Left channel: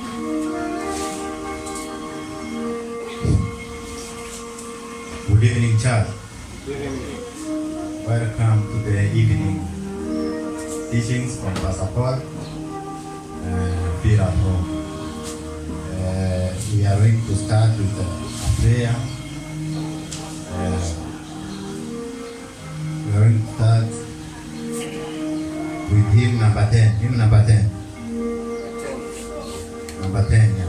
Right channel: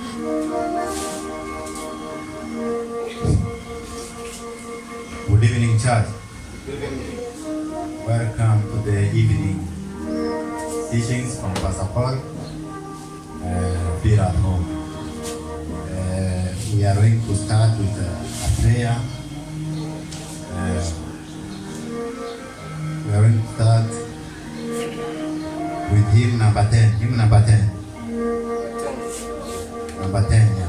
Good evening, church. Welcome to the evening teachings from Pastor Paul. Feel at home. We are going to start with a prayer. We are going to start with hymn number 10. Hymn number 10. Number 10, yeah.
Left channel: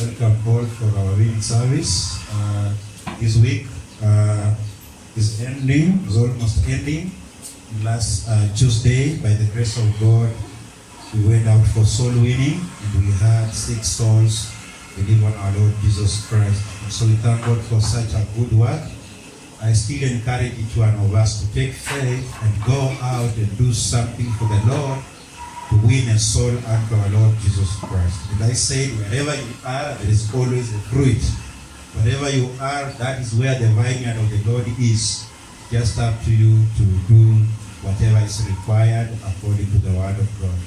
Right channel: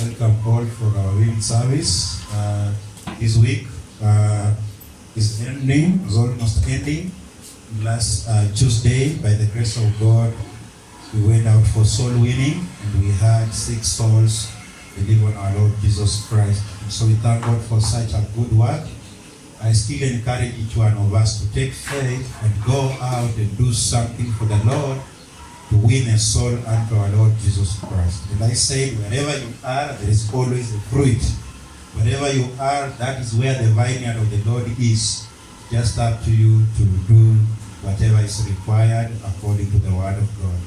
Welcome all for our week service. This week is ending, is almost ending. Last Tuesday, by the grace of God, we went out for soul winning and we had 6 souls believe on our Lord Jesus Christ. And so we thank God for such a good work. I still encourage each one of us to take faith and go out and do something for the Lord to win a soul unto our Lord Jesus Christ. And I say, wherever you are, there is always a fruit. Wherever you are, that is where the vineyard of the Lord is. Just up to you to do whatever is required according to the word of God.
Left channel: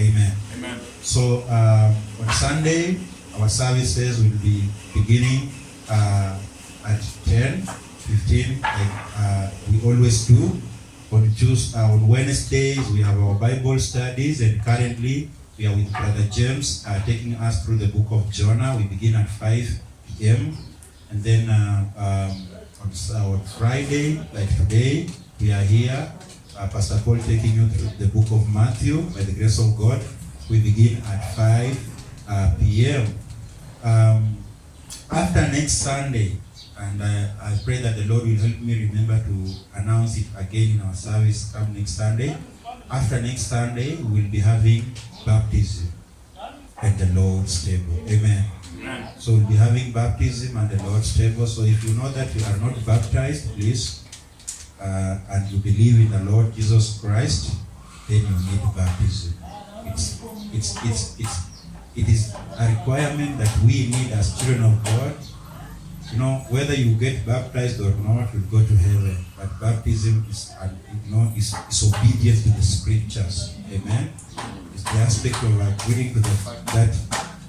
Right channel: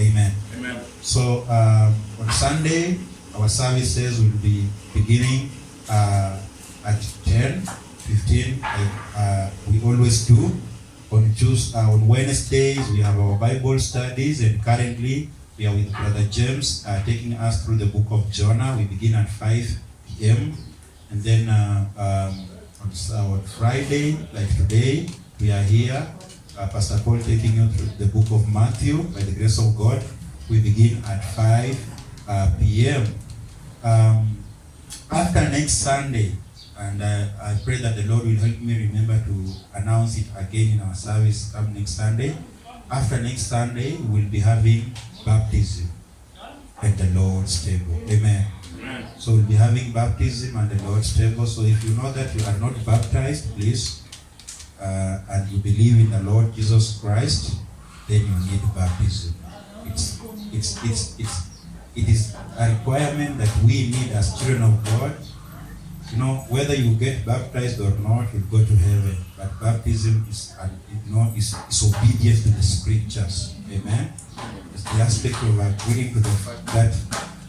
Amen. Amen. So on Sunday, our services will be beginning at 10:15, like we always do. On Wednesdays, we have our Bible studies, and currently we are with Brother James taking us through the book of Jonah. We begin at 5 p.m. And then on Friday, like today, we are here. Pastor Paul taking you through the book of Matthew. By the grace of God, we begin at 5 p.m. After next Sunday, and I pray that the Lord will help me remember to announce it again in our service come next Sunday. After next Sunday, we will be having baptism at the Lord's table. Amen. So we'll be having baptism at the Lord's table. So if you know that you are not baptized, please, and you believe in the Lord Jesus Christ, then you need baptism. It is a requirement that we need as children of God. You know, whether you get baptized or not, you'll go to heaven. But baptism is obedience to the scriptures. Amen. It's the aspect of agreeing to the fact that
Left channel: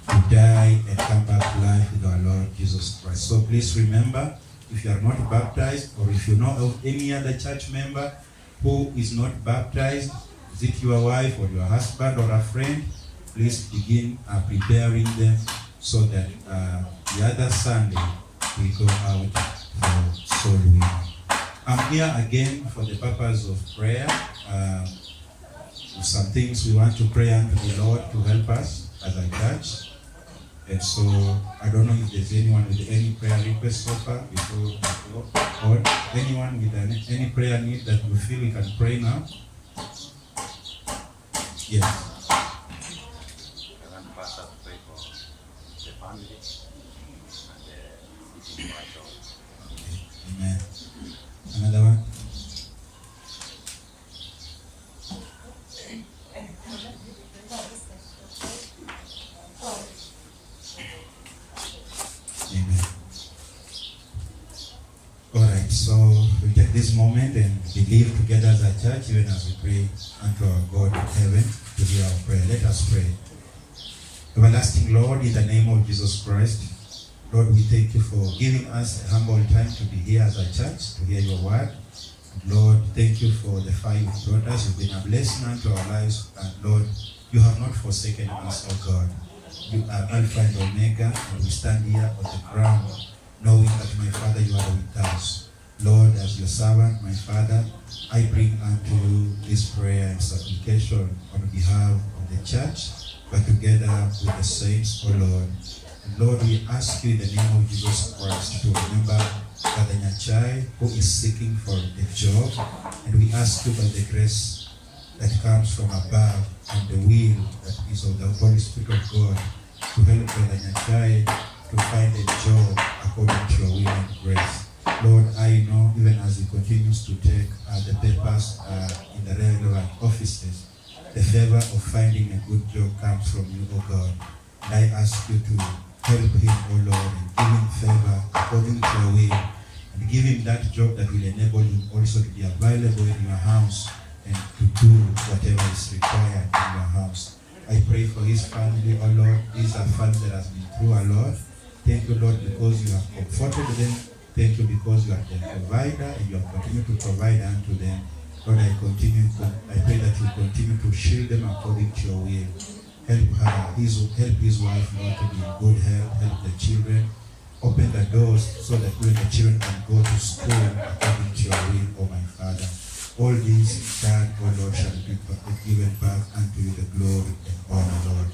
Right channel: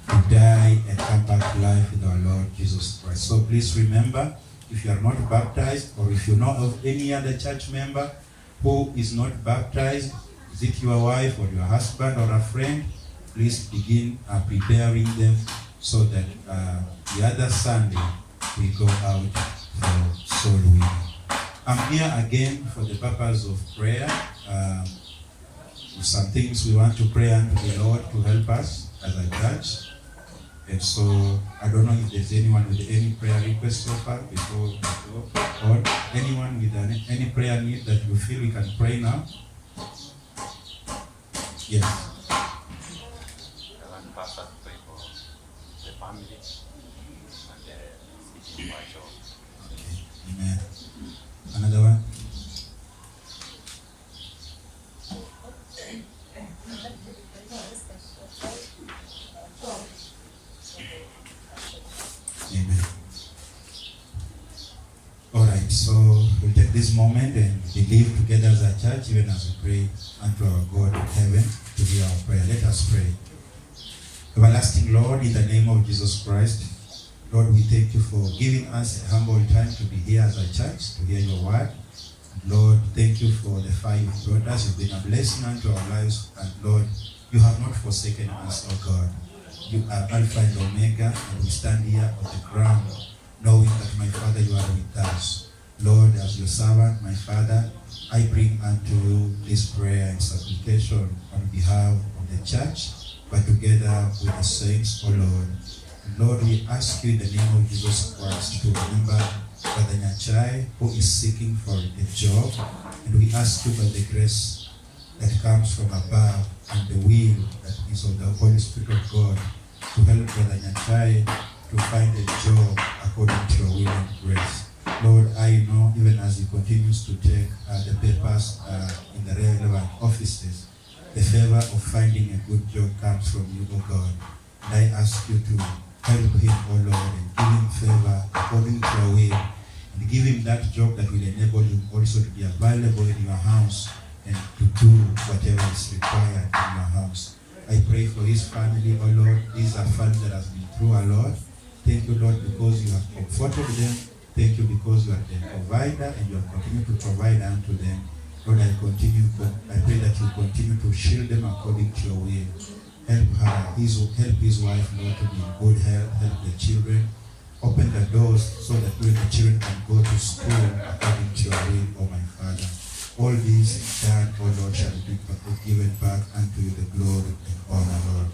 to die and come back to life with our Lord Jesus Christ. So please remember, if you are not baptized, or if you know of any other church member who is not baptized, is it your wife or your husband or a friend, please begin preparing them so that the other Sunday we go out for soul winning. I'm here again for the purpose of prayer. Some things we want to pray unto the Lord to help us as a church. And so, I don't know if there's anyone with any prayer request so far before we go, or anyone with any prayer need that you feel we can pray now. Yes. Amen. Another one. Amen. All right, so we take this moment and believe together as a church, even as we pray unto our God in heaven to hear our prayer. Let us pray. Everlasting Lord, in the name of Jesus Christ, Lord, we thank you for giving us a humble time to be here as a church, to hear your word. And Lord, thank you for the 5 brothers. You've been a blessing unto our lives. And Lord, you have not forsaken us, oh God. You are Alpha and Omega, and we stand here on the ground, knowing that, my Father, you are with us. Lord, as your servant, my Father, I bring unto you this prayer and supplication on behalf of the church, but together with the saints, oh Lord. And Lord, we ask you in the name of Jesus Christ to remember Brother Nyachai, who is seeking for a job, and we ask you by the grace that comes from above and the will that is of the Holy Spirit of God to help Brother Nyachai to find a job according to your will and grace. Lord, I know even as he continues to take the papers in the relevant offices, the favor of finding a good job comes from you, O God. And I ask you to help him, O Lord, and give him favor according to your will, and give him that job that will enable him also to be available in your house and to do whatever is required in your house. I pray for his family, O Lord. These are family that has been through a lot. Thank you, Lord, because you have comforted them. Thank you because you are their provider and you have continued to provide unto them. Lord, I pray that you continue to shield them according to your will. Help his wife, Lord, to be in good health. Help the children. Open the doors so that when the children can go to school according to your will, O my Father. All these done, O Lord, shall be given back unto you the glory and honor, Lord.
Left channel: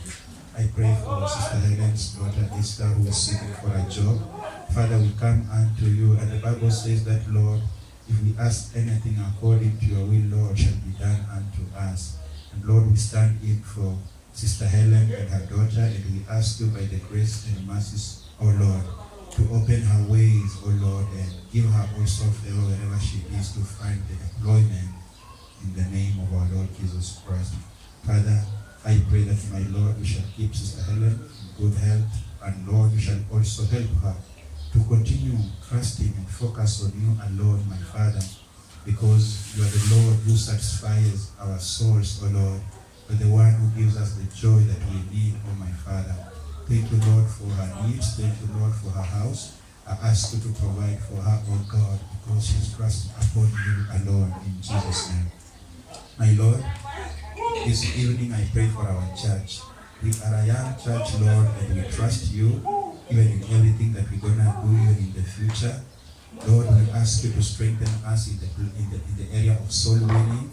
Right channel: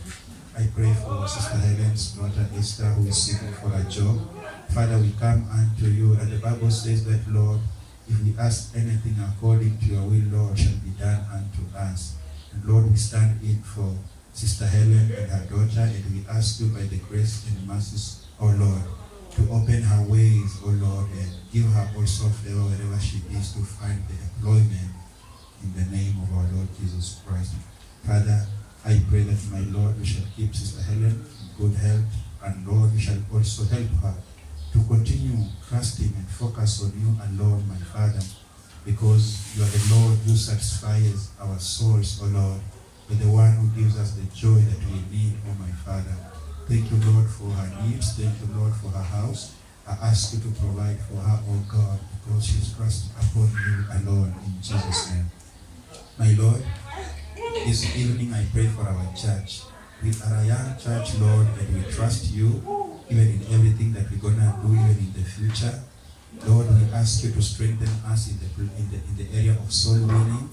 I pray for Sister Helen's daughter Esther, who is seeking for a job. Father, we come unto you, and the Bible says that, Lord, if we ask anything according to your will, Lord, shall be done unto us. And Lord, we stand in for Sister Helen and her daughter, and we ask you by the grace and mercies, O Lord, to open her ways, O Lord, and give her also favor wherever she is to find the employment in the name of our Lord Jesus Christ. Father, I pray that, my Lord, we shall keep Sister Helen in good health, and Lord, we shall also help her to continue trusting and focus on you alone, my Father, because you are the Lord who satisfies our souls, O Lord. You are the one who gives us the joy that we need, O my Father. Thank you, Lord, for her needs. Thank you, Lord, for her house. I ask you to provide for her, O God, because she's trusting upon you alone, in Jesus' name. My Lord, this evening I pray for our church. We are a young church, Lord, and we trust you, even in everything that we're gonna do, even in the future. Lord, we ask you to strengthen us in the area of soul winning.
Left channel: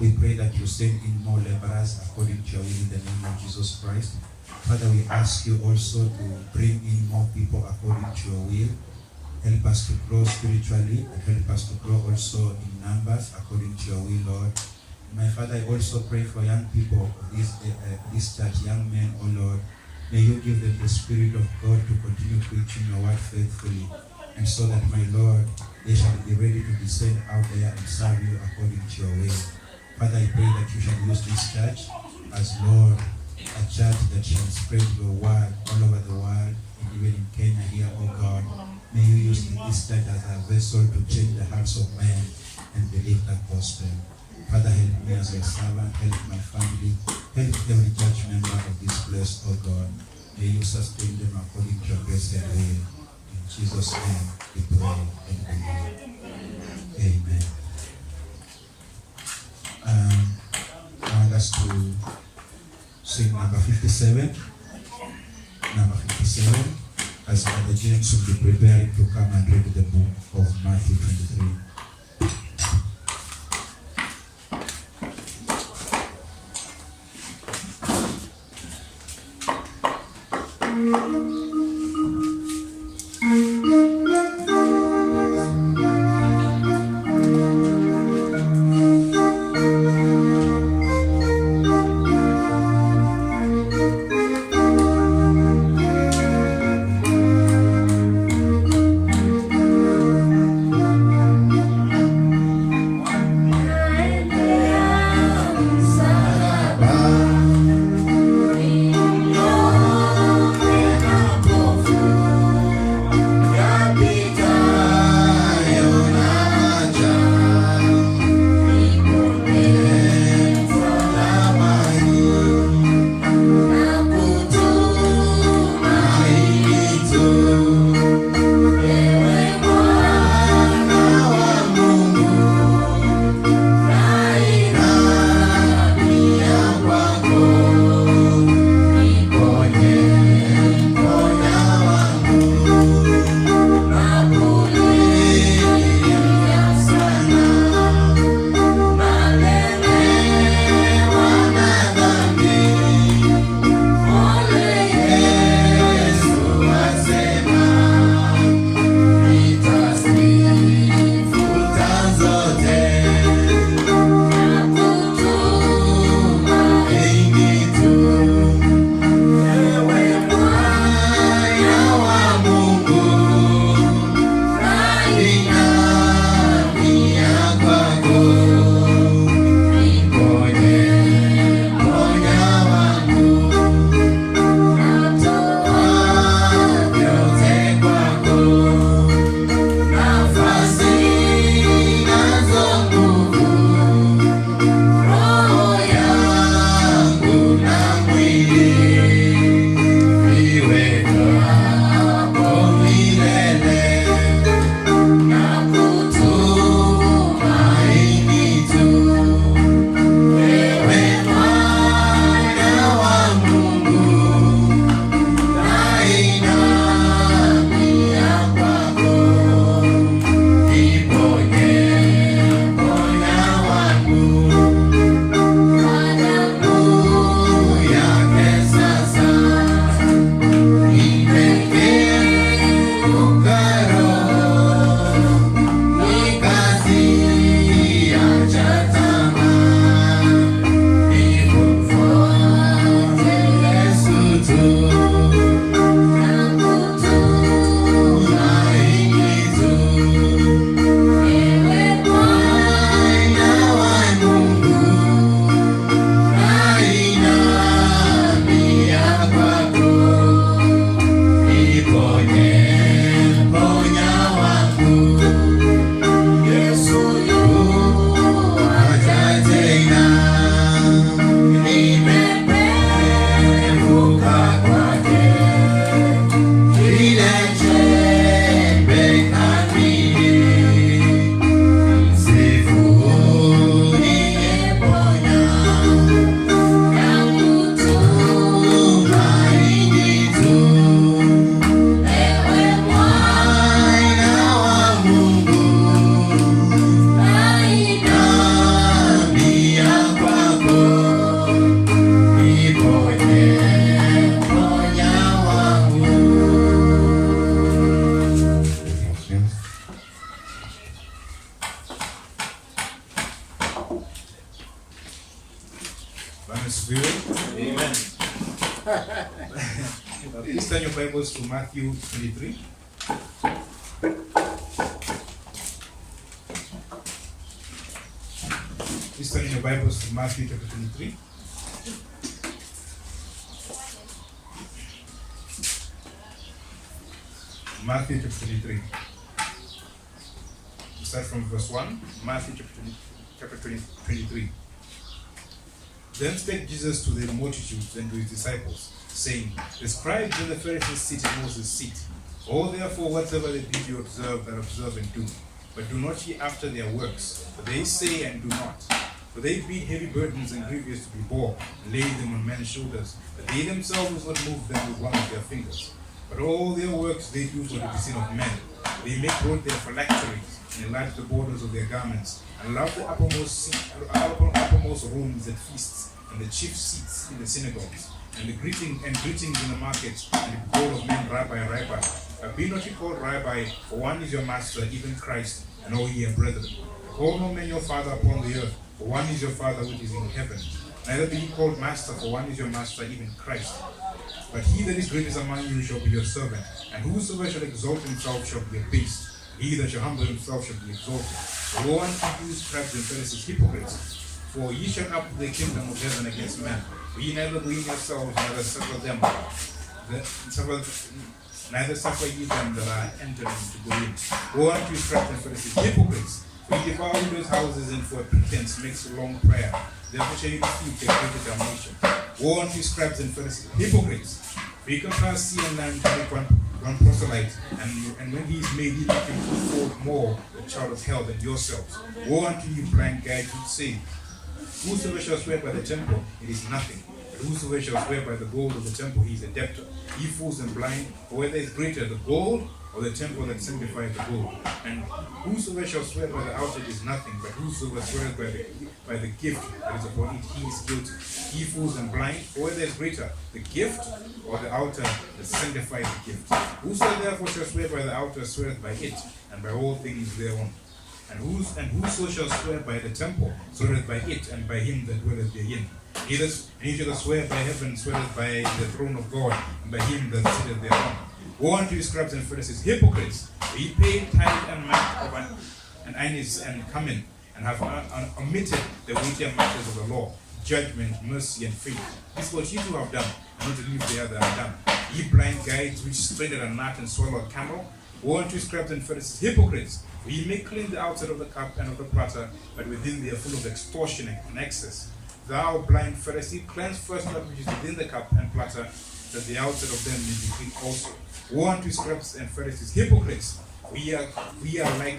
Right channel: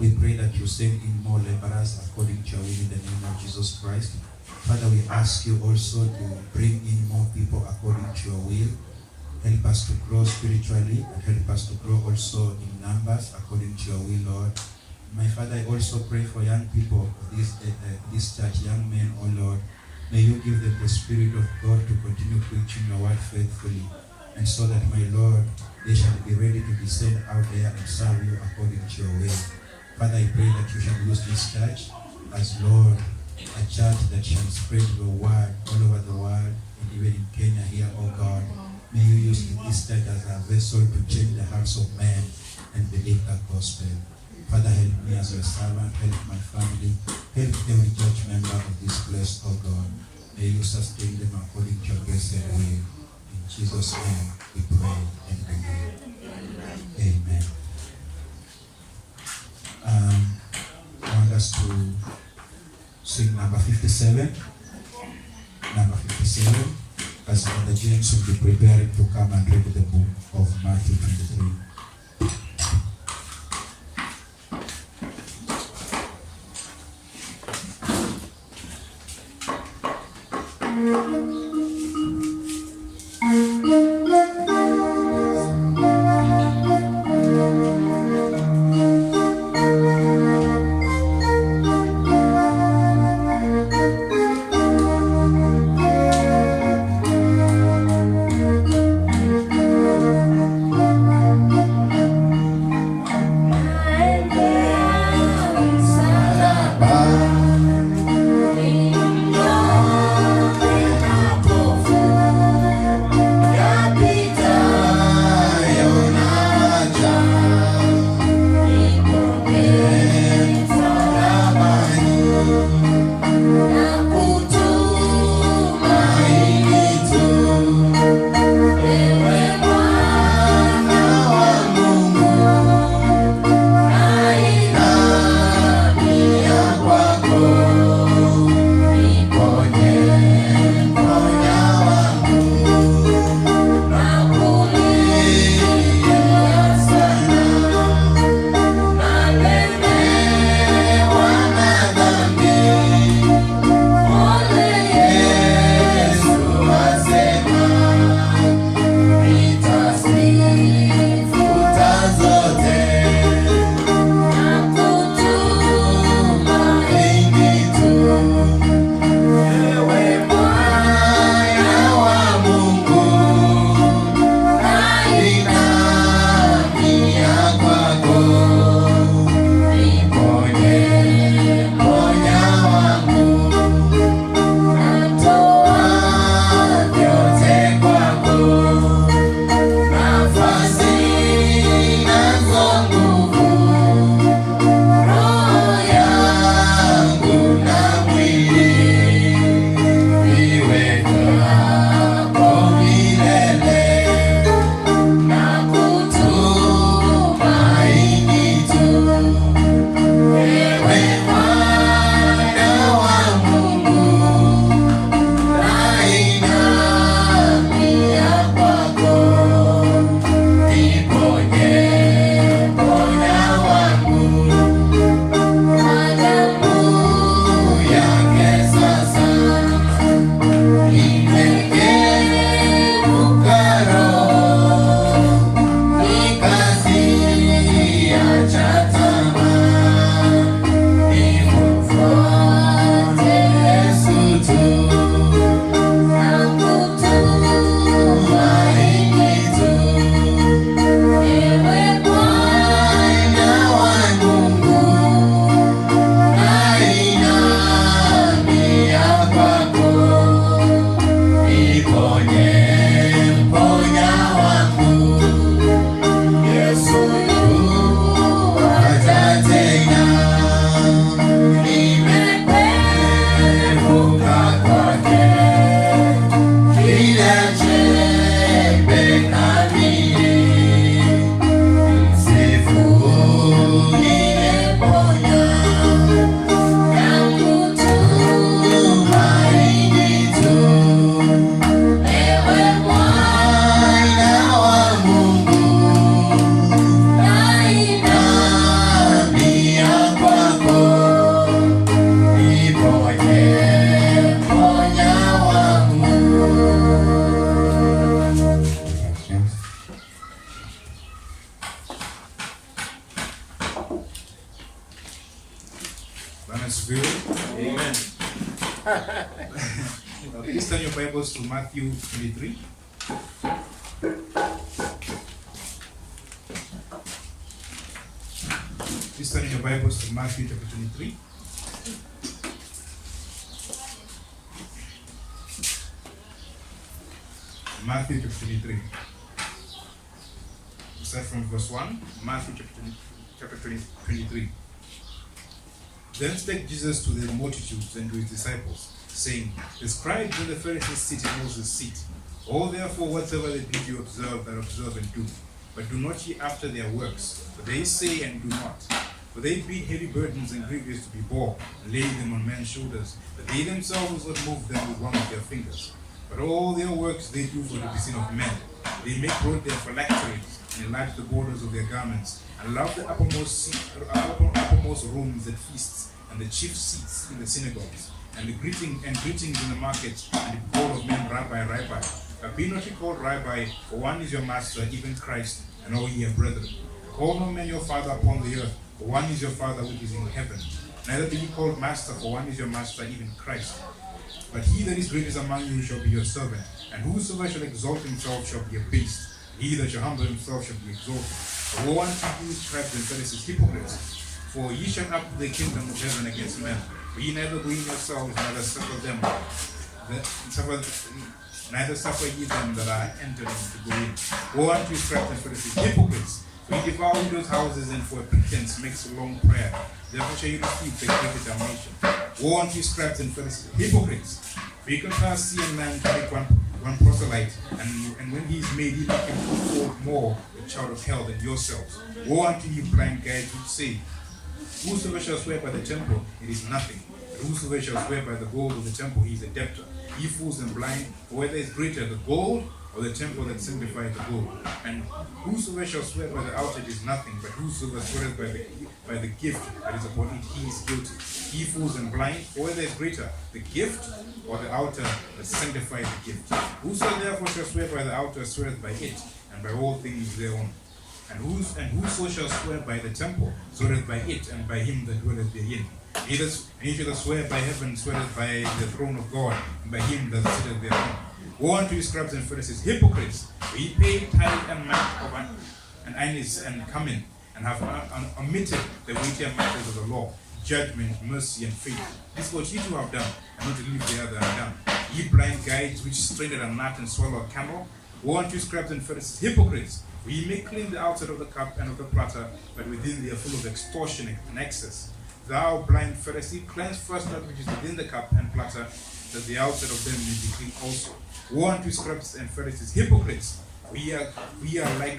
We pray that you send in more laborers according to your will in the name of Jesus Christ. Father, we ask you also to bring in more people according to your will. Help us to grow spiritually and help us to grow also in numbers according to your will, Lord. My Father, I also pray for young people of this church, young men, oh Lord. May you give them the Spirit of God to continue preaching your word faithfully, and so that, my Lord, they shall be ready to descend out there and serve you according to your will. Father, I pray that you shall use this church as, Lord, a church that shall spread your word all over the world, and even in Kenya here, oh God. May you use this church as a vessel to change the hearts of men and believe the gospel. Father, help me as your servant, help my family, help every church member of this place, oh God. May you sustain them according to your grace and will. In Jesus' name we pray and believe. Amen. I want us to sing number 57. Number 57. As Brother James will be preparing to come and read the book of Matthew 23. Amen. Please turn your Bibles to Matthew 23. Please turn your Bibles to Matthew chapter 23. Matthew chapter 23. We start from verse 1. Matthew chapter 23. Then spake Jesus to the multitudes and to his disciples, saying, The scribes and the Pharisees sit in Moses' seat. All therefore whatsoever they bid you observe, that observe and do. But do not ye after their works, for they say and do not. For they bid heavy burdens and grievous to be bore, and lay them on men's shoulders, but they themselves will not move them with one of their fingers. But all their works they do for to be seen of men. They make broad their phylacteries, and enlarge the borders of their garments, and love the uppermost rooms at feasts, and the chief seats in the synagogues, and greetings in the markets, and the call of men, Rabbi, Rabbi. But be not ye called Rabbi, for one is your master, even Christ, and all ye are brethren. Call no man your father upon the earth, for one is your Father which is in heaven. Neither be ye called master, for one is your master, even Christ. But he that is greatest among you shall be your servant, and whosoever shall exalt himself shall be abased, and he that shall humble himself shall be exalted. Woe unto you, scribes and Pharisees, hypocrites! For ye shall up the kingdom of heaven against men. For ye neither believe yourselves, neither suffer ye them that are entering to go in. Woe unto you, scribes and Pharisees, hypocrites! For ye devour widows' houses, and for a pretense makes a long prayer. Therefore shall you receive the greater damnation. Woe unto you, scribes and Pharisees, hypocrites! For ye compare sea and land to make one proselyte, and when he is made, ye make him twofold more the child of hell than yourselves. Woe unto you, blind guides, which say, Whosoever shall swear by the temple, it is nothing. But whosoever shall swear by the gold of the temple, he is a debtor. Ye fools and blind, for whether is greater, the gold or the temple that sanctifies the gold? And whosoever shall swear by the altar, it is nothing. But whosoever sweareth by the gift that is upon it, he is guilty. Ye fools and blind, for whether is greater, the gift or the altar that sanctifies the gift? Whosoever therefore shall swear by the altar sweareth by it, and by all things thereon. And whoso shall swear by the temple sweareth by it, and by him that dwelleth therein. And he that swear by heaven sweareth by the throne of God, and by him that sitteth thereon. Woe unto you, scribes and Pharisees, hypocrites! For ye pay tithe and month of and anise and cumin, and have omitted the weightier matters of the law, judgment, mercy, and faith. This is what ye two have done, and not to leave the other undone. Ye blind guides, which strain at a gnat and swallow a camel. Woe unto you, scribes and Pharisees, hypocrites! For ye may clean the outside of the cup and of the platter, but within they are full of extortion and excess. Thou blind Pharisee, cleanse first that which is within the cup and platter, that the outside of them may be clean also. Woe unto you, scribes and Pharisees, hypocrites! We are like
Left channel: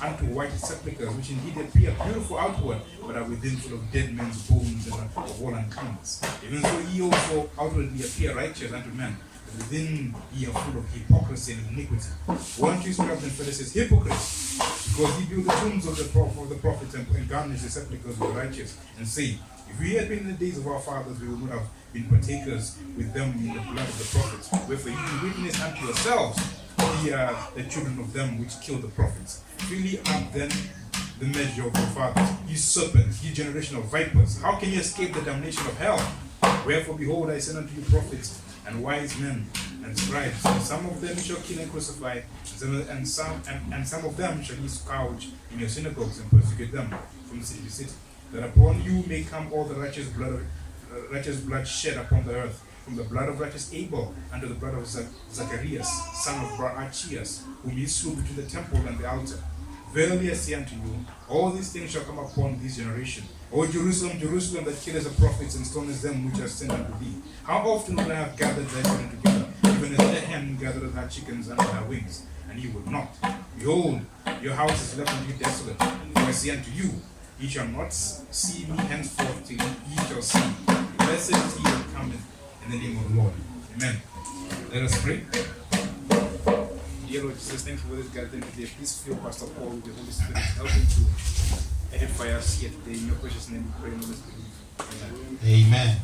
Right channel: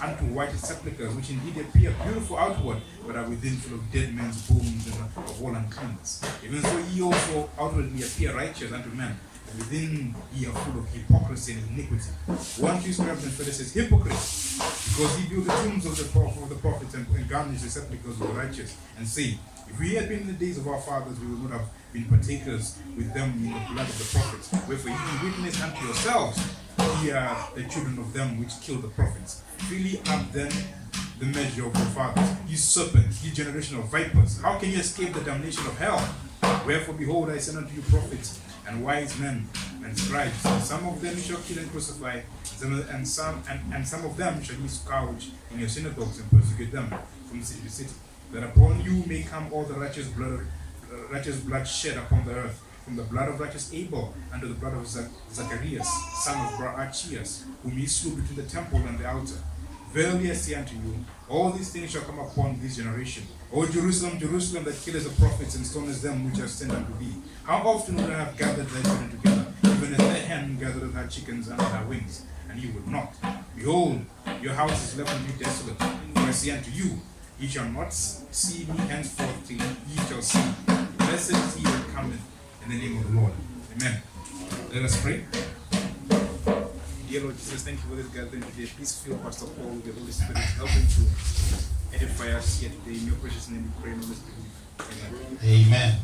unto white sepulchres, which indeed appear beautiful outward, but are within full of dead men's bones and of all uncleanness. Even so ye also outwardly appear righteous unto men, but within ye are full of hypocrisy and iniquity. Woe unto you, scribes and Pharisees, hypocrites! Because ye build the tombs of the prophets and garnish the sepulchres of the righteous, and say, If we had been in the days of our fathers, we would not have been partakers with them in the blood of the prophets. Wherefore ye be witness unto yourselves, ye are the children of them which killed the prophets. Fill ye up then the measure of your fathers, ye serpents, ye generation of vipers. How can ye escape the damnation of hell? Wherefore, behold, I send unto you prophets and wise men and scribes, and some of them shall kill and crucify, and some of them shall ye scourge in your synagogues and persecute them from city to city, that upon you may come all the righteous blood shed upon the earth, from the blood of righteous Abel unto the blood of Zacharias, son of Barachias, whom ye slew between the temple and the altar. Verily I say unto you, all these things shall come upon this generation. O Jerusalem, Jerusalem, that killeth the prophets and stonest them which are sent unto thee. How often would I have gathered thy children together, even as the hen gathereth her chickens under her wings, and ye would not? Behold, your house is left unto you desolate. For I say unto you, ye shall not see me henceforth till ye shall see. Blessed is he that cometh in the name of the Lord. Amen. Let us pray. Dear Lord Jesus, thank you for this gathering today. Please fill Pastor Paul with the Holy Spirit, helping to edify us here today. In your precious name we pray and always believe. Amen. Amen.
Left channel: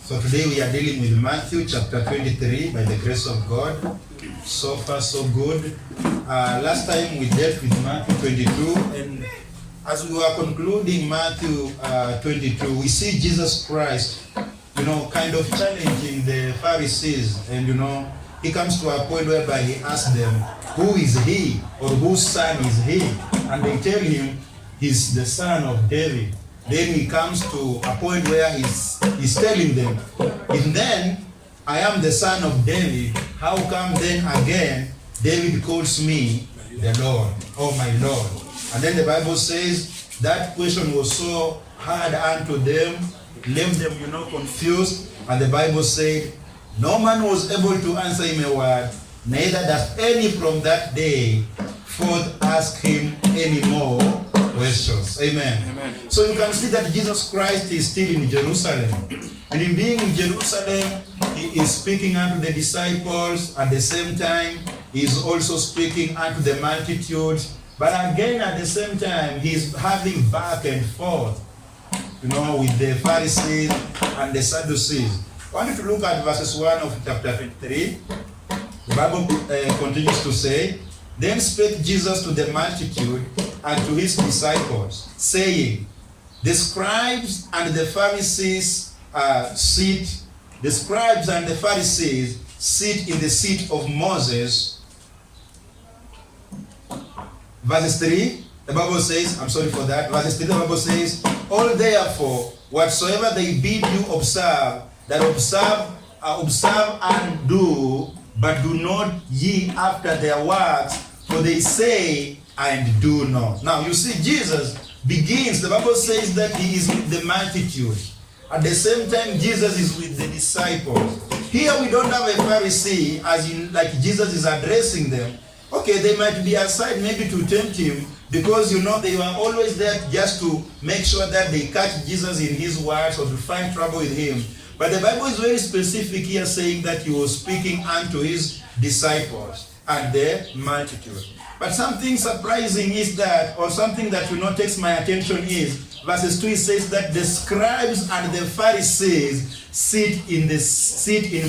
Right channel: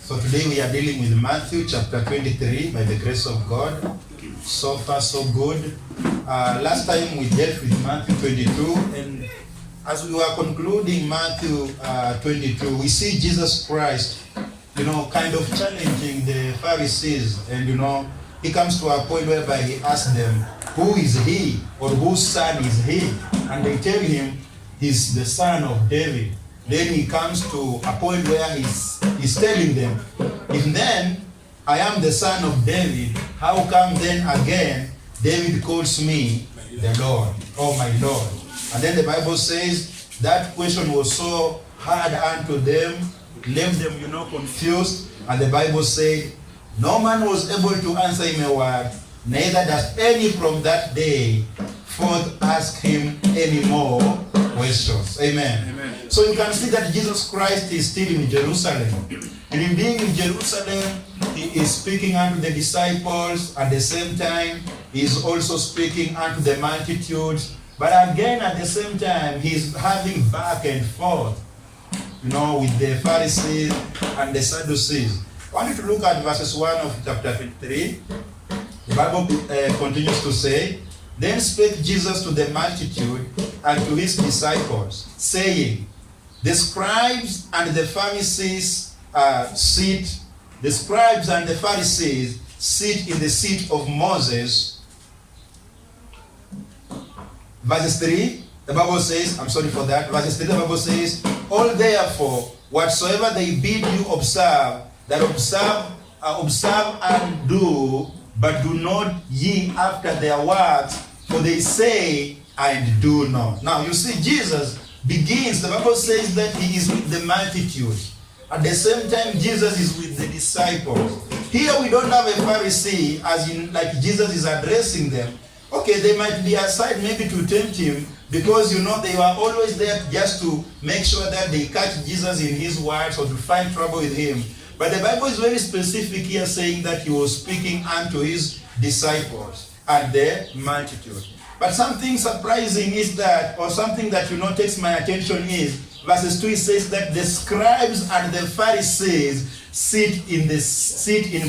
So today we are dealing with Matthew chapter 23 by the grace of God. So far so good. Last time we dealt with Matthew 22 and as we were concluding Matthew 22, we see Jesus Christ, kind of challenging the Pharisees. And, he comes to a point whereby he asks them, who is he, or whose son is he? And they tell him he's the son of David. Then he comes to a point where he's telling them, if then I am the son of David, how come then again David calls me the Lord, oh my Lord? And then the Bible says that question was so hard unto them, left them, confused. And the Bible said, no man was able to answer him a word, neither does any from that day forth ask him any more questions. Amen. Amen. So you can see that Jesus Christ is still in Jerusalem. And in being in Jerusalem, he is speaking unto the disciples. At the same time, he is also speaking unto the multitudes. But again, at the same time, he is having back and forth, with the Pharisees and the Sadducees. I want you to look at verses 1 of chapter 23. The Bible continues to say, then spake Jesus to the multitude and to his disciples, saying, the scribes and the Pharisees sit in the seat of Moses. Verse 3, the Bible says, verse 3, the Bible says, all therefore, whatsoever they bid you observe, that observe and do, but do not ye after their works, for they say and do not. Now you see, Jesus begins, the Bible says that he is with the multitude. At the same time, Jesus is with the disciples. Here we don't have a Pharisee, as in like Jesus is addressing them. Okay, they might be aside maybe to tempt him, because they were always there just to make sure that they catch Jesus in his words or to find trouble with him. But the Bible is very specific here, saying that he was speaking unto his disciples and the multitude. But something surprising is that, or something that takes my attention is, verses 2, it says that the scribes and the Pharisees sit in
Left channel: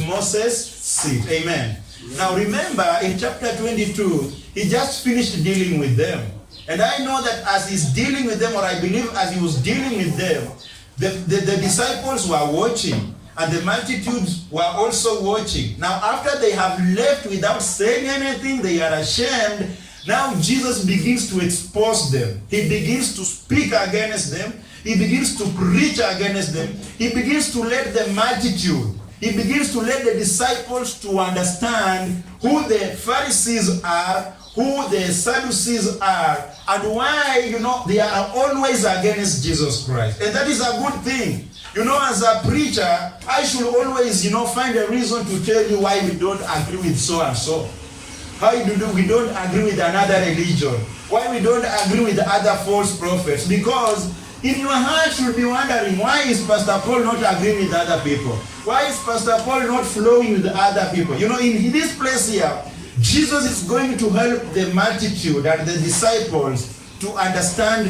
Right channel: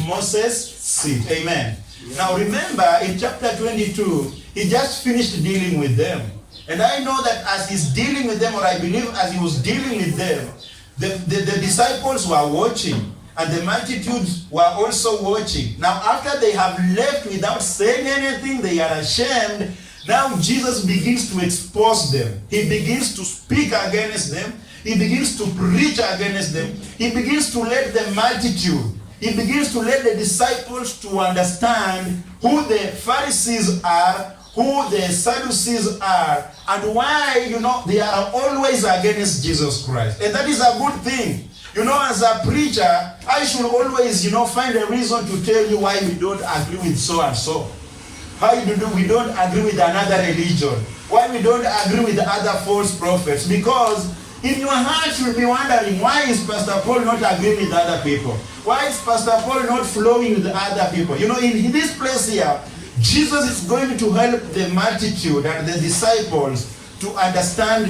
Moses' seat. Amen. Now remember, in chapter 22, he just finished dealing with them. And I know that as he's dealing with them, or I believe as he was dealing with them, the disciples were watching, and the multitudes were also watching. Now after they have left without saying anything, they are ashamed. Now Jesus begins to expose them. He begins to speak against them. He begins to preach against them. He begins to let the multitude, he begins to let the disciples to understand who the Pharisees are, who the Sadducees are, and why, they are always against Jesus Christ. And that is a good thing. As a preacher, I should always, find a reason to tell you why we don't agree with so and so. Why we don't agree with another religion. Why we don't agree with other false prophets. Because in your heart you'll be wondering, why is Pastor Paul not agreeing with other people? Why is Pastor Paul not flowing with other people? In this place here, Jesus is going to help the multitude and the disciples to understand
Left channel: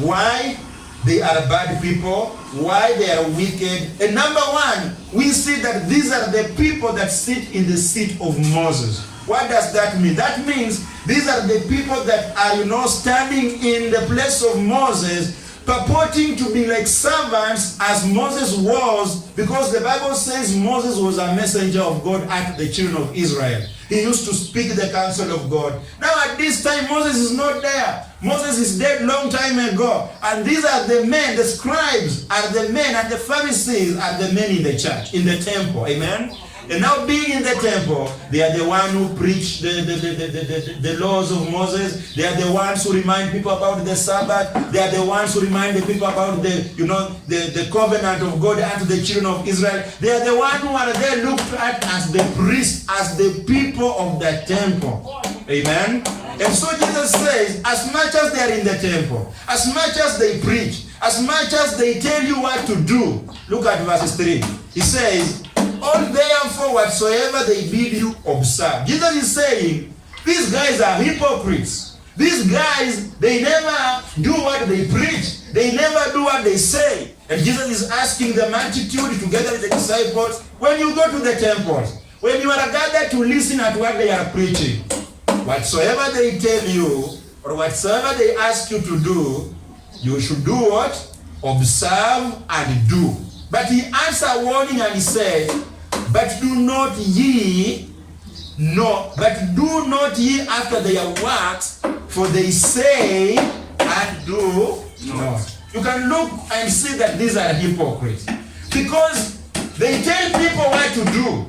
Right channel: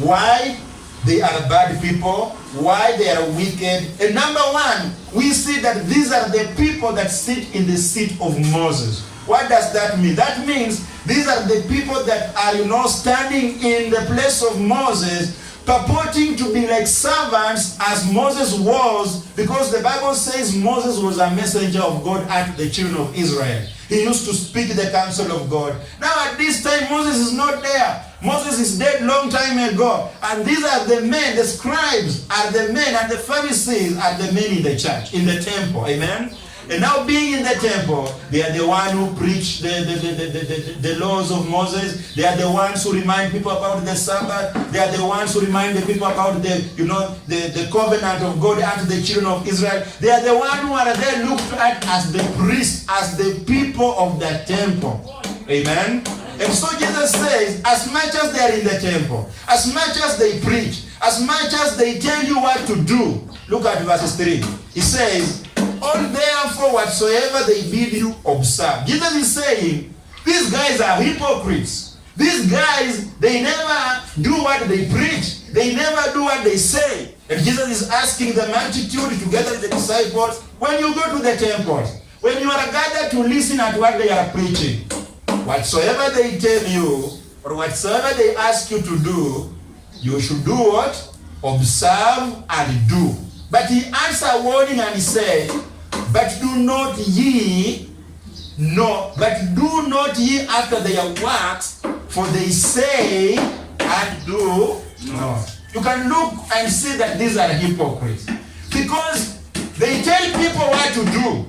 why they are bad people, why they are wicked. And number one, we see that these are the people that sit in the seat of Moses. What does that mean? That means these are the people that are, standing in the place of Moses, purporting to be like servants as Moses was, because the Bible says Moses was a messenger of God unto the children of Israel. He used to speak the counsel of God. Now at this time, Moses is not there. Moses is dead long time ago. And these are the men, the scribes are the men, and the Pharisees are the men in the church, in the temple. Amen? And now being in the temple, they are the ones who preach the laws of Moses. They are the ones who remind people about the Sabbath. They are the ones who remind the people about the covenant of God unto the children of Israel. They are the ones who are there looked at as the priests, as the people of the temple. Amen? And so Jesus says, as much as they are in the temple, as much as they preach, as much as they tell you what to do. Look at verses 3. He says, all therefore whatsoever they bid you observe. Jesus is saying, these guys are hypocrites. These guys, they never do what they preach. They never do what they say. And Jesus is asking the multitude together with the disciples, when you go to the temples, when you are gathered to listen at what they are preaching, whatsoever they tell you, or whatsoever they ask you to do, You should do what? Observe and do. But he answered warning and he said, but do not ye after their works, for they say and do not. You can look and see that these are hypocrites. Because they tell people what to do.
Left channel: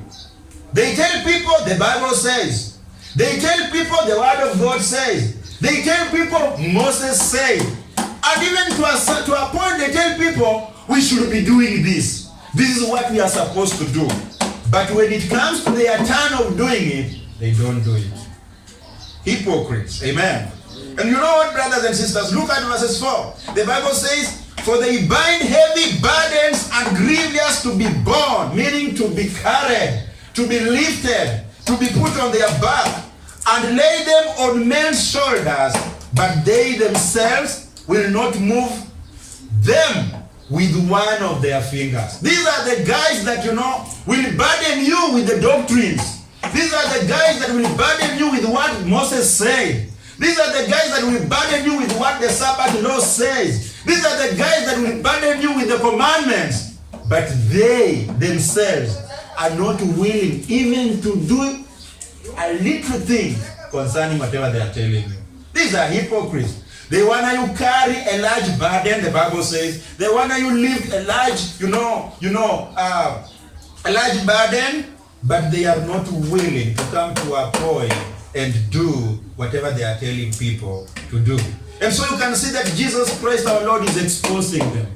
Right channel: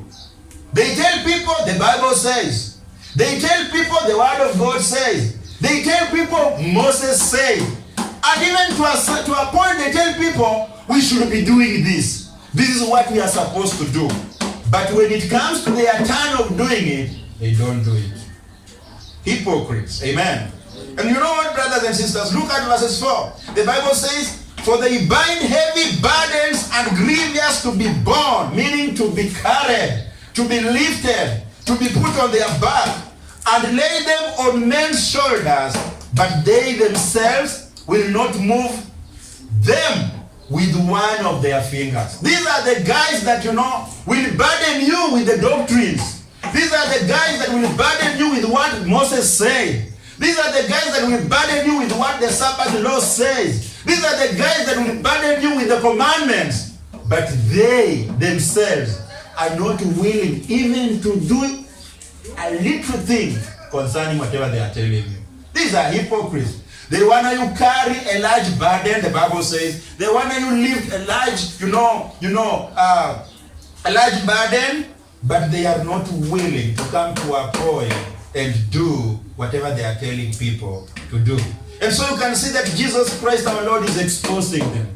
They tell people the Bible says. They tell people the word of God says. They tell people Moses said. And even to a point they tell people we should be doing this. This is what we are supposed to do. But when it comes to their turn of doing it, they don't do it. Hypocrites. Amen. And you know what, brothers and sisters? Look at verses 4. The Bible says, for they bind heavy burdens and grievous to be borne, meaning to be carried, to be lifted, to be put on their back, and lay them on men's shoulders, but they themselves will not move them with one of their fingers. These are the guys that, will burden you with the doctrines. These are the guys that will burden you with what Moses said. These are the guys that will burden you with what the Sabbath law says. These are the guys that will burden you with the commandments. But they themselves are not willing even to do a little thing concerning whatever they are telling you. These are hypocrites. They want you carry a large burden, the Bible says. They want you lift a large, a large burden, but they are not willing to come to a point and do whatever they are telling people to do. And so you can see that Jesus Christ our Lord is exposing them.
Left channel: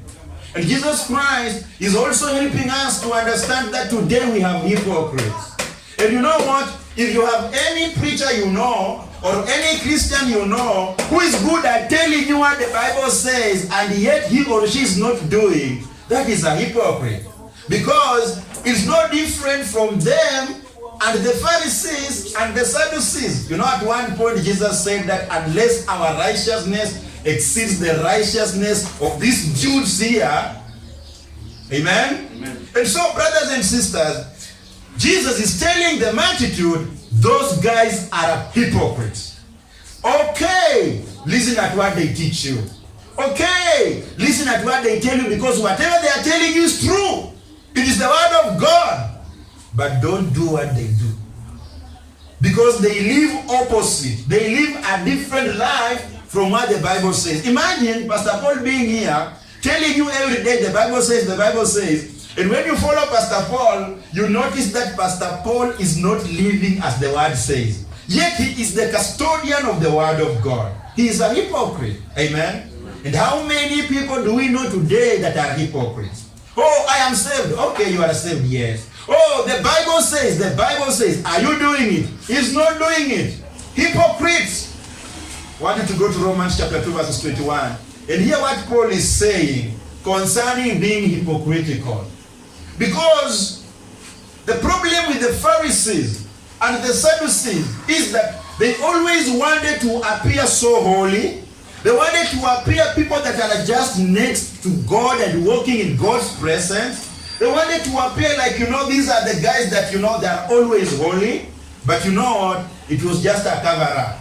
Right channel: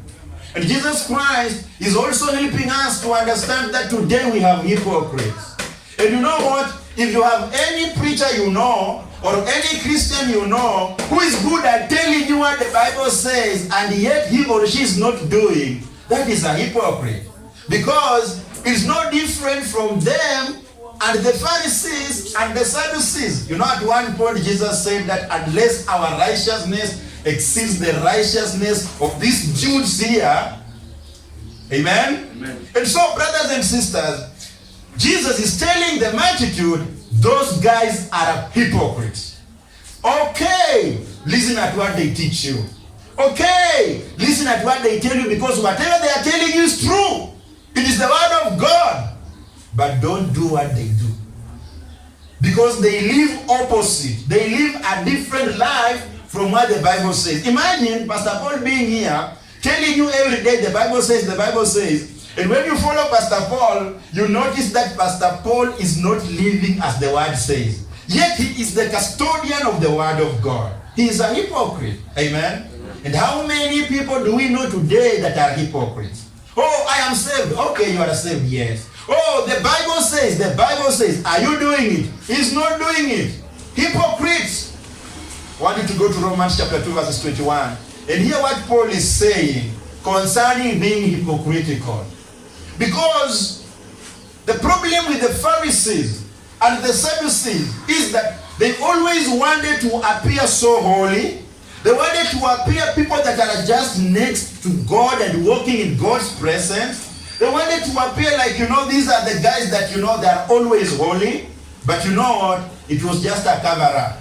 And Jesus Christ is also helping us to understand that today we have hypocrites. And you know what? If you have any preacher you know, or any Christian you know, who is good at telling you what the Bible says, and yet he or she is not doing, that is a hypocrite. Because it's no different from them and the Pharisees and the Sadducees. At one point Jesus said that unless our righteousness exceeds the righteousness of these Jews here, amen? Amen. And so, brothers and sisters, Jesus is telling the multitude, those guys are hypocrites. Okay, listen at what they teach you. Okay, listen at what they tell you, because whatever they are telling you is true. It is the word of God. But don't do what they do. Because they live opposite. They live a different life from what the Bible says. Imagine Pastor Paul being here, telling you every day, the Bible says, the Bible says. And when you follow Pastor Paul, you notice that Pastor Paul is not living as the word says. Yet he is the custodian of the word of God. He is a hypocrite. Amen? And how many people do we know today that are hypocrites? Oh, I am saved. Okay, you are saved. Yes. Oh, the Bible says. The Bible says. Are you doing it? He's not doing it. Hypocrites. I want you to go to Romans chapter 2 verses 21 and hear what Paul is saying concerning being hypocritical. Because the problem with the Pharisees and the Sadducees is that they always wanted to appear so holy. They wanted to appear people that are just next to God and walking in God's presence. They wanted to appear like, these are the guys that, they are always holy. But you know what? It was just a cover-up.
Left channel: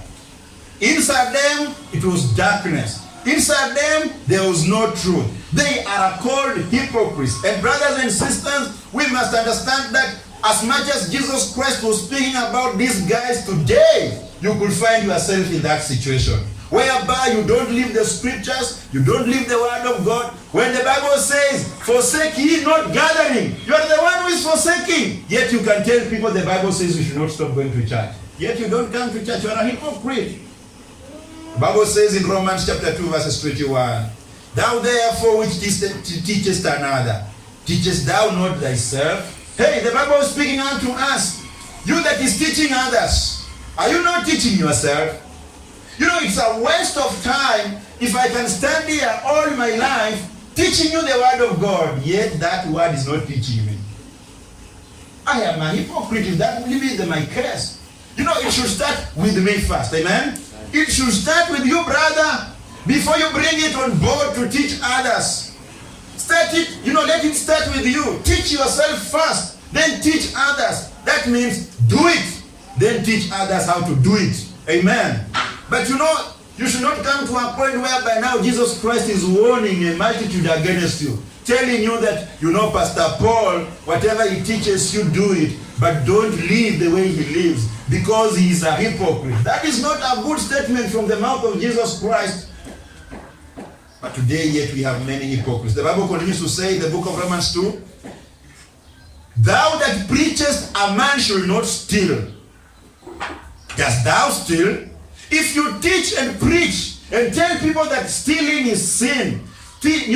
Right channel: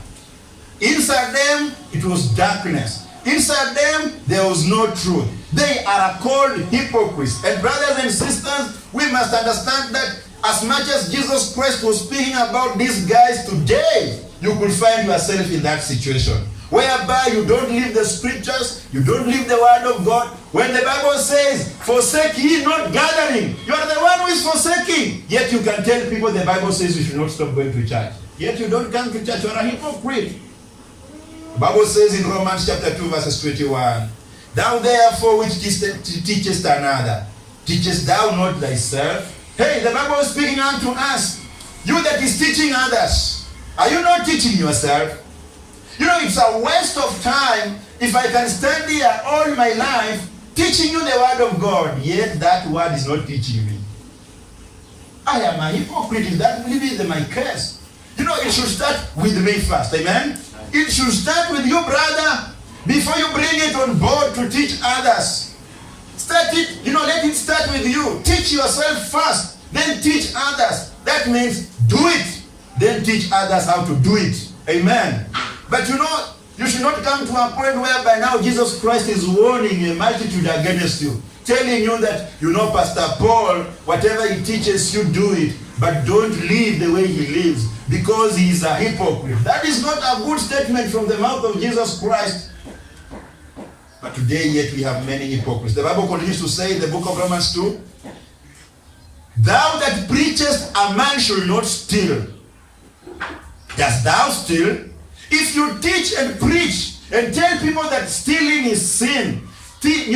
Inside them, it was darkness. Inside them, there was no truth. They are called hypocrites. And brothers and sisters, we must understand that as much as Jesus Christ was speaking about these guys today, you could find yourself in that situation. Whereby you don't live the scriptures, you don't live the word of God. When the Bible says, forsake ye not gathering, you are the one who is forsaking. Yet you can tell people the Bible says you should not stop going to church. Yet you don't come to church, you are a hypocrite. The Bible says in Romans chapter 2 verses 21, thou therefore which teachest another, teachest thou not thyself? Hey, the Bible is speaking unto us. You that is teaching others, are you not teaching yourself? It's a waste of time if I can stand here all my life teaching you the word of God, yet that word is not teaching me. I am a hypocrite if that will be my case. It should start with me first, amen? It should start with you, brother, before you bring it on board to teach others. Start it, let it start with you. Teach yourself first, then teach others. That means do it, then teach others how to do it. Amen. But You should not come to a point whereby now Jesus Christ is warning a multitude against you, telling you that, Pastor Paul, whatever he teaches you, do it, but don't live the way he lives, because he is a hypocrite. That is not a good statement from the mouth of Jesus Christ. But today yet we have many hypocrites. The Bible continues to say in the book of Romans 2, thou that preachest a man should not steal. Dost thou steal? If you teach and preach and tell people that stealing is sin, being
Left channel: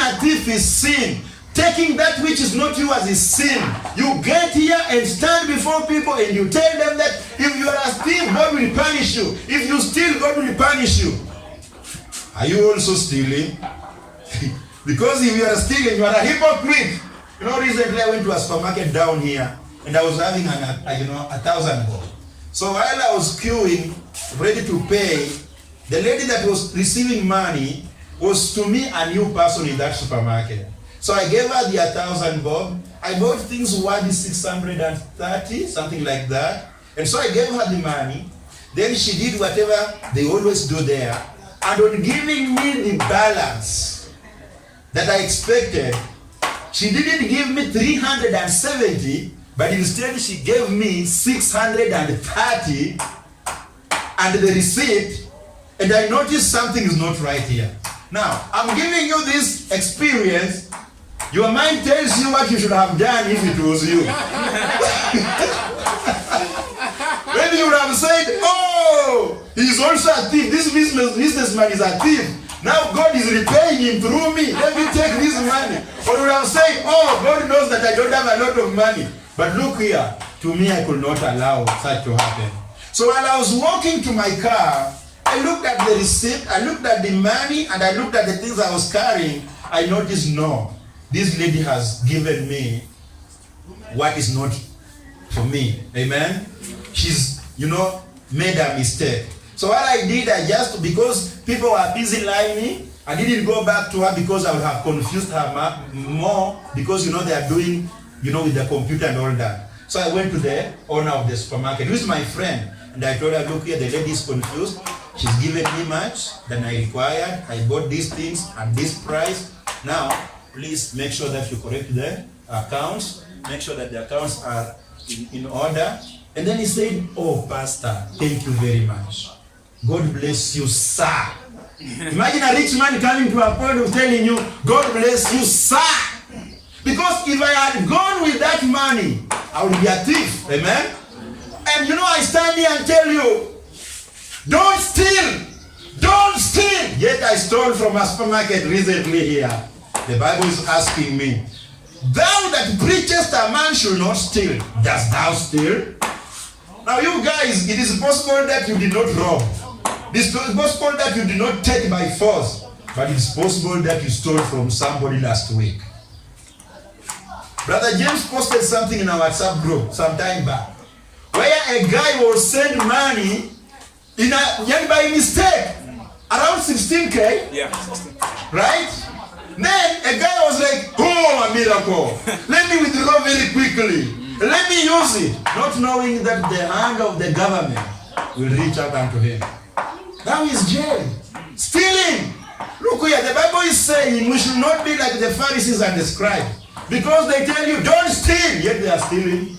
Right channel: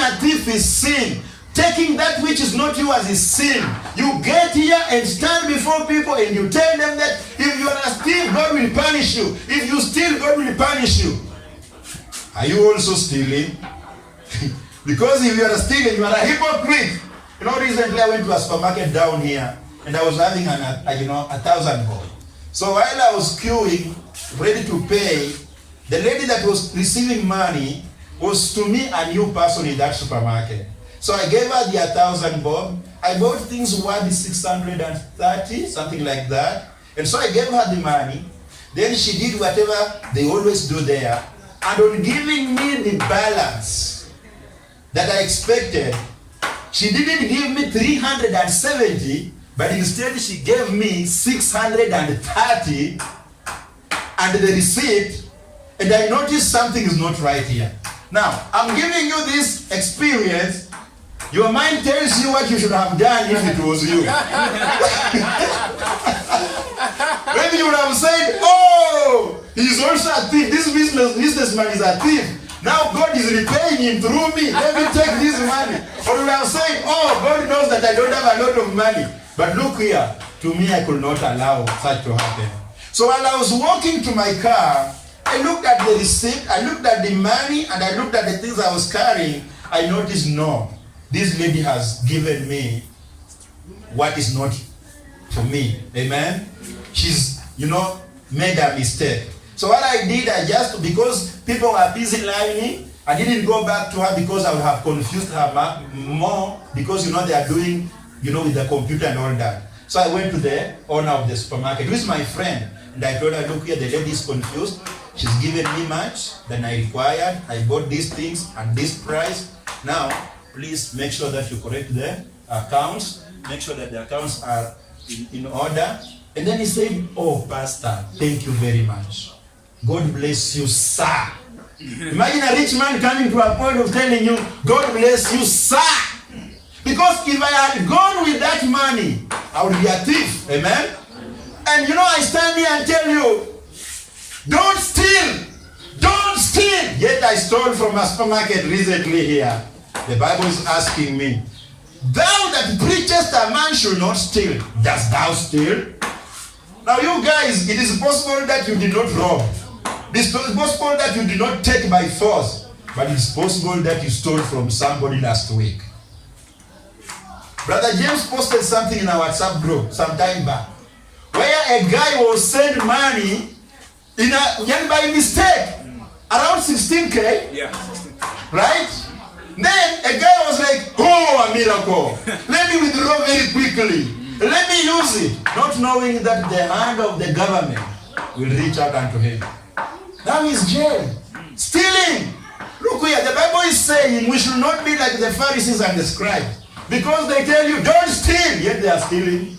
a thief is sin, taking that which is not yours is sin, you get here and stand before people and you tell them that if you are a thief, God will punish you. If you steal, God will punish you. Are you also stealing? Because if you are stealing, you are a hypocrite. Recently I went to a supermarket down here and I was having 1,000 bob. So while I was queuing, ready to pay, the lady that was receiving money was to me a new person in that supermarket. So I gave her the 1,000 bob. I bought things worth 630, something like that. And so I gave her the money. Then she did whatever they always do there. And on giving me the balance that I expected, she didn't give me 370, but instead she gave me 630 and the receipt, and I noticed something is not right here. Now, I'm giving you this experience. Your mind tells you what you should have done if it was you. Maybe you would have said, oh, he's also a thief. This businessman is a thief. Now God is repaying him through me. Let me take this money. Or you would have said, oh, God knows that I don't have a lot of money. But look here, to me I could not allow such to happen. So while I was walking to my car, I looked at the receipt, I looked at the money, and I looked at the things I was carrying. I noticed, no, this lady has given me what is not for me. Amen? She's, made a mistake. So what I did, because people were busy lining, I didn't go back to her because I would have confused her more, because, they are doing, with the computer and all that. So I went to the owner of the supermarket, who is my friend, and I told her, look here, the lady is confused. She's given me much than I required. I bought these things at this price. Now, please make sure that you correct the accounts. Make sure that the accounts are in order. And then he said, oh, Pastor, thank you very much. God bless you, sir. Imagine a rich man coming to a point of telling you, God bless you, sir. Because if I had gone with that money, I would be a thief. Amen? And I stand here and tell you, don't steal. Don't steal. Yet I stole from a supermarket recently here. The Bible is asking me, thou that preachest a man should not steal. Dost thou steal? Now you guys, it is possible that you did not rob. It is possible that you did not take by force. But it is possible that you stole from somebody last week. Brother James posted something in our WhatsApp group some time back, where a guy was sent money by mistake, around 16K. Yeah. Right? Then a guy was like, oh, a miracle. Let me withdraw very quickly. Let me use it. Not knowing that the hand of the government will reach out unto him. Now he's jailed. Stealing. Look here, the Bible is saying we should not be like the Pharisees and the scribes. Because they tell you, don't steal, yet they are stealing.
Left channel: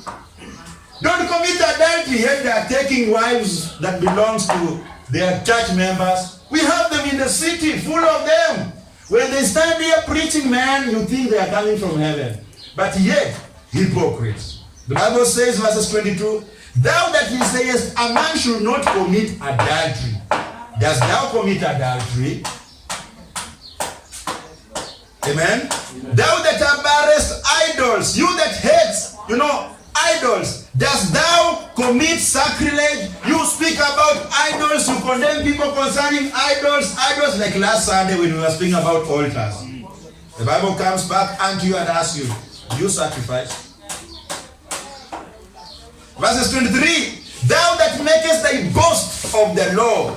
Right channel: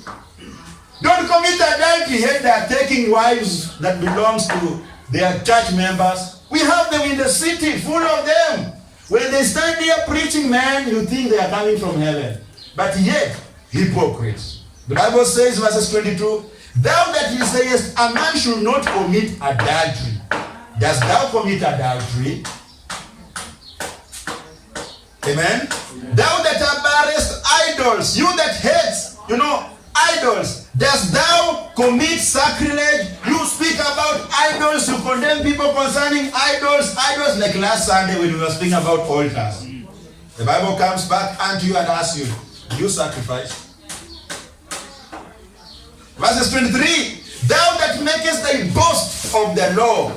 Don't commit adultery, yet they are taking wives that belongs to their church members. We have them in the city, full of them. When they stand there preaching, man, you think they are coming from heaven. But yet, hypocrites. The Bible says, verses 22, thou that you sayest, a man should not commit adultery. Dost thou commit adultery? Amen? Thou that abhorrest idols, you that hates, idols, dost thou commit sacrilege? You speak about idols, you condemn people concerning idols, like last Sunday when we were speaking about altars. The Bible comes back unto you and asks you, do you sacrifice? Verses 23, thou that makest thy boast of the law,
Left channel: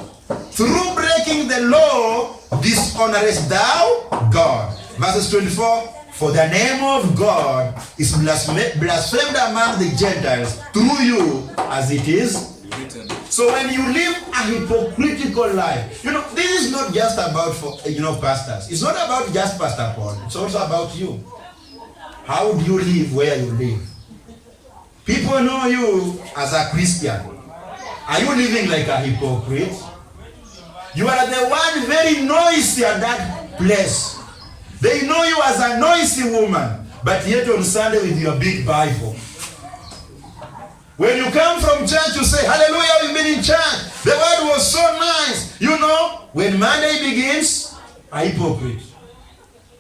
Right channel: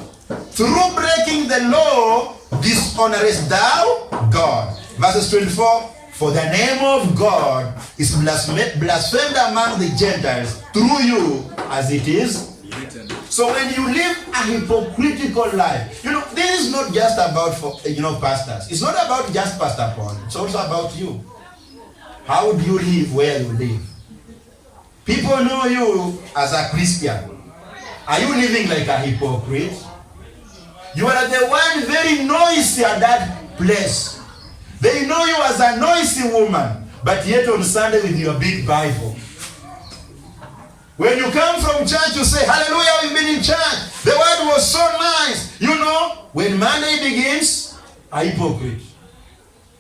through breaking the law, dishonorest thou God. Verses 24, for the name of God is blasphemed among the Gentiles through you, as it is written. So when you live a hypocritical life, this is not just about pastors. It's not about just Pastor Paul. It's also about you. How do you live where you live? People know you as a Christian. Are you living like a hypocrite? You are the one very noisy at that place. They know you as a noisy woman, but yet on Sunday with your big Bible. When you come from church, you say, hallelujah, we've been in church. The word was so nice. When Monday begins, a hypocrite.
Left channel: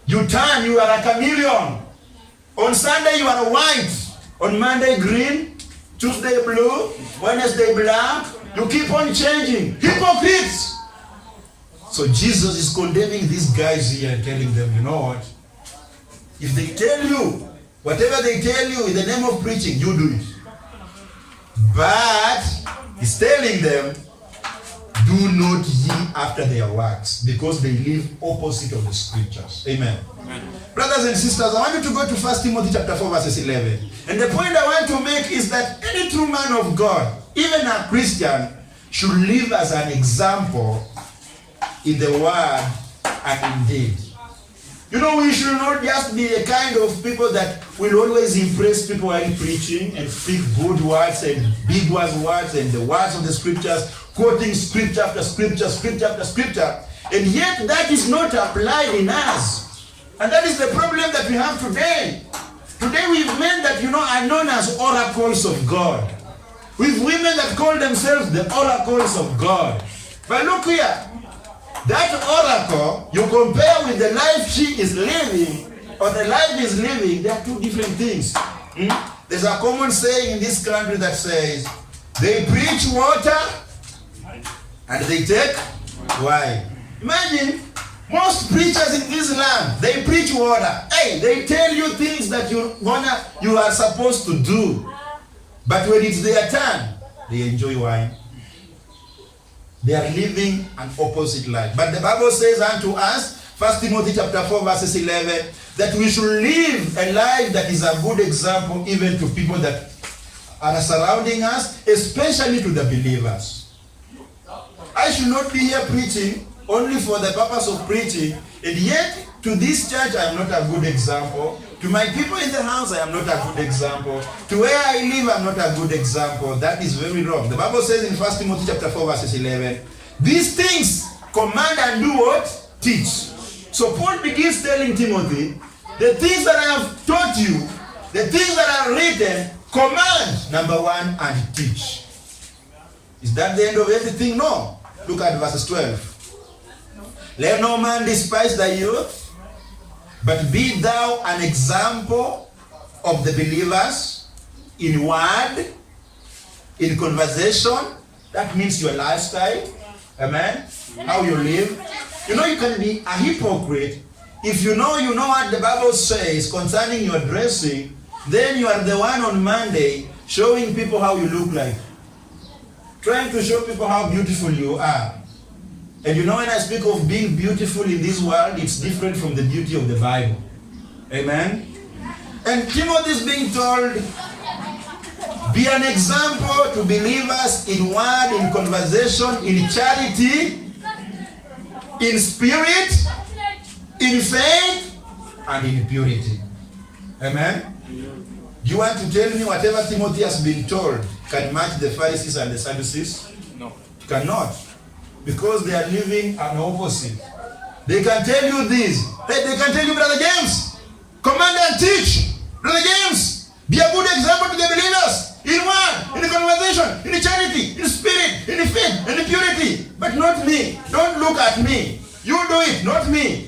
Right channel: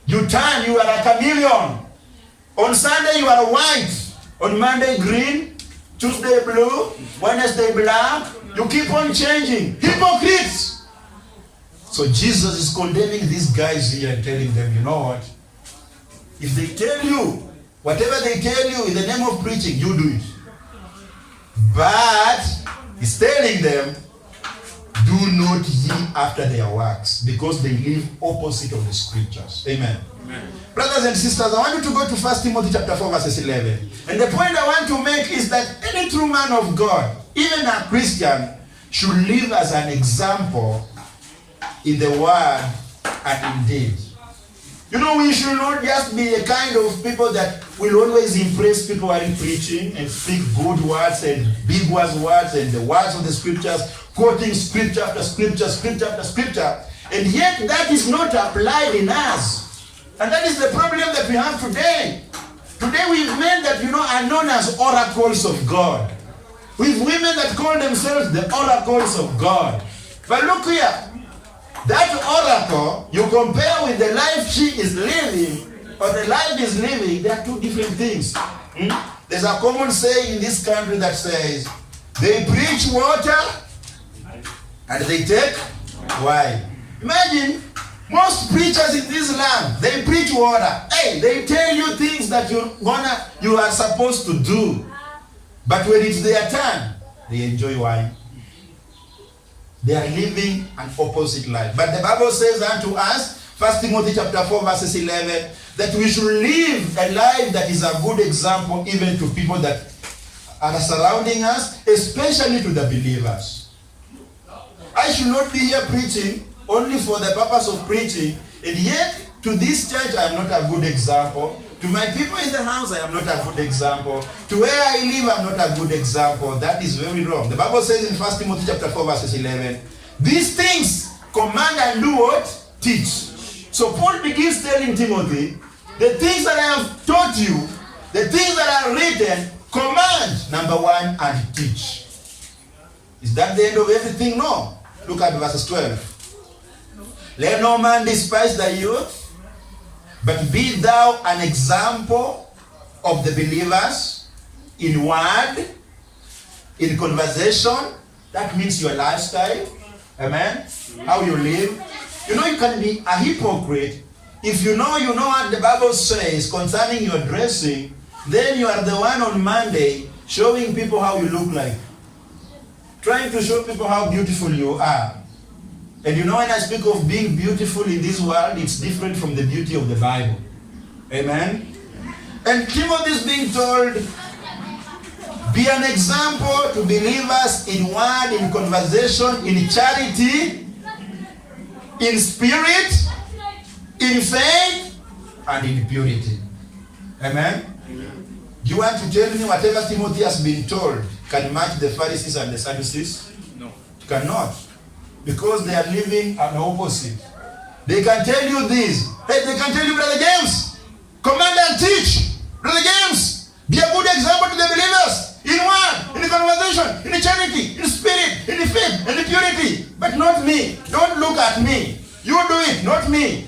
You turn, you are a chameleon. On Sunday, you are white. On Monday, green. Tuesday, blue. Wednesday, black. You keep on changing. Hypocrites. So Jesus is condemning these guys here and telling them, you know what? If they tell you, whatever they tell you in the name of preaching, you do it. But he's telling them, do not ye after their works, because they live opposite of the scriptures. Amen. Amen. Brothers and sisters, I want you to go to 1 Timothy chapter 4, verses 11. And the point I want to make is that any true man of God, even a Christian, should live as an example in the word and in deed. We should not just be a kind of people that will always impress people while preaching and speak good words and big words and the words of the scriptures, quoting scripture after scripture, scripture after scripture, and yet that is not applied in us. And that is the problem that we have today. Today we have men that are known as oracles of God. We have women that call themselves the oracles of God. But look here. That oracle, you compare with the life she is living, or the life is living, they are two different things. There's a common saying in this country that says, they preach water, and they take wine. Imagine, most preachers in this land, they preach water. Hey, they tell you things that you are supposed to do. But when it's their turn, they enjoy wine. They are living an opposite life. But the Bible says unto us, 1 Timothy chapter 4, verses 11, that we should live a life that is a good example even to people that are surrounding us, especially to the believers. I should not be here preaching only for the purpose of preaching, and yet to this church I am not a good example. To my people in the house, I am not a good example. To where I live, I am not a good example. That is very wrong. The Bible says in 1 Timothy chapter 4, verses 11, these things command and do what? Teach. So Paul begins telling Timothy, the things that I have taught you, the things that are written, command, number one, and teach. Is that the end of everything? No. Look at verses 12. Let no man despise thy youth, but be thou an example of the believers in word, in conversation. That means your lifestyle. Amen? How you live. You can be a hypocrite if you know what the Bible says concerning your dressing. Then you are the one on Monday showing people how you look like. Trying to show people how beautiful you are. And when I speak of being beautiful in this world, it's different from the beauty of the Bible. Amen? And Timothy is being told, be an example to believers in word, in conversation, in charity, in spirit, in faith, and in purity. Amen? Do you want to tell me whatever Timothy has been told can match the Pharisees and the Sadducees? No. It cannot. Because they are living an opposite. They can tell you this. Hey, they can tell you, Brother James, command and teach. Brother James, be a good example to the believers. In word, in conversation, in charity, in spirit, in faith, and in purity. But not me. Don't look at me. You do it, not me.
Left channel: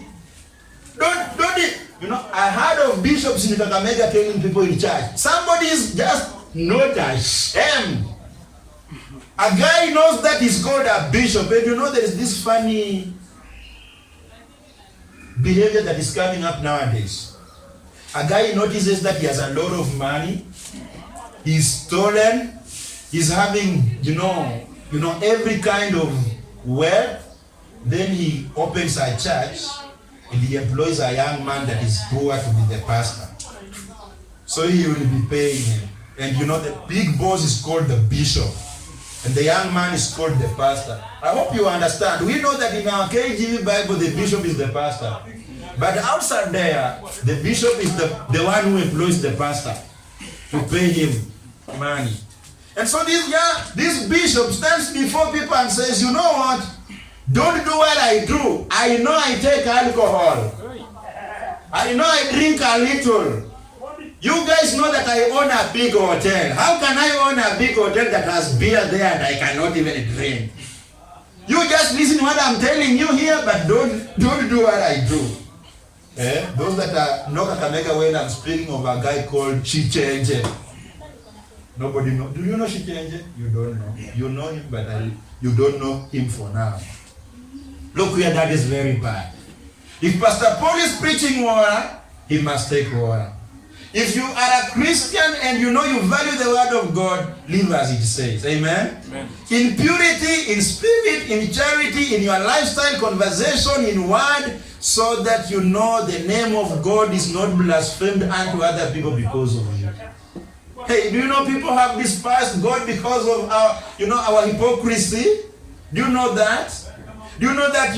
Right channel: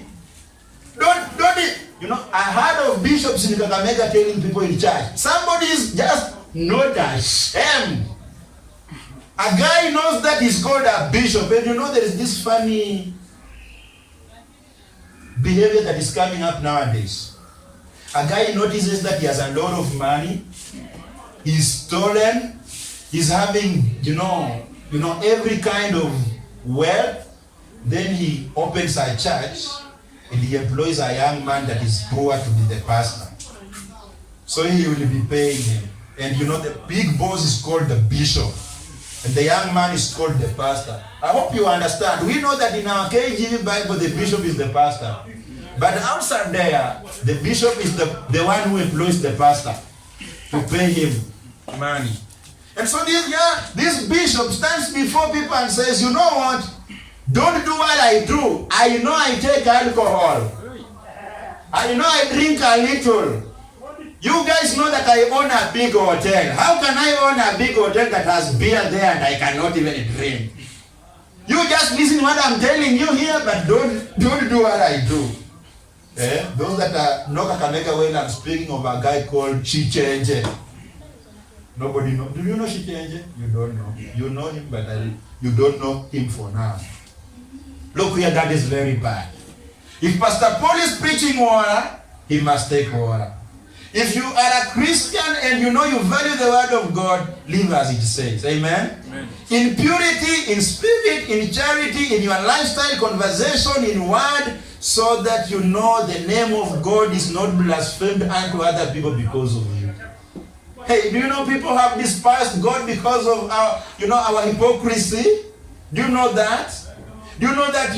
Don't it. I heard of bishops in Kakamega telling people in church, somebody is just not ashamed. A guy knows that he's called a bishop, and there is this funny behavior that is coming up nowadays. A guy notices that he has a lot of money, he's stolen, he's having, every kind of wealth. Then he opens a church and he employs a young man that is poor to be the pastor. So he will be paying him. And the big boss is called the bishop. And the young man is called the pastor. I hope you understand. We know that in our KJV Bible, the bishop is the pastor. But outside there, the bishop is the one who employs the pastor to pay him money. And so this bishop stands before people and says, you know what? Don't do what I do. I know I take alcohol. I know I drink a little. You guys know that I own a big hotel. How can I own a big hotel that has beer there and I cannot even drink? You just listen what I'm telling you here, but don't do what I do. Those that are no Kakamega, well, I'm speaking of a guy called Shichenje. Nobody know. Do you know Shichenje? You don't know. You know him, but you don't know him for now. Look here, that is very bad. If Pastor Paul is preaching water, he must take water. If you are a Christian and you know you value the word of God, live as it says. Amen? Amen. In purity, in spirit, in charity, in your lifestyle, conversation, in word, so that you know the name of God is not blasphemed unto other people because of you. Hey, do you know people have despised God because of our hypocrisy? Do you know that? Do you know that,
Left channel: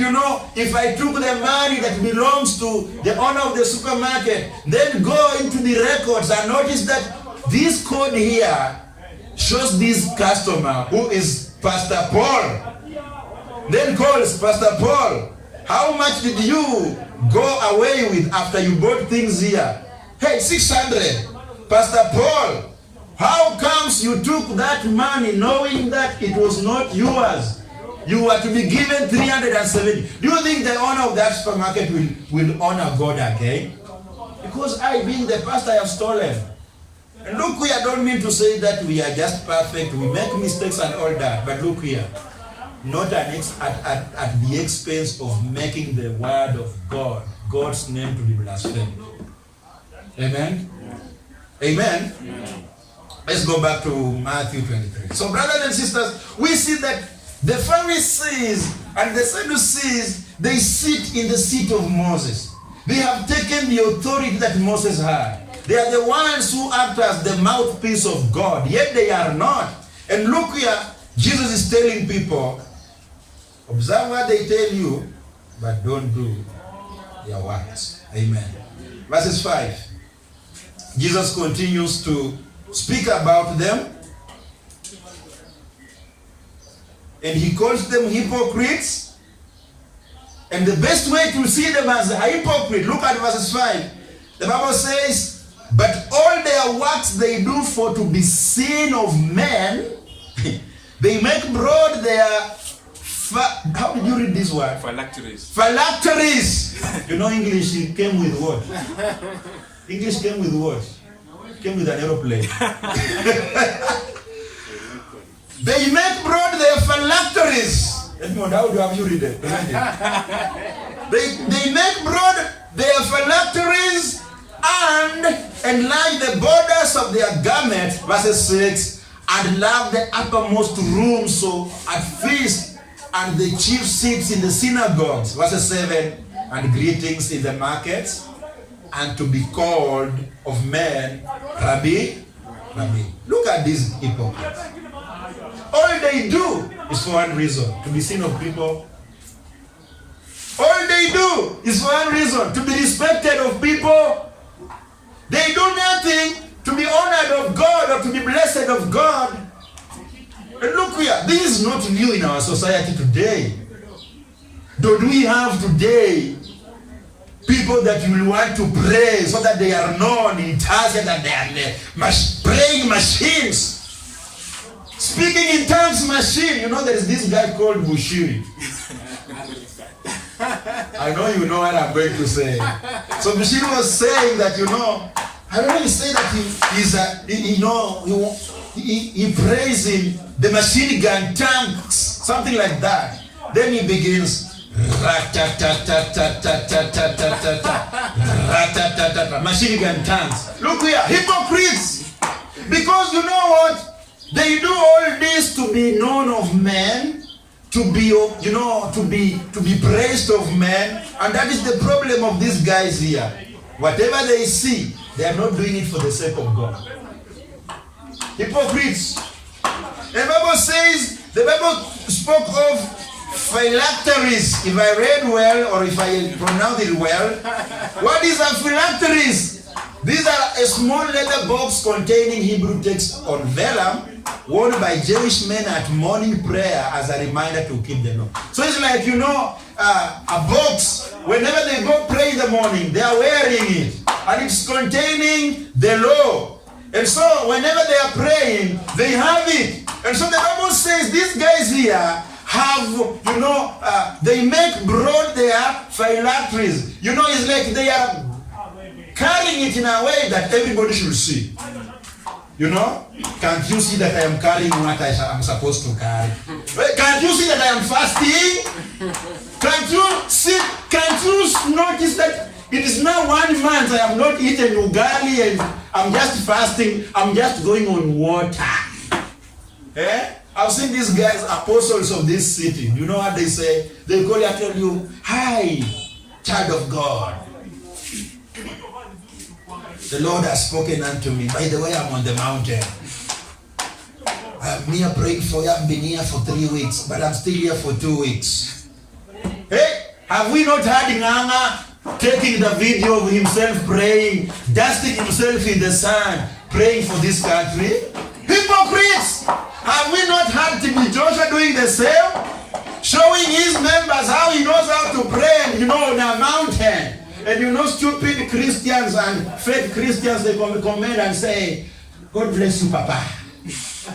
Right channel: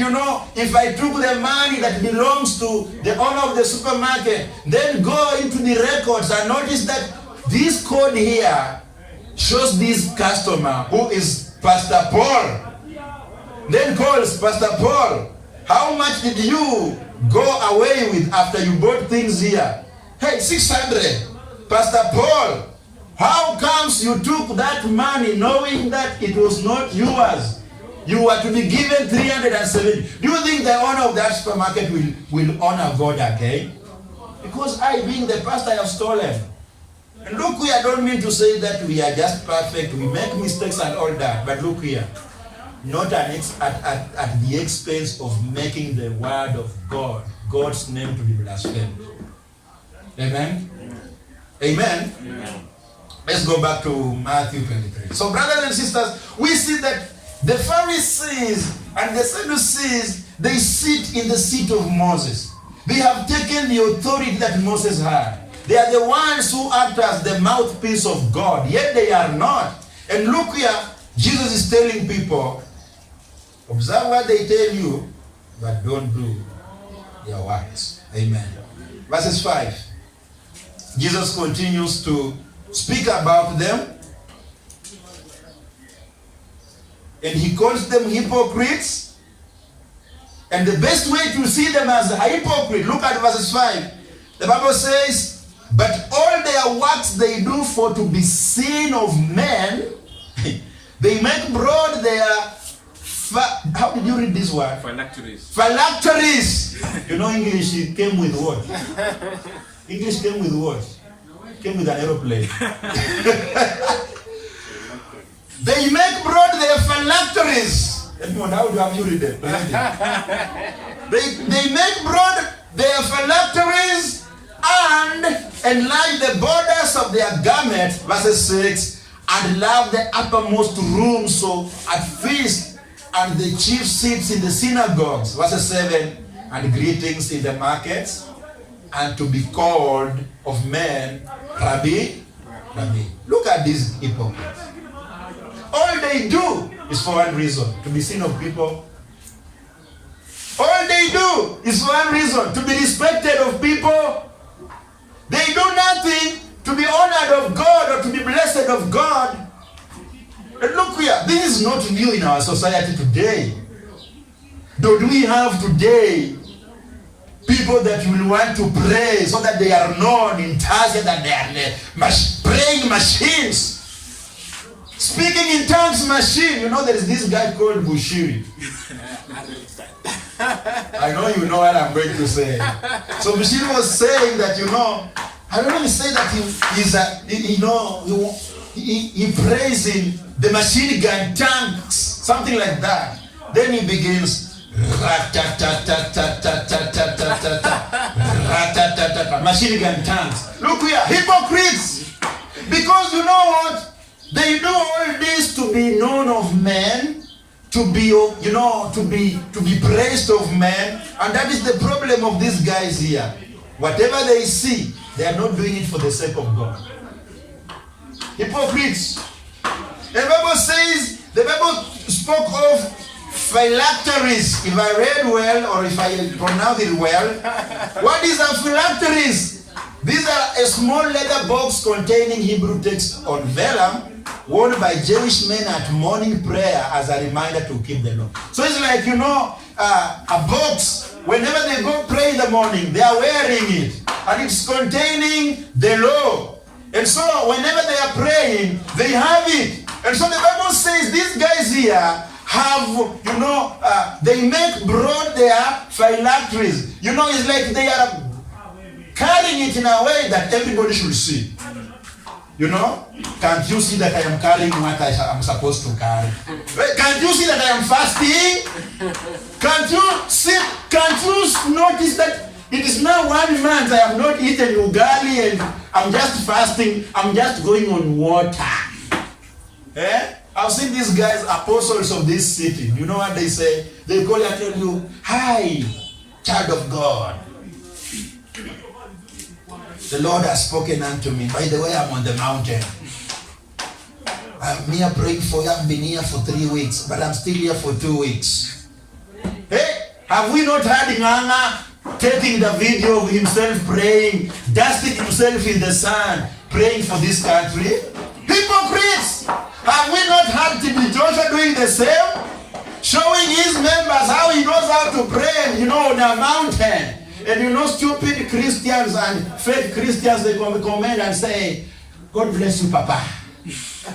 if I took the money that belongs to the owner of the supermarket, then go into the records and notice that this code here shows this customer who is Pastor Paul. Then calls Pastor Paul. How much did you go away with after you bought things here? Hey, 600. Pastor Paul, how comes you took that money knowing that it was not yours? You were to be given 370. Do you think the owner of that supermarket will honor God again? Because I, being the pastor, have stolen. And look here, I don't mean to say that we are just perfect. We make mistakes and all that. But look here, not at the expense of making the word of God, God's name, to be blasphemed. Amen? Amen? Amen. Let's go back to Matthew 23. So brothers and sisters, we see that the Pharisees and the Sadducees, they sit in the seat of Moses. They have taken the authority that Moses had. They are the ones who act as the mouthpiece of God, yet they are not. And look here, Jesus is telling people, observe what they tell you, but don't do their works. Amen. Verses 5. Jesus continues to speak about them. And he calls them hypocrites. And the best way to see them as a hypocrite, look at verses 5. The Bible says, but all their works they do for to be seen of men, they make broad their, how did you read this word? Phylacteries. Phylacteries. You know English, it came with what? English came with what? It came with an aeroplane. They make broad their phylacteries. Edmond, how do you read it? They make broad their phylacteries and enlarge the borders of their garment, verses 6, and love the uppermost room, so at feast and the chief seats in the synagogues, verses 7, and greetings in the markets, and to be called of men, Rabbi, Rabbi. Look at these hypocrites. All they do is for one reason, to be seen of people. All they do is for one reason, to be respected of people. They do nothing to be honored of God or to be blessed of God. And look here, this is not new in our society today. Do we have today people that will want to pray so that they are known in tongues, that they are praying machines? Speaking in tongues machine. You know, there is this guy called Bushiri. I know you know what I'm going to say. So Bushiri was saying that, I don't really say that he prays in the machine gun tongues, something like that. Then he begins, machine gun tongues. Look here, hypocrites. Because you know what? They do all this to be known of men, to be, to be praised of men, and that is the problem of these guys here. Whatever they see, they are not doing it for the sake of God. Hypocrites. And the Bible says, The Bible spoke of phylacteries. If I read well, or if I pronounce it well, what is a phylacteries? These are a small leather box containing Hebrew text on vellum, worn by Jewish men at morning prayer as a reminder to keep the law. So it's like, a box. Whenever they go pray in the morning, they are wearing it. And it's containing the law. And so whenever they are praying, they have it. And so the Bible says these guys here have, they make broad their phylacteries. It's like they are carrying it in a way that everybody should see. Can't you see that I am carrying what I am supposed to carry? Can't you see that I am fasting? Can't you notice that it is now 1 month I have not eaten ugali and I'm just fasting, I'm just going on water. I've seen these guys, apostles of this city. You know what they say? They call you and tell you, "Hi, child of God. The Lord has spoken unto me. By the way, I'm on the mountain. I'm here praying for you. I've been here for 3 weeks, but I'm still here for 2 weeks." Hey, have we not had Nganga taking the video of himself praying, dusting himself in the sun, praying for this country? Hypocrites! Have we not had TB Joshua doing the same? Showing his members how he knows how to pray, on a mountain. And stupid Christians and fake Christians, they come in and say, "God bless you, Papa.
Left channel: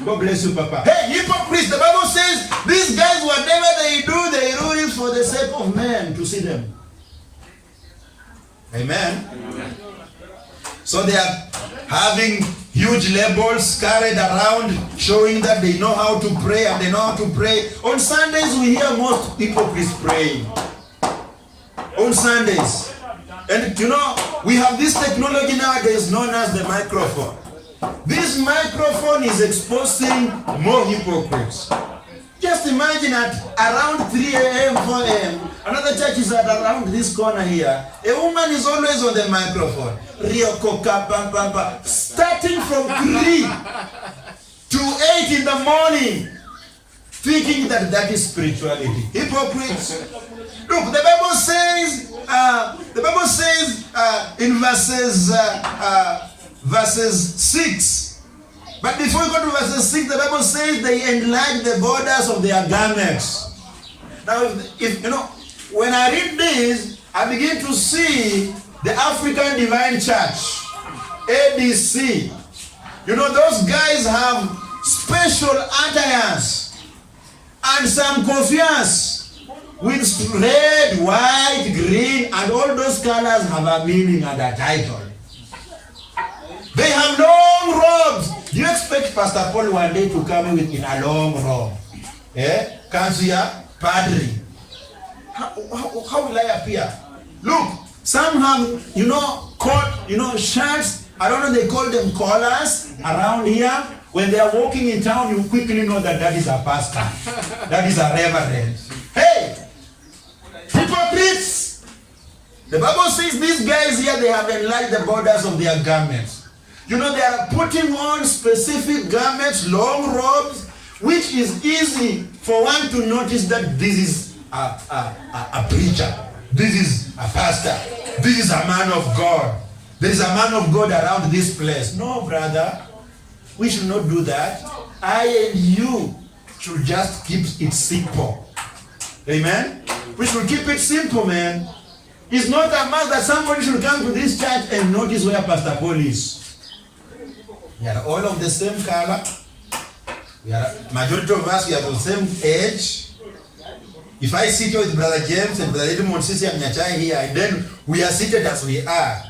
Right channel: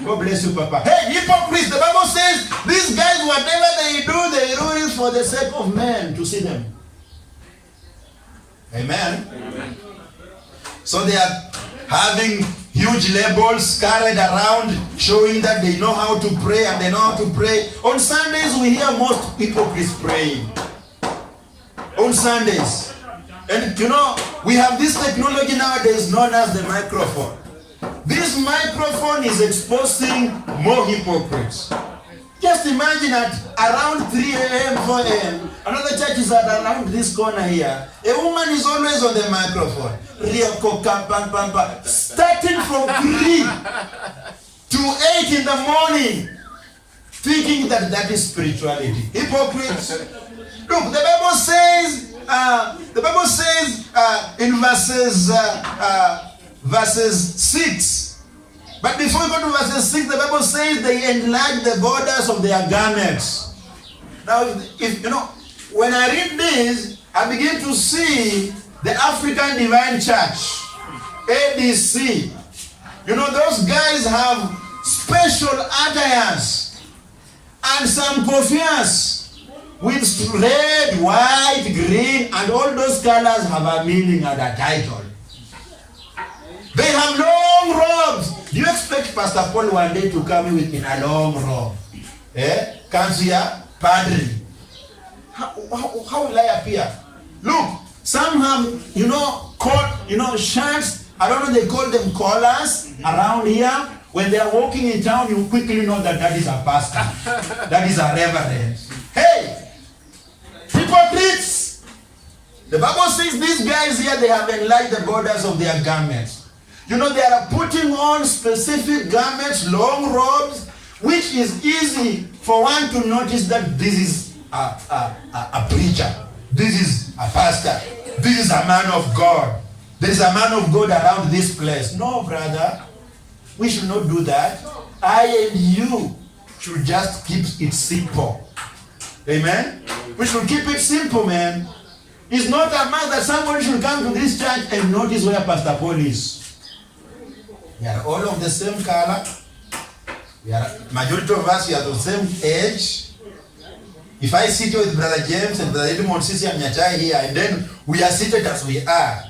God bless you, Papa." Hey, hypocrites! The Bible says these guys, whatever they do it for the sake of men to see them. Amen. So they are having huge labels carried around showing that they know how to pray and they know how to pray. On Sundays, we hear most hypocrites praying. On Sundays. And we have this technology nowadays known as the microphone. This microphone is exposing more hypocrites. Just imagine at around 3 a.m., 4 a.m., another church is at around this corner here. A woman is always on the microphone. Starting from 3 to 8 in the morning, thinking that is spirituality. Hypocrites. Look, the Bible says in verses 6. But before we go to verses 6, the Bible says they enlarge the borders of their garments. Now, when I read this, I begin to see the African Divine Church, ADC. Those guys have special attires and some kofiyas with red, white, green, and all those colors have a meaning and a title. They have long robes. Do you expect Pastor Paul one day to come in a long robe? Comes here, Padre. How will I appear? Look, some have, shirts. I don't know, they call them collars around here. When they are walking in town, you quickly know that is a pastor. That is a reverend. Hey! Hypocrites! The Bible says these guys here, they have enlarged the borders of their garments. They are putting on specific garments, long robes, which is easy for one to notice that this is a preacher. This is a pastor. This is a man of God. There is a man of God around this place. No, brother. We should not do that. I and you should just keep it simple. Amen? We should keep it simple, man. It's not a must that somebody should come to this church and notice where Pastor Paul is. We are all of the same color. Majority of us, we are the same age. If I sit with Brother James and Brother Edmond Sisi and Nyachai here, and then we are seated as we are.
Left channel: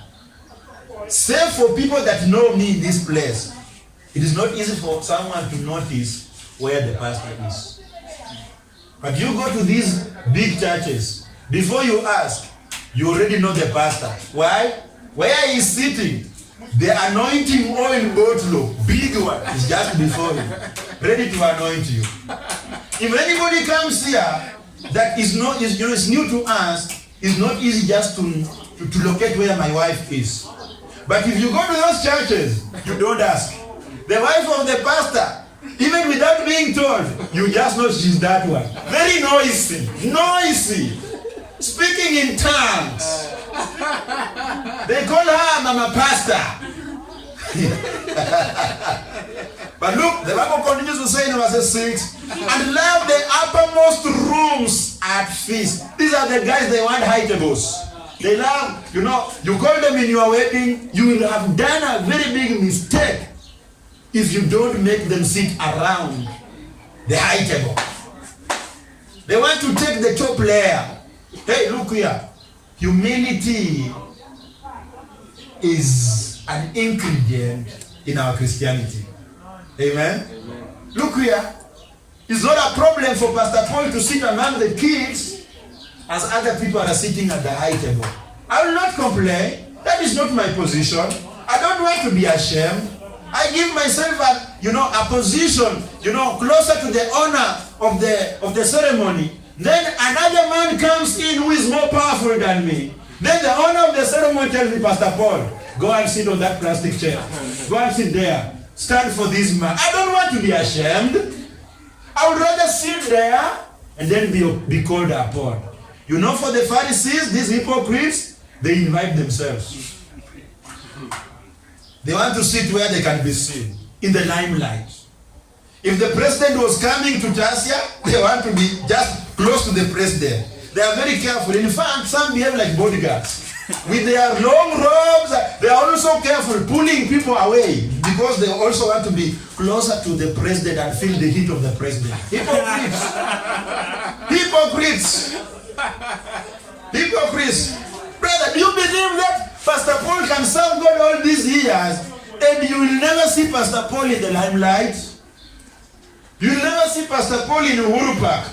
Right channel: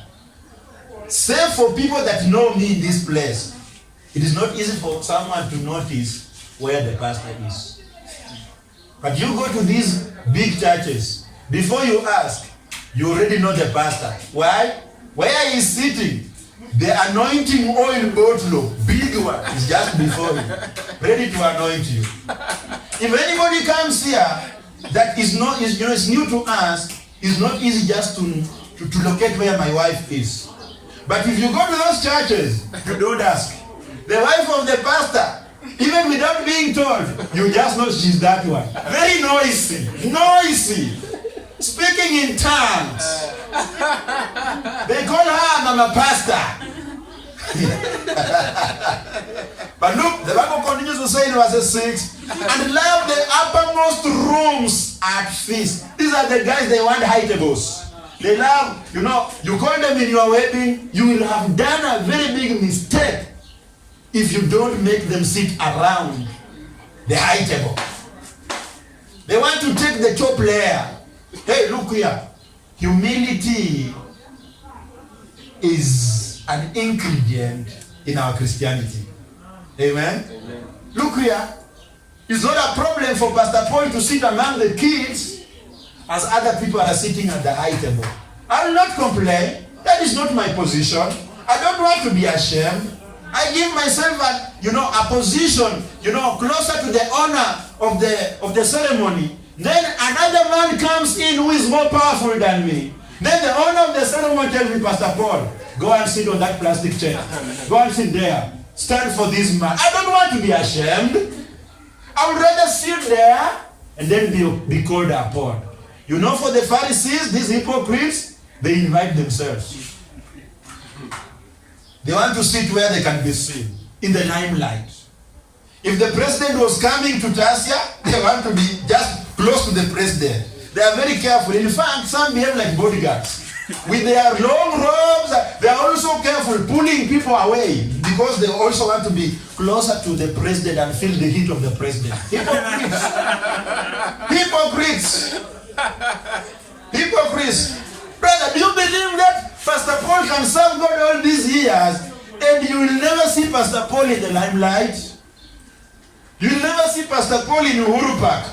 Same for people that know me in this place. It is not easy for someone to notice where the pastor is. But you go to these big churches, before you ask, you already know the pastor. Why? Where he is sitting, the anointing oil bottle, big one, is just before him, ready to anoint you. If anybody comes here that is new to us, it's not easy just to locate where my wife is. But if you go to those churches, you don't ask. The wife of the pastor Even without being told, you just know she's that one. Very noisy. Noisy. Speaking in tongues. They call her Mama Pastor. But look, the Bible continues to say in verse 6, and love the uppermost rooms at feast. These are the guys they want high tables. They love, you call them in your wedding, you will have done a very big mistake if you don't make them sit around the high table. They want to take the top layer. Hey, look here. Humility is an ingredient in our Christianity. Amen? Look here. It's not a problem for Pastor Paul to sit among the kids as other people are sitting at the high table. I will not complain. That is not my position. I don't want to be ashamed. I give myself a position, closer to the honor of the ceremony. Then another man comes in who is more powerful than me. Then the owner of the ceremony tells me, Pastor Paul, go and sit on that plastic chair. Go and sit there. Stand for this man. I don't want to be ashamed. I would rather sit there and then be called upon. For the Pharisees, these hypocrites, they invite themselves. They want to sit where they can be seen, in the limelight. If the president was coming to Tassia, they want to be just close to the president. They are very careful. In fact, some behave like bodyguards. With their long robes, they are also careful, pulling people away because they also want to be closer to the president and feel the heat of the president. Hypocrites. Hypocrites. Hypocrites. Brother, do you believe that Pastor Paul can serve God all these years and you will never see Pastor Paul in the limelight? You will never see Pastor Paul in Uhuru Park.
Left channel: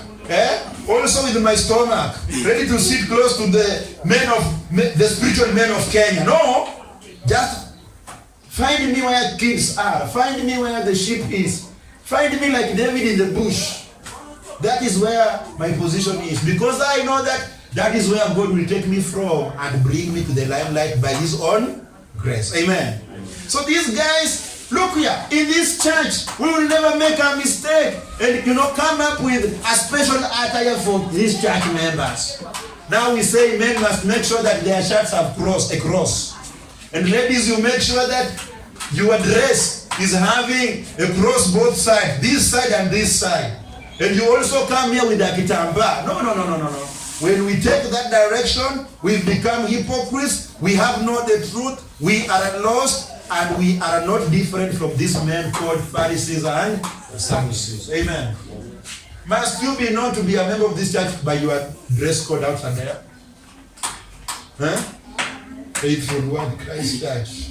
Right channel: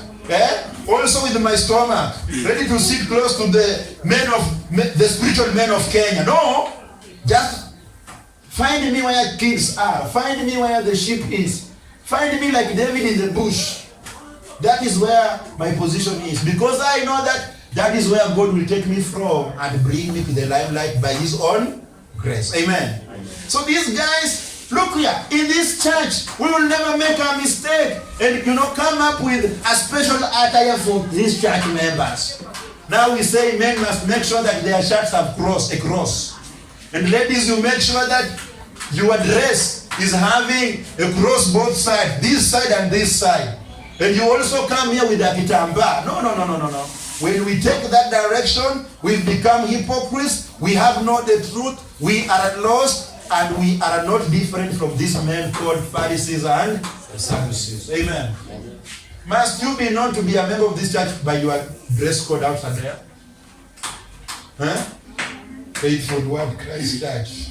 Also with my stomach, ready to sit close to the spiritual men of Kenya. No, just find me where kids are. Find me where the sheep is. Find me like David in the bush. That is where my position is. Because I know that is where God will take me from and bring me to the limelight by His own grace. Amen. So these guys, look here, in this church, we will never make a mistake and come up with a special attire for these church members. Now we say men must make sure that their shirts have a cross. And ladies, you make sure that your dress is having a cross both sides, this side and this side. And you also come here with a kitamba. No. When we take that direction, we become hypocrites. We have not the truth. We are lost. And we are not different from these men called Pharisees and Sadducees. Amen. Must you be known to be a member of this church by your dress code outside there? Faithful One Christ Church.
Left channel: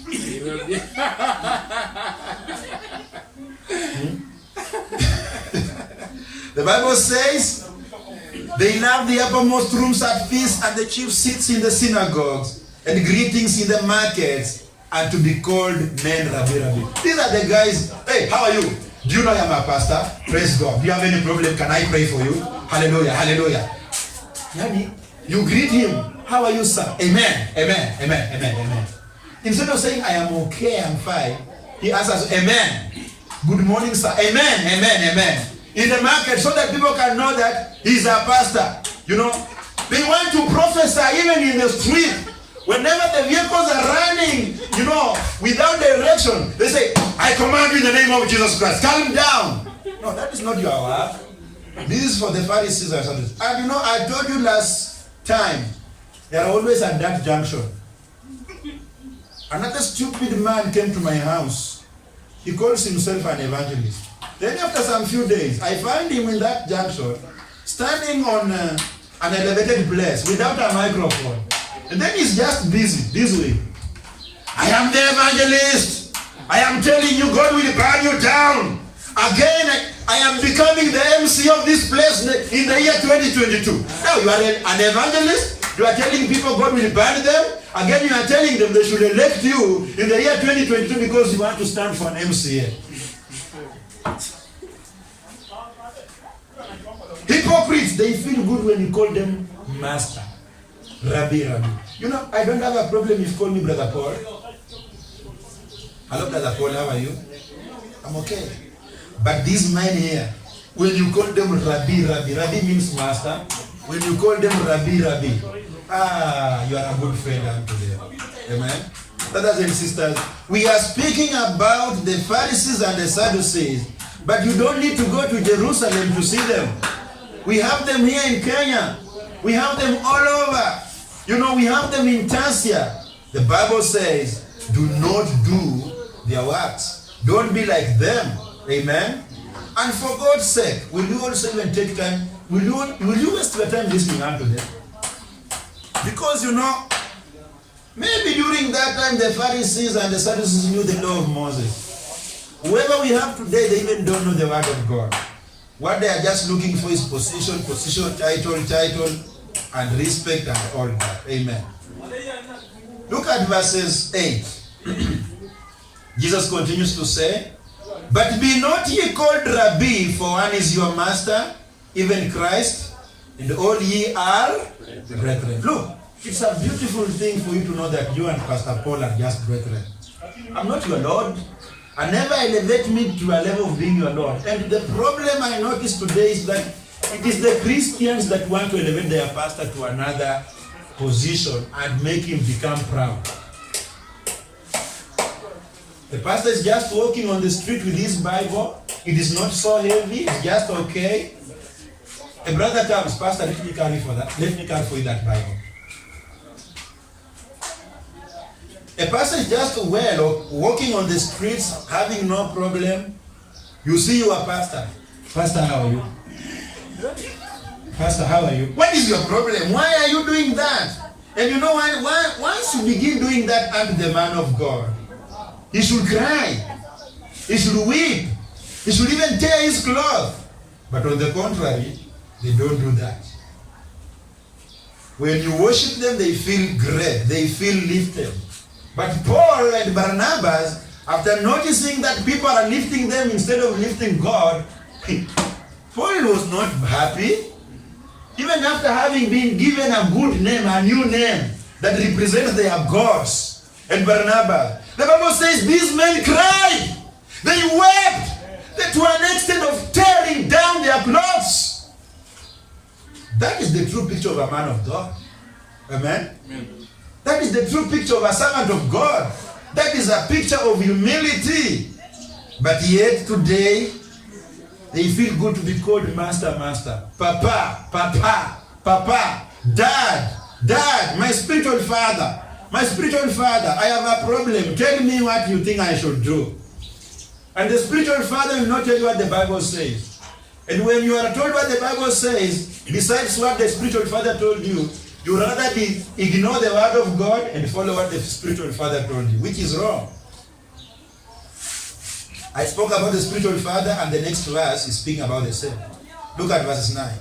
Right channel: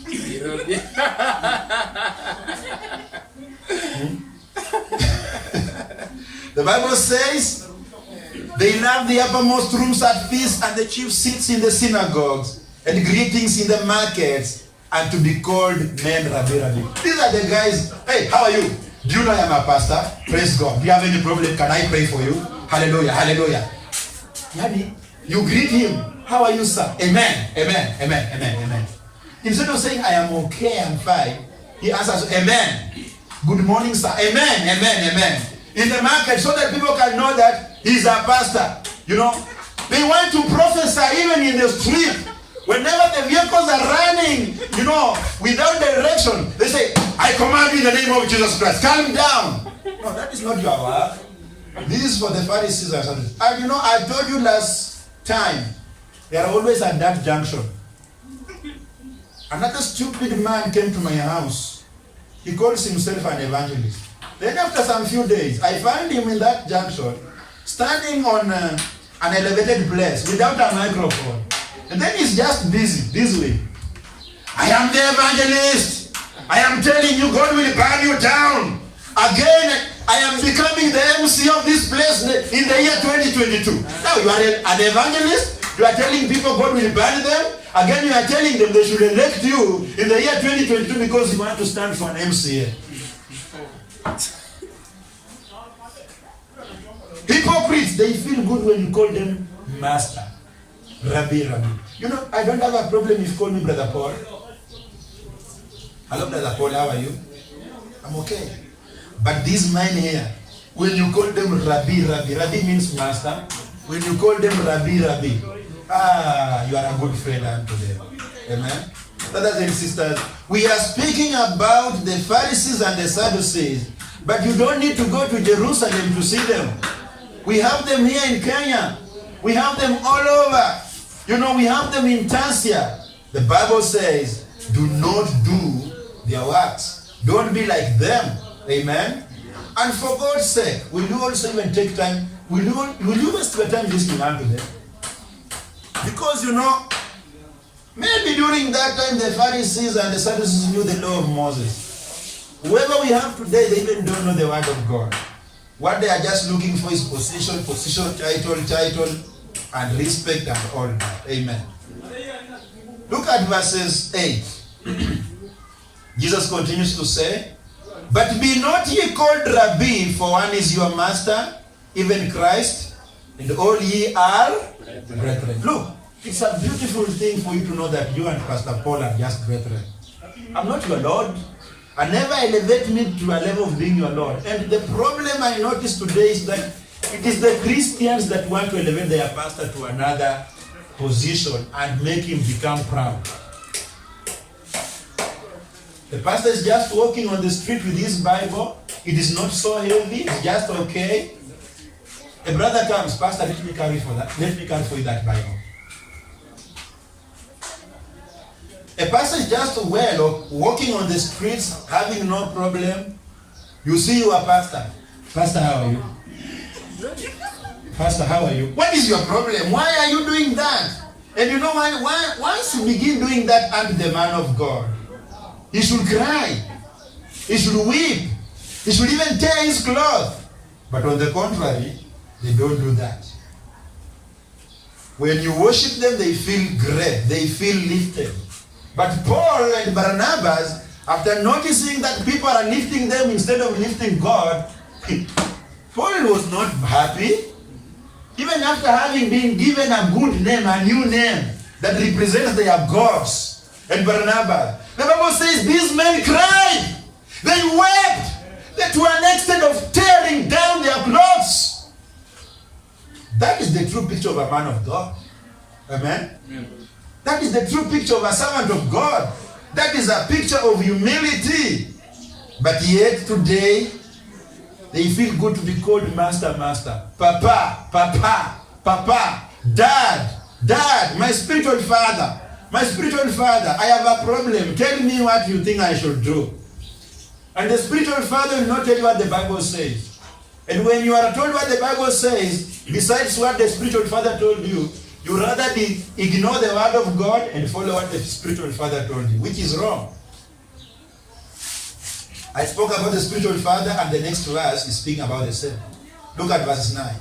The Bible says, they love the uppermost rooms at feasts and the chief seats in the synagogues and greetings in the markets, and to be called men Rabbi. These are the guys. Hey, how are you? Do you know I am a pastor? Praise God. Do you have any problem? Can I pray for you? Hallelujah, hallelujah. You greet him. How are you, sir? Amen, amen, amen, amen, amen. Instead of saying, I am okay, I'm fine, he answers, amen. Good morning, sir. Amen, amen, amen. In the market, so that people can know that he's a pastor. They want to prophesy even in the street. Whenever the vehicles are running, without direction, they say, I command you in the name of Jesus Christ, calm down. No, that is not your work. This is for the Pharisees and Sadducees. And I told you last time, they are always at that junction. Another stupid man came to my house. He calls himself an evangelist. Then after some few days, I found him in that junction, standing on an elevated place without a microphone. And then he's just busy, this way. I am the evangelist. I am telling you, God will burn you down. Again, I am becoming the MC of this place in the year 2022. Now you are an evangelist. You are telling people God will burn them. Again, you are telling them they should elect you in the year 2022 because you want to stand for an MCA. Hypocrites, they feel good when you call them master. Rabbi. I don't have a problem if you call me Brother Paul. Hello, Brother Paul, how are you? I'm okay. But these men here, when you call them Rabbi, Rabbi means master. When you call them Rabbi, you are a good friend unto them. Amen. Brothers and sisters, we are speaking about the Pharisees and the Sadducees, but you don't need to go to Jerusalem to see them. We have them here in Kenya. We have them all over. We have them in Tanzania. The Bible says, do not do their works. Don't be like them. Amen. And for God's sake, will you also even take time? Will you waste your time listening unto them? Because maybe during that time the Pharisees and the Sadducees knew the law of Moses. Whoever we have today, they even don't know the word of God. What they are just looking for is position, title, and respect and all that. Amen. Look at verses 8. Jesus continues to say, but be not ye called Rabbi, for one is your master, even Christ, and all ye are brethren. Look, it's a beautiful thing for you to know that you and Pastor Paul are just brethren. I'm not your Lord. I never elevate me to a level of being your Lord. And the problem I notice today is that it is the Christians that want to elevate their pastor to another position and make him become proud. The pastor is just walking on the street with his Bible. It is not so heavy. It's just okay. A brother comes, Pastor, let me carry for you that Bible. A person is just walking on the streets, having no problem. You see your pastor. Pastor, how are you? Pastor, how are you? What is your problem? Why are you doing that? And once you begin doing that unto the man of God, he should cry. He should weep. He should even tear his clothes. But on the contrary, they don't do that. When you worship them, they feel great. They feel lifted. But Paul and Barnabas, after noticing that people are lifting them instead of lifting God, Paul was not happy. Even after having been given a good name, a new name that represents their gods and Barnabas, the Bible says these men cried. They wept to an extent of tearing down their clothes. That is the true picture of a man of God. Amen? Amen. That is the true picture of a servant of God. That is a picture of humility. But yet today, they feel good to be called master, papa, dad, my spiritual father, I have a problem. Tell me what you think I should do. And the spiritual father will not tell you what the Bible says. And when you are told what the Bible says, besides what the spiritual father told you, you rather ignore the word of God and follow what the spiritual father told you, which is wrong. I spoke about the spiritual father, and the next verse is speaking about the same. Look at verse 9.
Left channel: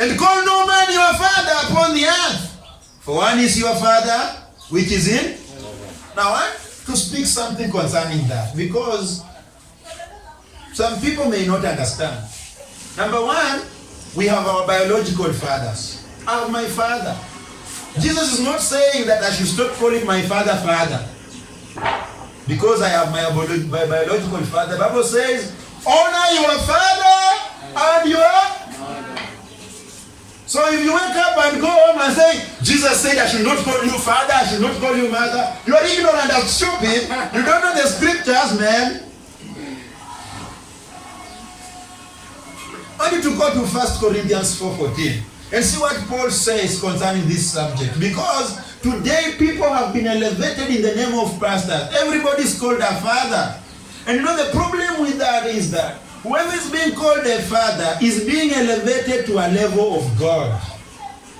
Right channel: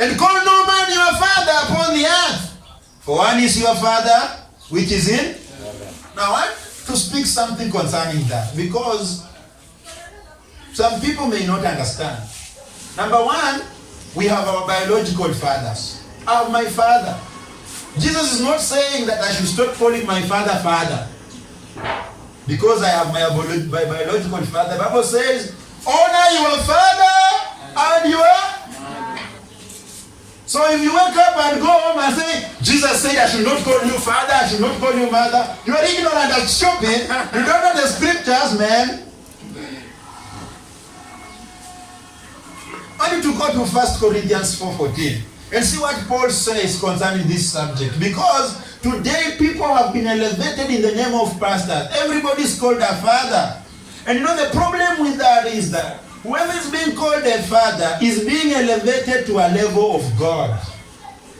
And call no man your father upon the earth, for one is your father, which is in. Now I want to speak something concerning that, because some people may not understand. Number one, we have our biological fathers. I have my father. Jesus is not saying that I should stop calling my father, father, because I have my biological father. The Bible says, honor your father and your. So if you wake up and go home and say, Jesus said I should not call you father, I should not call you mother, you are ignorant and stupid. You don't know the scriptures, man. I need to go to 1 Corinthians 4:14 and see what Paul says concerning this subject. Because today people have been elevated in the name of pastors. Everybody is called a father. And the problem with that is that whoever is being called a father is being elevated to a level of God.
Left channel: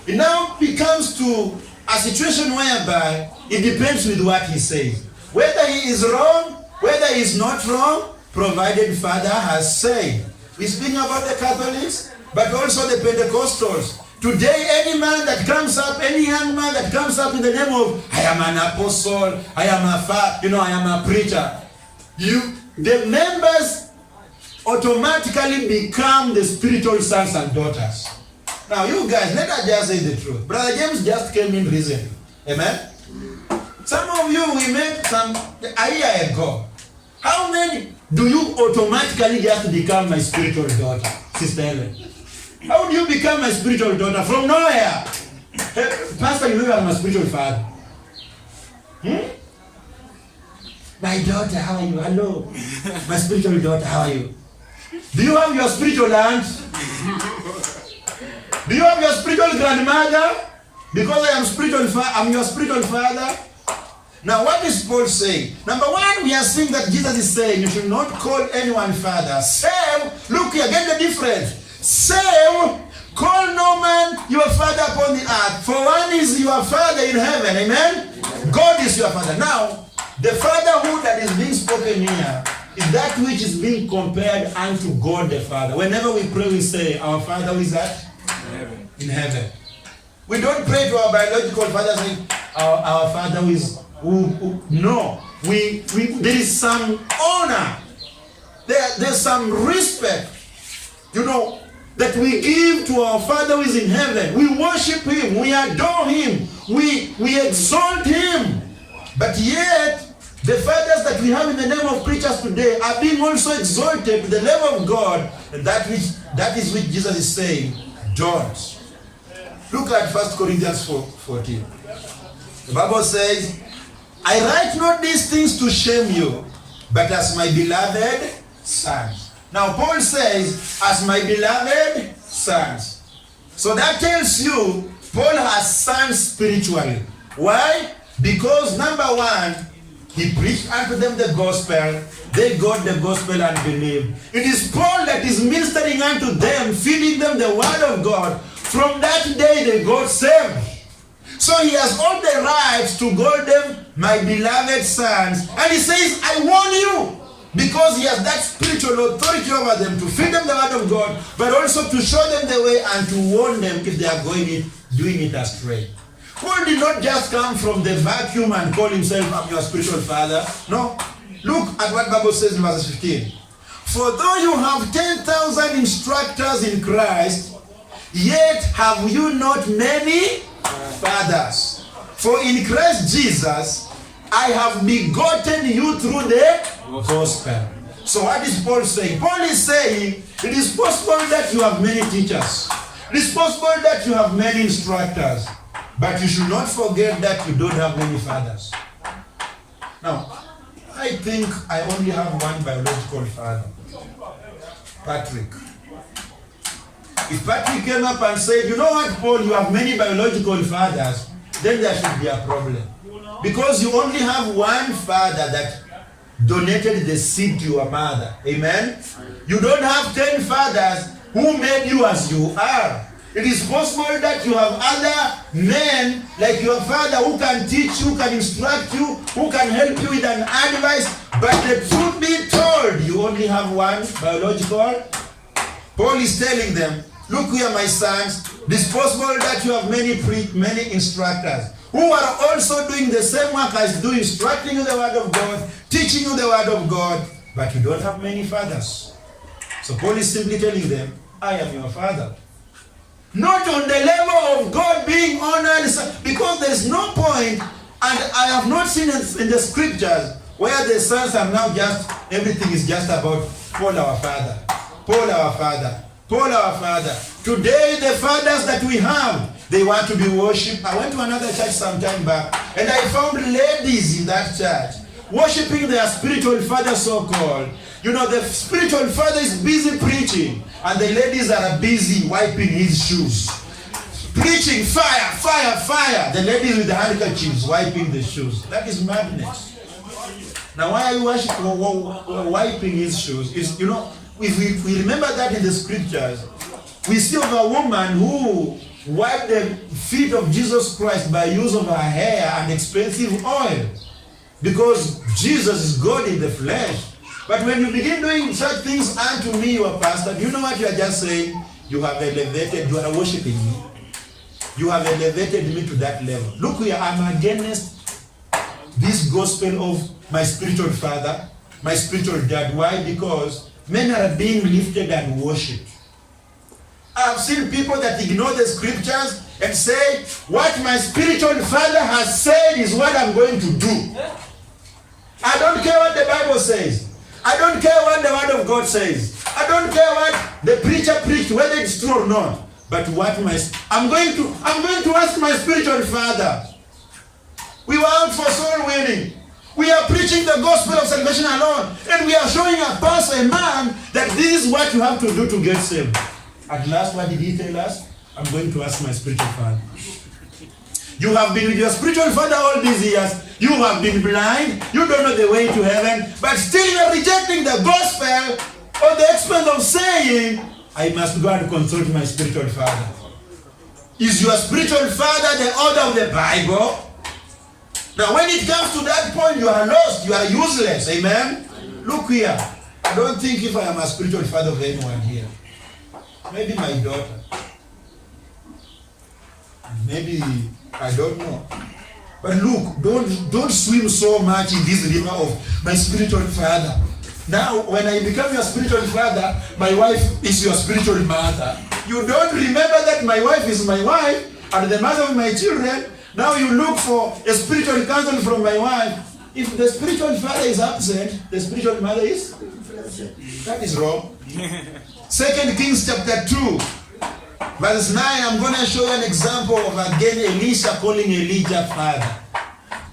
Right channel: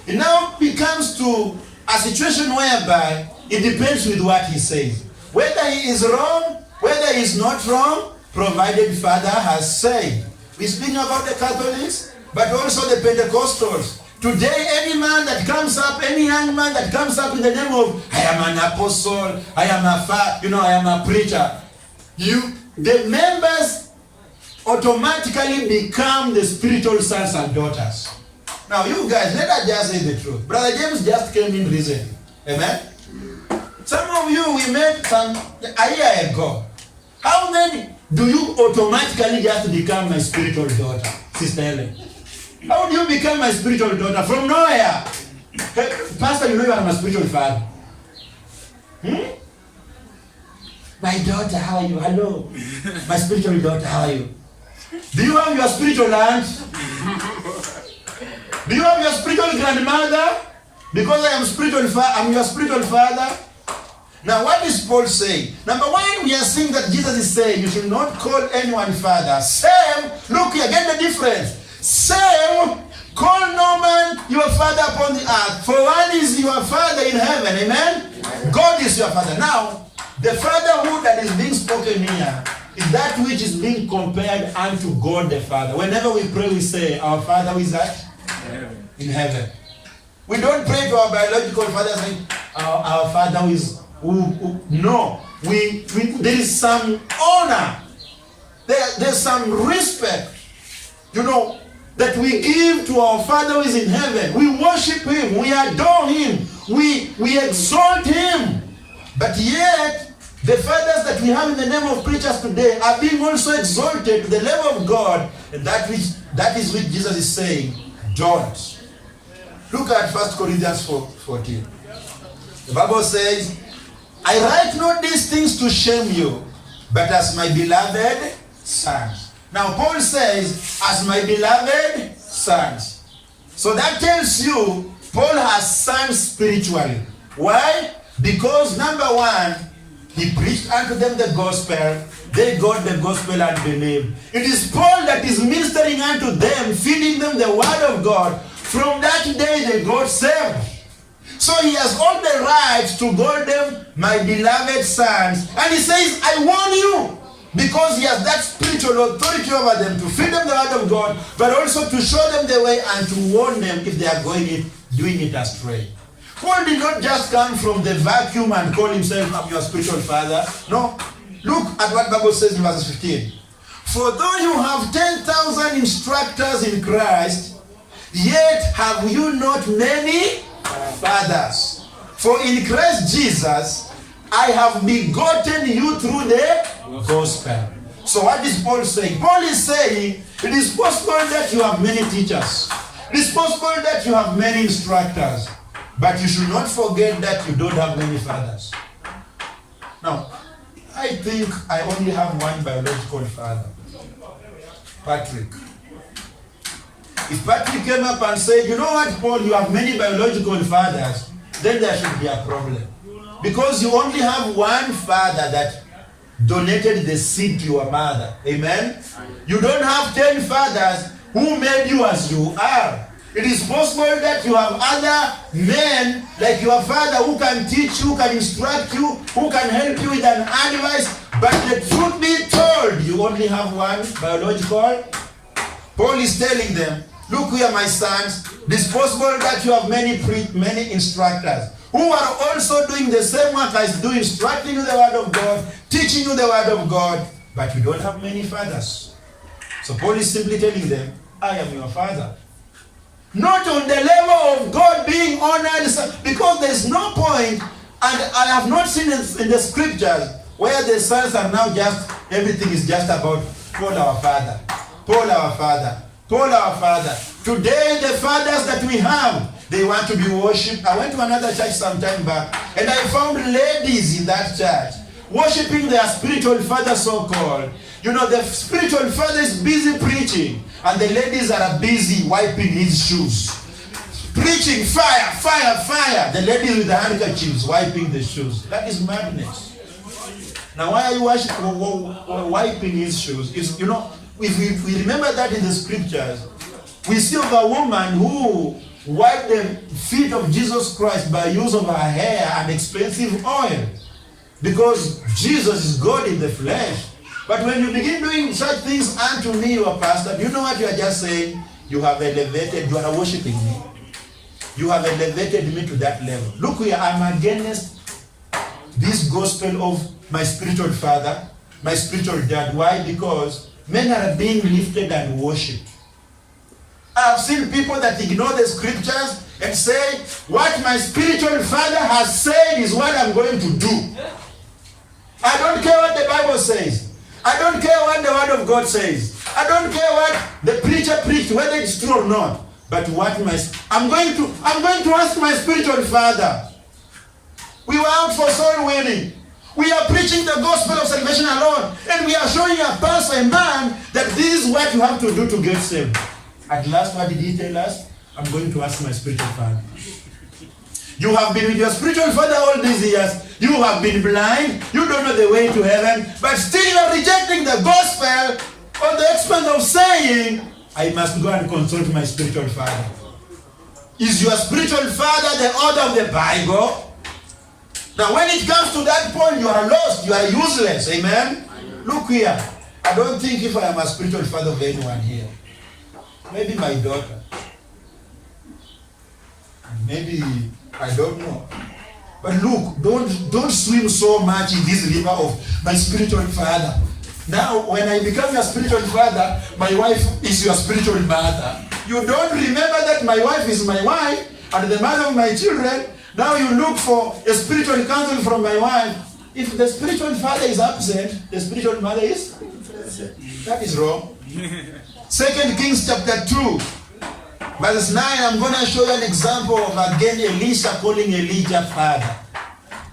It now becomes to a situation whereby it depends with what he says. Whether he is wrong, whether he is not wrong, provided father has said. We're speaking about the Catholics, but also the Pentecostals. Today, any man that comes up, any young man that comes up in the name of, I am an apostle, I am I am a preacher, the members automatically become the spiritual sons and daughters. Now, you guys, let us just say the truth. Brother James just came in recently. Amen? Some of you, we met a year ago. How many? do you automatically just become my spiritual daughter, Sister Ellen? How do you become my spiritual daughter? From nowhere. Hey, Pastor, you know you are my spiritual father. My daughter, how are you? Hello. My spiritual daughter, how are you? Do you have your spiritual aunt? Do you have your spiritual grandmother? Because I am I'm your spiritual father. Now, what is Paul saying? Number one, we are seeing that Jesus is saying you should not call anyone father. Same, look here, get the difference. Same, call no man your father upon the earth. For one is your father in heaven. Amen? God is your father. Now, the fatherhood that is being spoken here is that which is being compared unto God the Father. Whenever we pray, we say, our Father who is at? In heaven. We don't pray to our biological father saying, our Father who is... no. There is some honor. There's some respect. That we give to our Father who is in heaven. We worship Him. We adore Him. We exalt Him. But yet, the fathers that we have in the name of preachers today are being also exalted to the level of God. And that is which Jesus is saying, don't. Look at 1 Corinthians 4:14. The Bible says, I write not these things to shame you, but as my beloved sons. Now Paul says, as my beloved sons. So that tells you, Paul has sons spiritually. Why? Because number one, he preached unto them the gospel. They got the gospel and believed. It is Paul that is ministering unto them, feeding them the word of God. From that day they got saved. So he has all the rights to call them my beloved sons. And he says, I warn you. Because he has that spiritual authority over them to feed them the word of God, but also to show them the way and to warn them if they are doing it astray. Paul did not just come from the vacuum and call himself, I'm your spiritual father. No. Look at what the Bible says in verse 15. For though you have 10,000 instructors in Christ, yet have you not many fathers. For in Christ Jesus, I have begotten you through the gospel. So what is Paul saying? Paul is saying, it is possible that you have many teachers. It is possible that you have many instructors. But you should not forget that you don't have many fathers. Now, I think I only have one biological father. Patrick. If Patrick came up and said, you know what, Paul, you have many biological fathers, then there should be a problem. Because you only have one father that donated the seed to your mother. Amen? You don't have 10 fathers who made you as you are. It is possible that you have other men like your father who can teach you, who can instruct you, who can help you with an advice. But the truth be told, you only have one biological. Paul is telling them, look here, my sons, it is possible that you have many instructors who are also doing the same work as do, instructing you the word of God, teaching you the word of God, but you don't have many fathers. So Paul is simply telling them, I am your father. Not on the level of God being honored, because there is no point, and I have not seen in the scriptures where the sons are now everything is just about Paul our father, Paul our father, Paul our father. Today the fathers that we have, they want to be worshipped. I went to another church some time back, and I found ladies in that church worshipping their spiritual father, so-called. The spiritual father is busy preaching, and the ladies are busy wiping his shoes. Preaching, fire, fire, fire. The ladies with the handkerchiefs wiping the shoes. That is madness. Now, why are you wiping his shoes? If we remember that in the scriptures, we see of a woman who wiped the feet of Jesus Christ by use of her hair and expensive oil. Because Jesus is God in the flesh. But when you begin doing such things unto me, your pastor, do you know what you are just saying? You are worshiping me. You have elevated me to that level. Look here, I'm against this gospel of my spiritual father, my spiritual dad. Why? Because men are being lifted and worshipped. I've seen people that ignore the scriptures and say, what my spiritual father has said is what I'm going to do. I don't care what the Bible says. I don't care what the word of God says. I don't care what the preacher preached, whether it's true or not. But what I'm going to ask my spiritual father. We were out for soul winning. We are preaching the gospel of salvation alone, and we are showing a pastor, a man, that this is what you have to do to get saved. At last, what did he tell us? I'm going to ask my spiritual father. You have been with your spiritual father all these years. You have been blind. You don't know the way to heaven, but still you are rejecting the gospel on the expense of saying, I must go and consult my spiritual father. Is your spiritual father the author of the Bible? Now, when it comes to that point, you are lost. You are useless. Amen? Look here. I don't think if I am a spiritual father of anyone here. Maybe my daughter. Maybe, I don't know. But look, don't swim so much in this river of my spiritual father. Now, when I become your spiritual father, my wife is your spiritual mother. You don't remember that my wife is my wife and the mother of my children. Now you look for a spiritual counsel from my wife. If the spiritual father is absent, the spiritual mother is? That is wrong. 2 Kings chapter 2, verse 9, I'm going to show you an example of, again, Elisha calling Elijah father.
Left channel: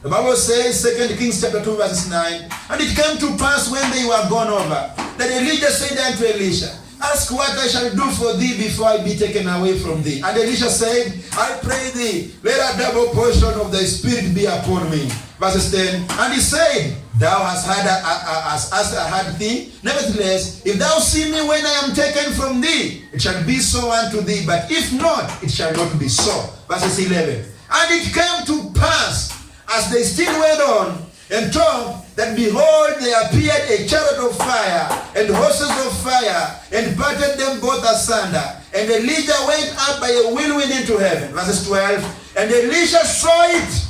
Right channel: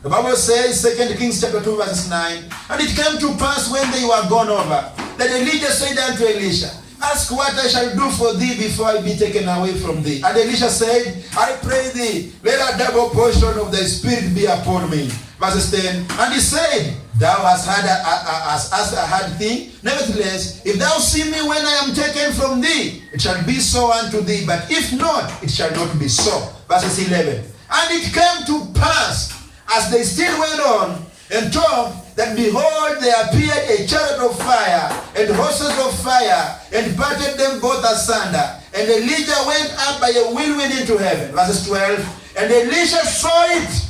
The Bible says, 2 Kings chapter 2, verse 9, and it came to pass when they were gone over, that Elijah said unto Elisha, ask what I shall do for thee before I be taken away from thee. And Elisha said, I pray thee, let a double portion of thy spirit be upon me. Verse 10, and he said, thou hast had a hard thing. Nevertheless, if thou see me when I am taken from thee, it shall be so unto thee. But if not, it shall not be so. Verse 11, and it came to pass, as they still went on and talked, that behold, there appeared a chariot of fire and horses of fire, and parted them both asunder. And Elijah went up by a whirlwind into heaven. Verse 12, and Elisha saw it,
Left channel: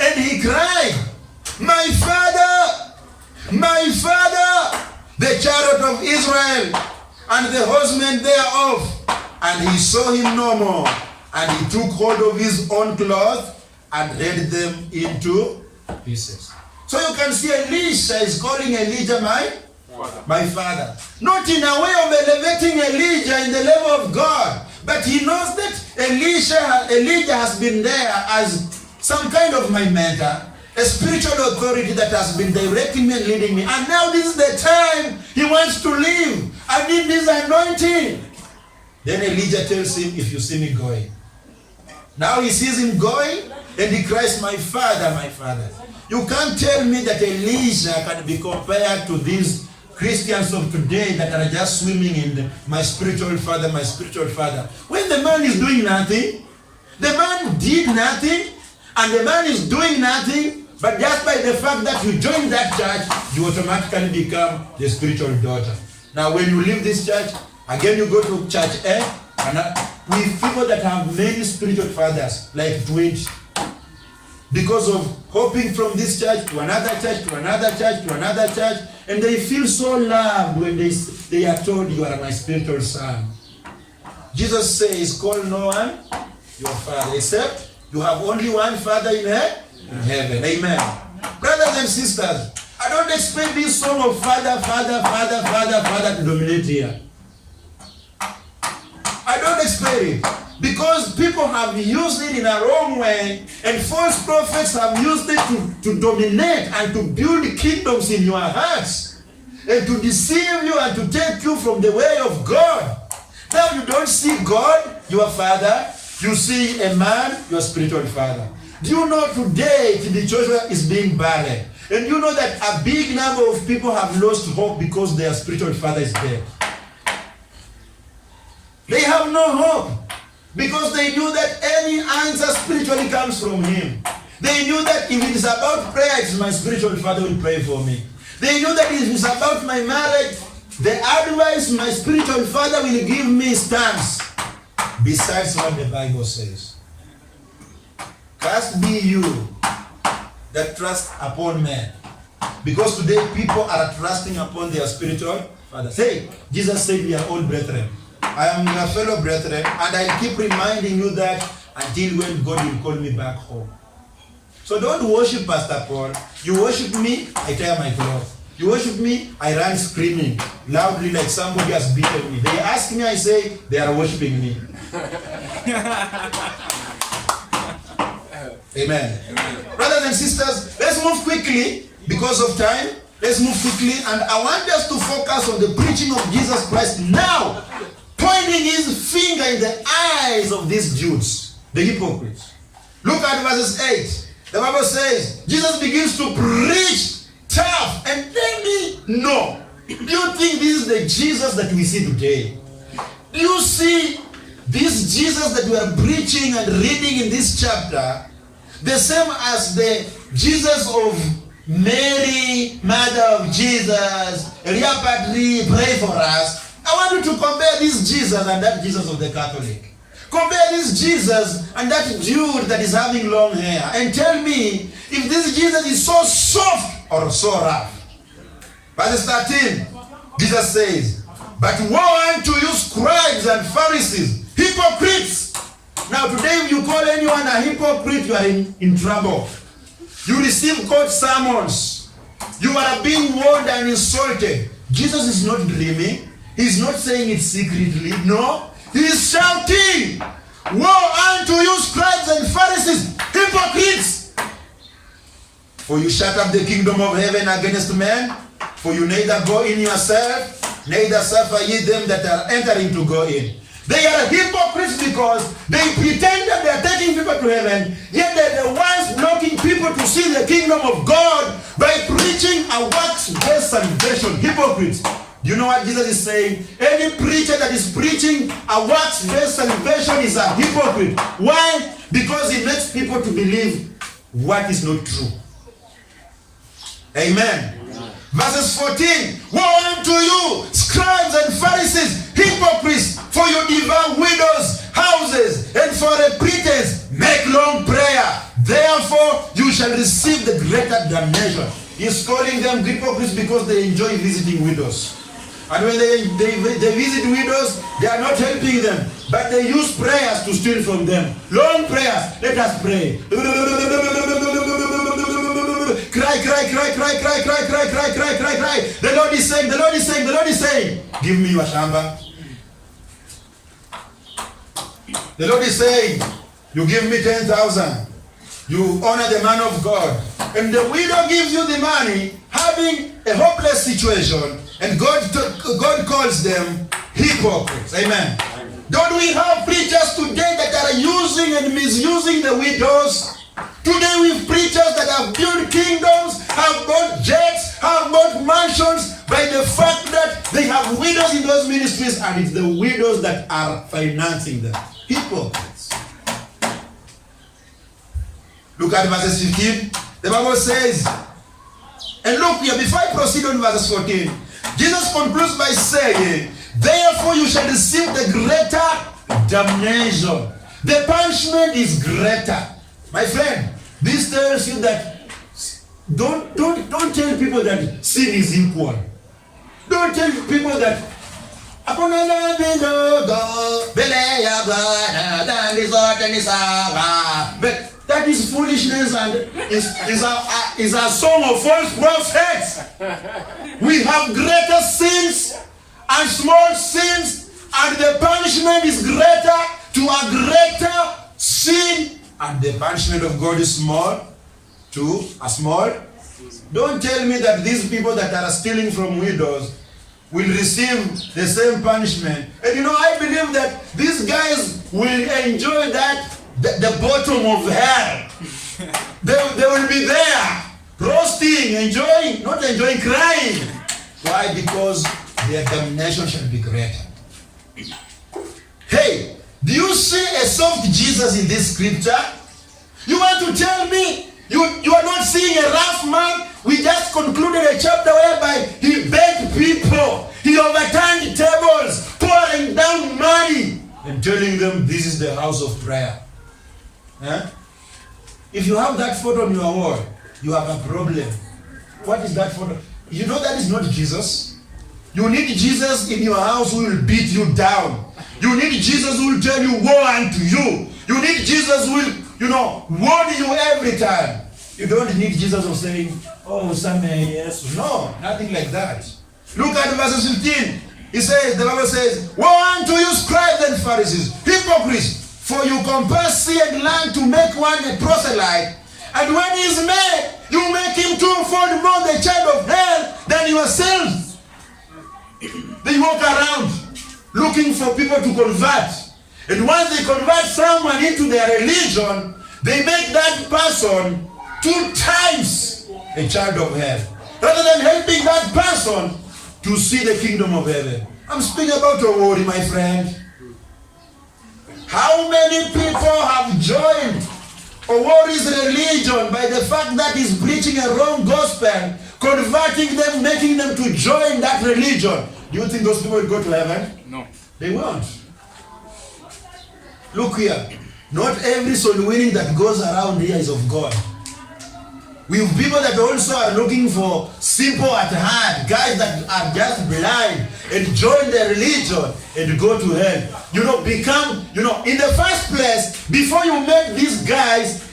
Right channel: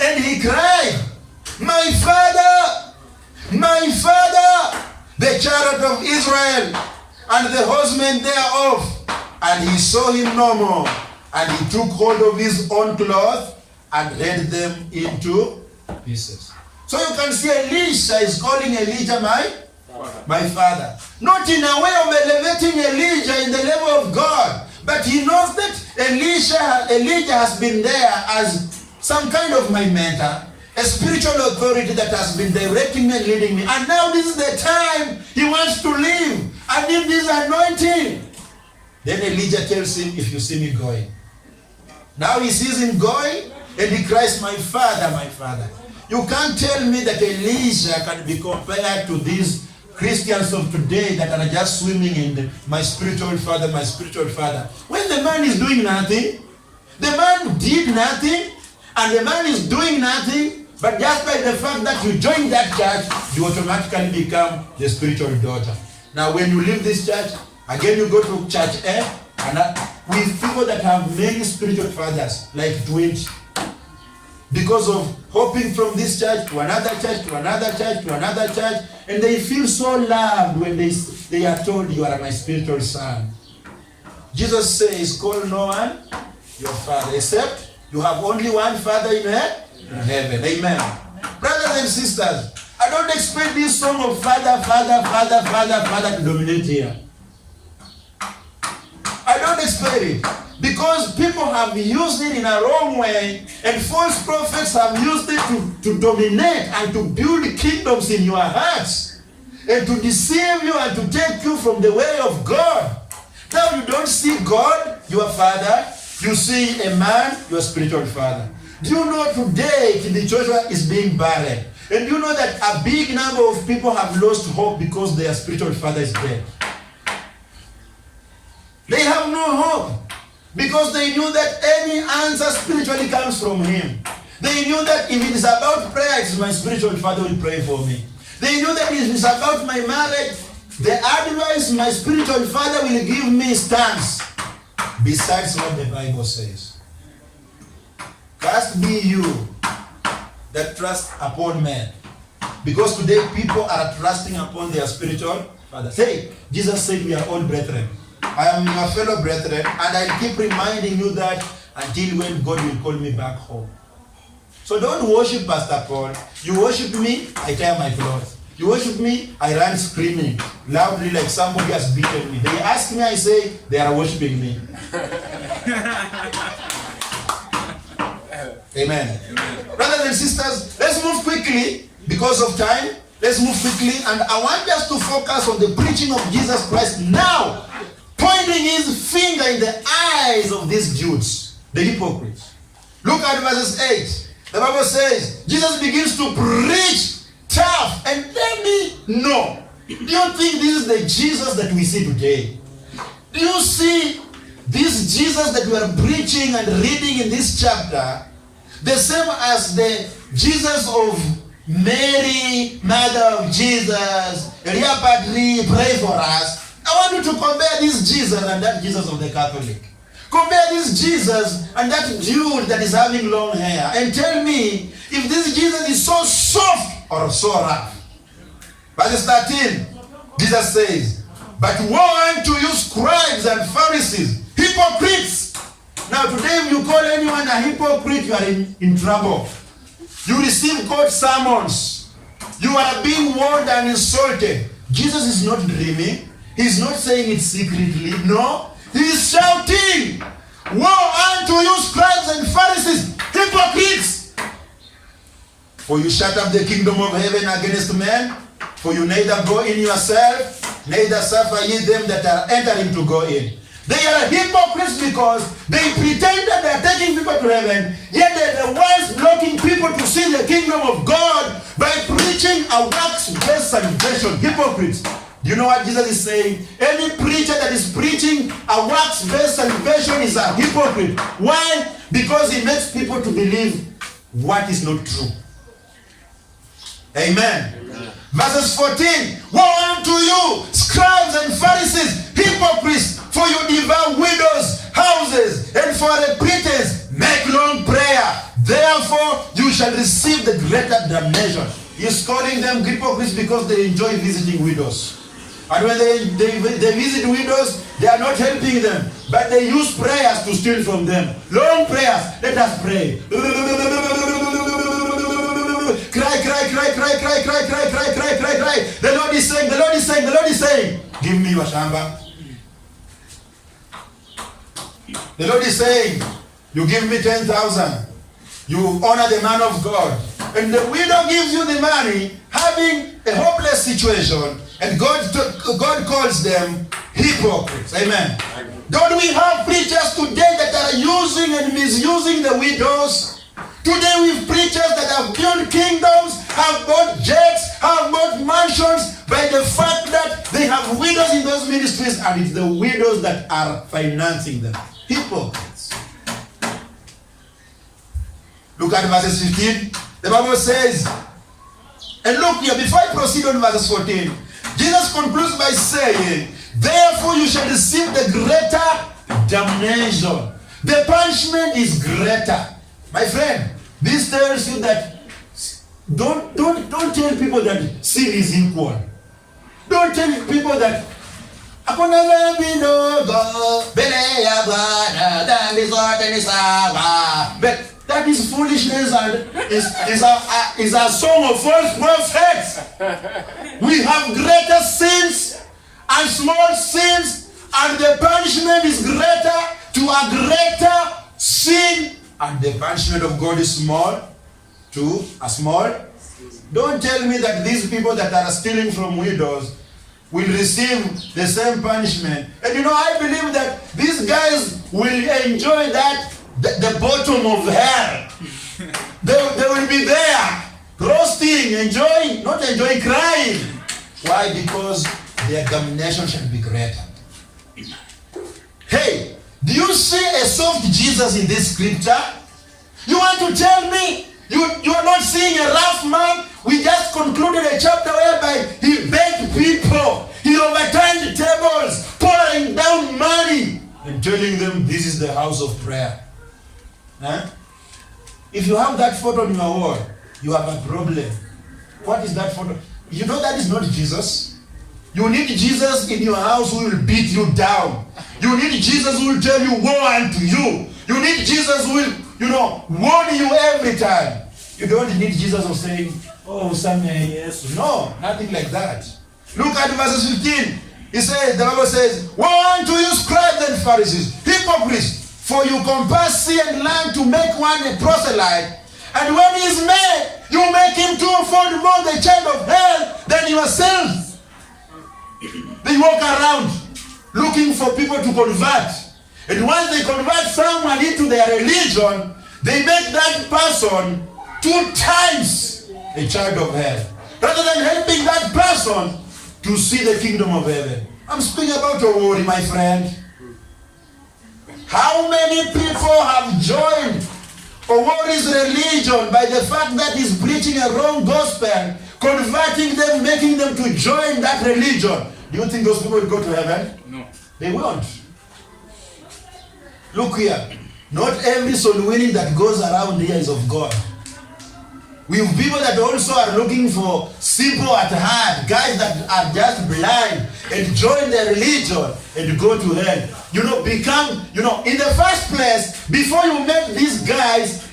and he cried, my father, the chariot of Israel, and the horsemen thereof. And he saw him no more. And he took hold of his own cloth and rent them into pieces. So you can see Elisha is calling Elijah my father. Not in a way of elevating Elijah in the level of God, but he knows that Elijah has been there as some kind of my mentor, a spiritual authority that has been directing me and leading me. And now this is the time he wants to leave. I need this anointing. Then Elijah tells him, if you see me going. Now he sees him going, and he cries, my father, my father. You can't tell me that Elijah can be compared to these Christians of today that are just swimming in my spiritual father, my spiritual father. When the man is doing nothing, the man did nothing, and the man is doing nothing, but just by the fact that you join that church, you automatically become the spiritual daughter. Now when you leave this church, again you go to church A, and with people that have many spiritual fathers, like 20. Because of hopping from this church to another church, to another church, to another church, and they feel so loved when they are told, you are my spiritual son. Jesus says, call no one your father, except you have only one father in heaven. Amen. Brothers and sisters, I don't expect this song of father to dominate here. I don't expect it. Because people have used it in a wrong way, and false prophets have used it to dominate and to build kingdoms in your hearts, and to deceive you and to take you from the way of God. Now you don't see God, your father, you see a man, your spiritual father. Do you know today the church is being barren? And you know that a big number of people have lost hope because their spiritual father is dead. They have no hope. Because they knew that any answer spiritually comes from him. They knew that if it is about prayer, it is my spiritual father will pray for me. They knew that if it is about my marriage, the advice my spiritual father will give me stands. Besides what the Bible says. Cursed be you that trust upon men. Because today people are trusting upon their spiritual father. Say, Jesus said we are all brethren. I am your fellow brethren, and I keep reminding you that until when God will call me back home. So don't worship Pastor Paul. You worship me, I tear my clothes. You worship me, I run screaming loudly like somebody has beaten me. They ask me, I say, they are worshiping me. Amen. Brothers and sisters, let's move quickly because of time. Let's move quickly, and I want us to focus on the preaching of Jesus Christ now, pointing his finger in the eyes of these Jews, the hypocrites. Look at verses 8. The Bible says, Jesus begins to preach tough, and let me know, do you think this is the Jesus that we see today? Do you see this Jesus that we are preaching and reading in this chapter, the same as the Jesus of Mary, mother of Jesus, Elia Padri, pray for us? I want you to compare this Jesus and that Jesus of the Catholic. Compare this Jesus and that dude that is having long hair, and tell me if this Jesus is so soft or so rough. Verse 13, Jesus says, but woe unto you, scribes and Pharisees, hypocrites. Now today if you call anyone a hypocrite, you are in trouble. You receive God's sermons. You are being warned and insulted. Jesus is not dreaming. He's not saying it secretly. No. He's shouting, woe unto you, scribes and Pharisees, hypocrites! For you shut up the kingdom of heaven against men, for you neither go in yourself, neither suffer ye them that are entering to go in. They are hypocrites because they pretend that they are taking people to heaven, yet they are the ones blocking people to see the kingdom of God by preaching a works-based salvation. Hypocrites. Do you know what Jesus is saying? Any preacher that is preaching a works-based salvation is a hypocrite. Why? Because he makes people to believe what is not true. Amen. Verses 14, woe unto you, scribes and Pharisees, hypocrites, for you devour widows' houses, and for a pretense make long prayer. Therefore you shall receive the greater damnation. He's calling them hypocrites because they enjoy visiting widows. And when they visit widows, they are not helping them, but they use prayers to steal from them. Long prayers. Let us pray. Cry, cry, cry, cry, cry, cry, cry, cry, cry, cry, cry. The Lord is saying, the Lord is saying, the Lord is saying, give me your shamba. The Lord is saying, you give me 10,000. You honor the man of God. And the widow gives you the money, having a hopeless situation, and God calls them hypocrites. Amen. Don't we have preachers today that are using and misusing the widows? Today we have preachers that have built kingdoms, have bought jets, have bought mansions by the fact that they have widows in those ministries, and it's the widows that are financing them. Hypocrites. Look at verses 15. The Bible says, and look here, before I proceed on verses 14, Jesus concludes by saying, therefore you shall receive the greater damnation. The punishment is greater. My friend, this tells you that don't tell people that sin is equal. Don't tell people that but that is foolishness and is a song of false prophets. We have greater sins and small sins, and the punishment is greater to a greater sin, and the punishment of God is small to a small. Don't tell me that these people that are stealing from widows will receive the same punishment. And you know, I believe that these guys will enjoy that, the bottom of hell. They will be there, roasting, enjoying, not enjoying, crying. Why? Because their damnation shall be greater. Hey, do you see a soft Jesus in this scripture? You want to tell me you are not seeing a rough man? We just concluded a chapter whereby he begged people, he overturned tables, pouring down money, and telling them this is the house of prayer. Huh? If you have that photo on your wall, you have a problem. What is that photo? You know that is not Jesus. You need Jesus in your house who will beat you down. You need Jesus who will tell you woe unto you. You need Jesus who will, warn you every time. You don't need Jesus of saying, oh, usamehe Yesu. No, nothing like that. Look at verses 15. He says, the Bible says, woe unto you, scribes and Pharisees, hypocrites, for you compass sea and land to make one a proselyte, and when he is made, you make him twofold more the child of hell than yourselves. They walk around looking for people to convert. And once they convert someone into their religion, they make that person 2 times a child of hell, rather than helping that person to see the kingdom of heaven. I'm speaking about a worry, my friend. How many people have joined Owori's religion by the fact that he's preaching a wrong gospel, converting them, making them to join that religion? Do you think those people will go to heaven? No. They won't. Look here. Not every soul winning that goes around here is of God. We have people that also are looking for simple at heart, guys that are just blind and join their religion and go to hell. In the first place, before you make these guys,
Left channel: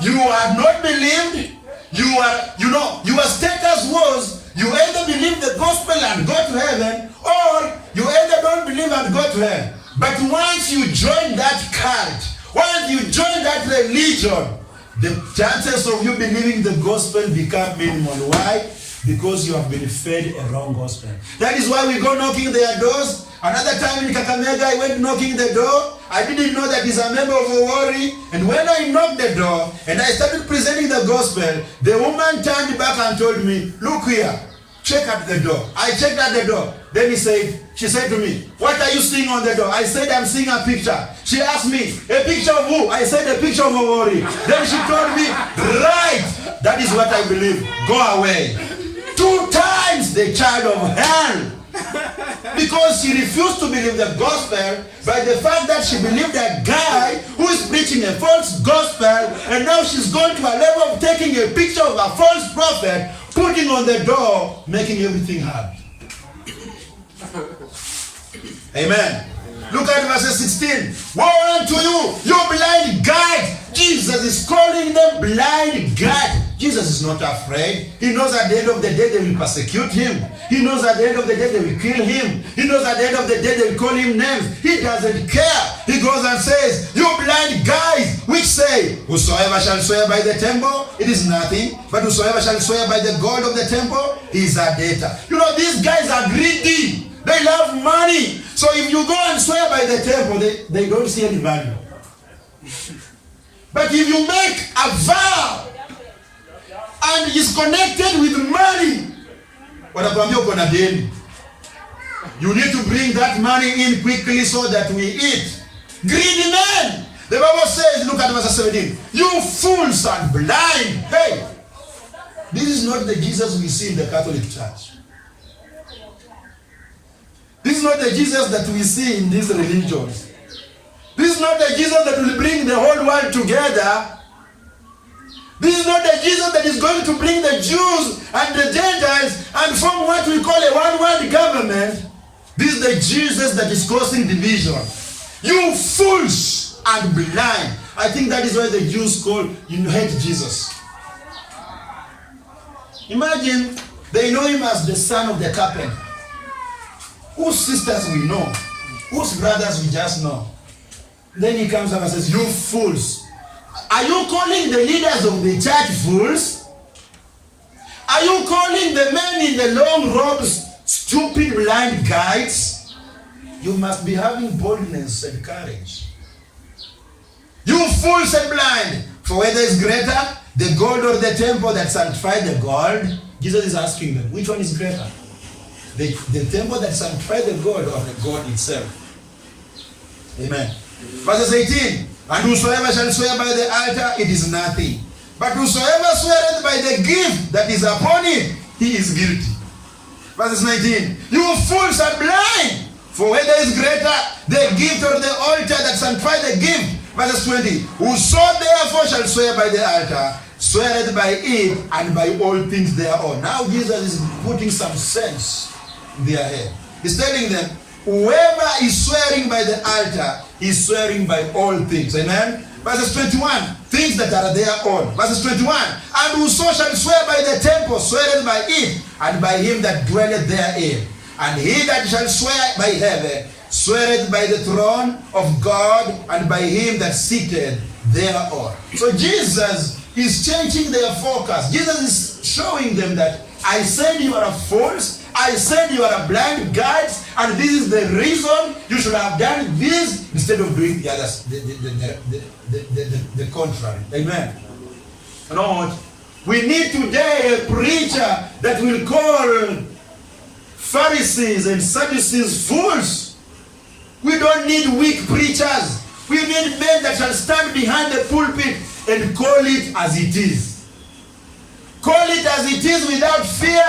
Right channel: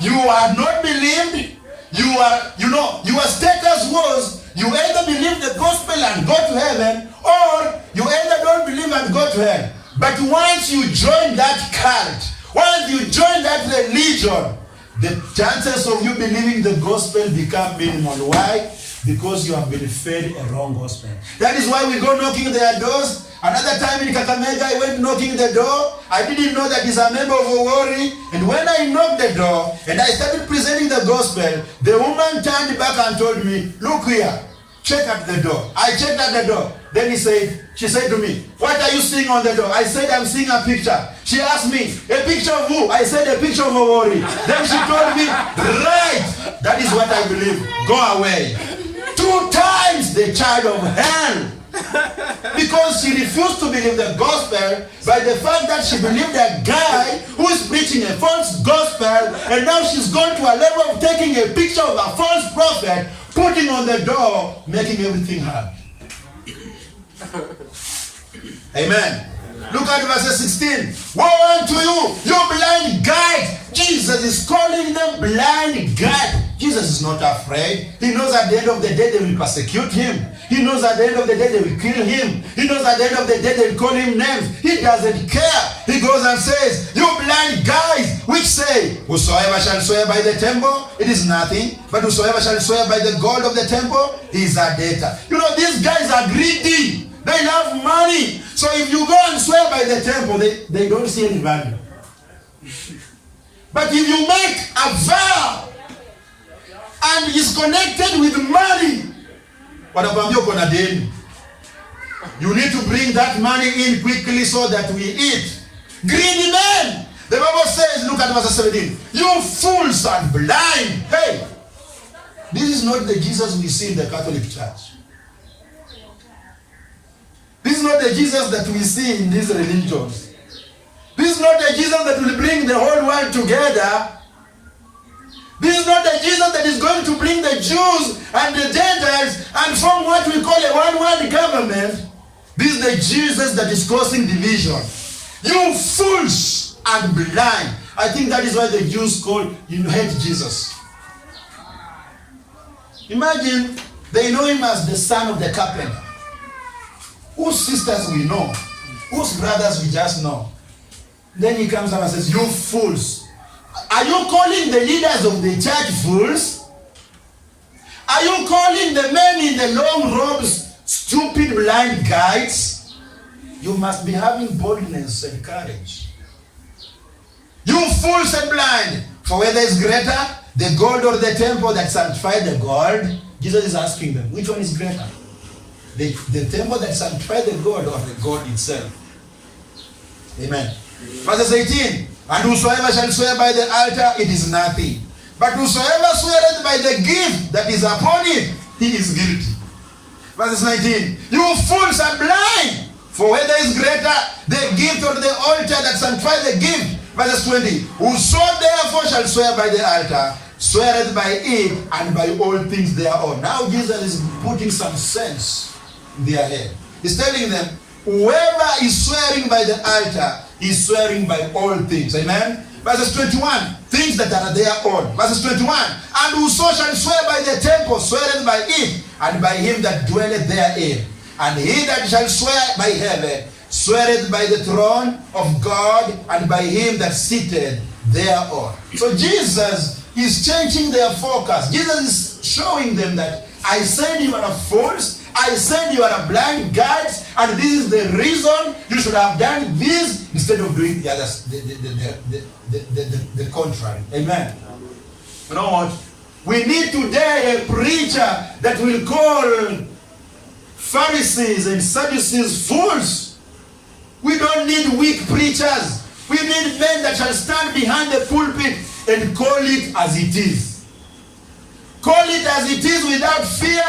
you are not believed. Your status was you either believe the gospel and go to heaven, or you either don't believe and go to hell. But once you join that cult, once you join that religion, the chances of you believing the gospel become minimal. Why? Because you have been fed a wrong gospel. That is why we go knocking their doors. Another time in Kakamega, I went knocking the door. I didn't know that he's a member of Owori. And when I knocked the door and I started presenting the gospel, the woman turned back and told me, look here, check at the door. I checked at the door. Then she said to me, what are you seeing on the door? I said, I'm seeing a picture. She asked me, a picture of who? I said, a picture of Owori. Then she told me, right, that is what I believe. Go away. 2 times the child of hell. Because she refused to believe the gospel by the fact that she believed a guy who is preaching a false gospel, and now she's gone to a level of taking a picture of a false prophet, putting on the door, making everything hard. Amen. Look at verse 16. Woe unto you, you blind guides. Jesus is calling them blind guides. Jesus is not afraid. He knows at the end of the day they will persecute him. He knows at the end of the day they will kill him. He knows at the end of the day they will call him names. He doesn't care. He goes and says, you blind guys, which say, whosoever shall swear by the temple, it is nothing. But whosoever shall swear by the God of the temple, he is a debtor. These guys are greedy. They love money. So if you go and swear by the temple, they don't see any value. But if you make a vow and is connected with money, you need to bring that money in quickly so that we eat. Greedy men. The Bible says, look at verse 17. You fools and blind. Hey, this is not the Jesus we see in the Catholic Church. This is not the Jesus that we see in these religions. This is not the Jesus that will bring the whole world together. This is not the Jesus that is going to bring the Jews and the Gentiles and form what we call a one-world government. This is the Jesus that is causing division. You fools and blind. I think that is why the Jews hate Jesus. Imagine they know him as the son of the carpenter. Whose sisters we know, whose brothers we just know. Then he comes up and says, you fools. Are you calling the leaders of the church fools? Are you calling the men in the long robes stupid blind guides? You must be having boldness and courage. You fools and blind. For whether is greater, the gold or the temple that sanctified the gold? Jesus is asking them, which one is greater? The temple that sanctified the gold or the gold itself? Amen. Verses 18. And whosoever shall swear by the altar, it is nothing. But whosoever sweareth by the gift that is upon it, he is guilty. Verses 19. You fools are blind. For whether is greater, the gift or the altar that sanctified the gift? Verses 20. Whoso therefore shall swear by the altar, sweareth by it and by all things thereon. Now Jesus is putting some sense in their head. He's telling them, whoever is swearing by the altar is swearing by all things. Amen. Verses 21. things that are their own. Verses 21. And whoso shall swear by the temple sweareth by it, and by him that dwelleth therein. And he that shall swear by heaven sweareth by the throne of God, and by him that sitteth thereon. So Jesus is changing their focus. Jesus is showing them that I said you are fools, I said you are blind guides, and this is the reason you should have done this instead of doing the others, the contrary. Amen. You know what? We need today a preacher that will call Pharisees and Sadducees fools. We don't need weak preachers. We need men that shall stand behind the pulpit and call it as it is. Call it as it is without fear.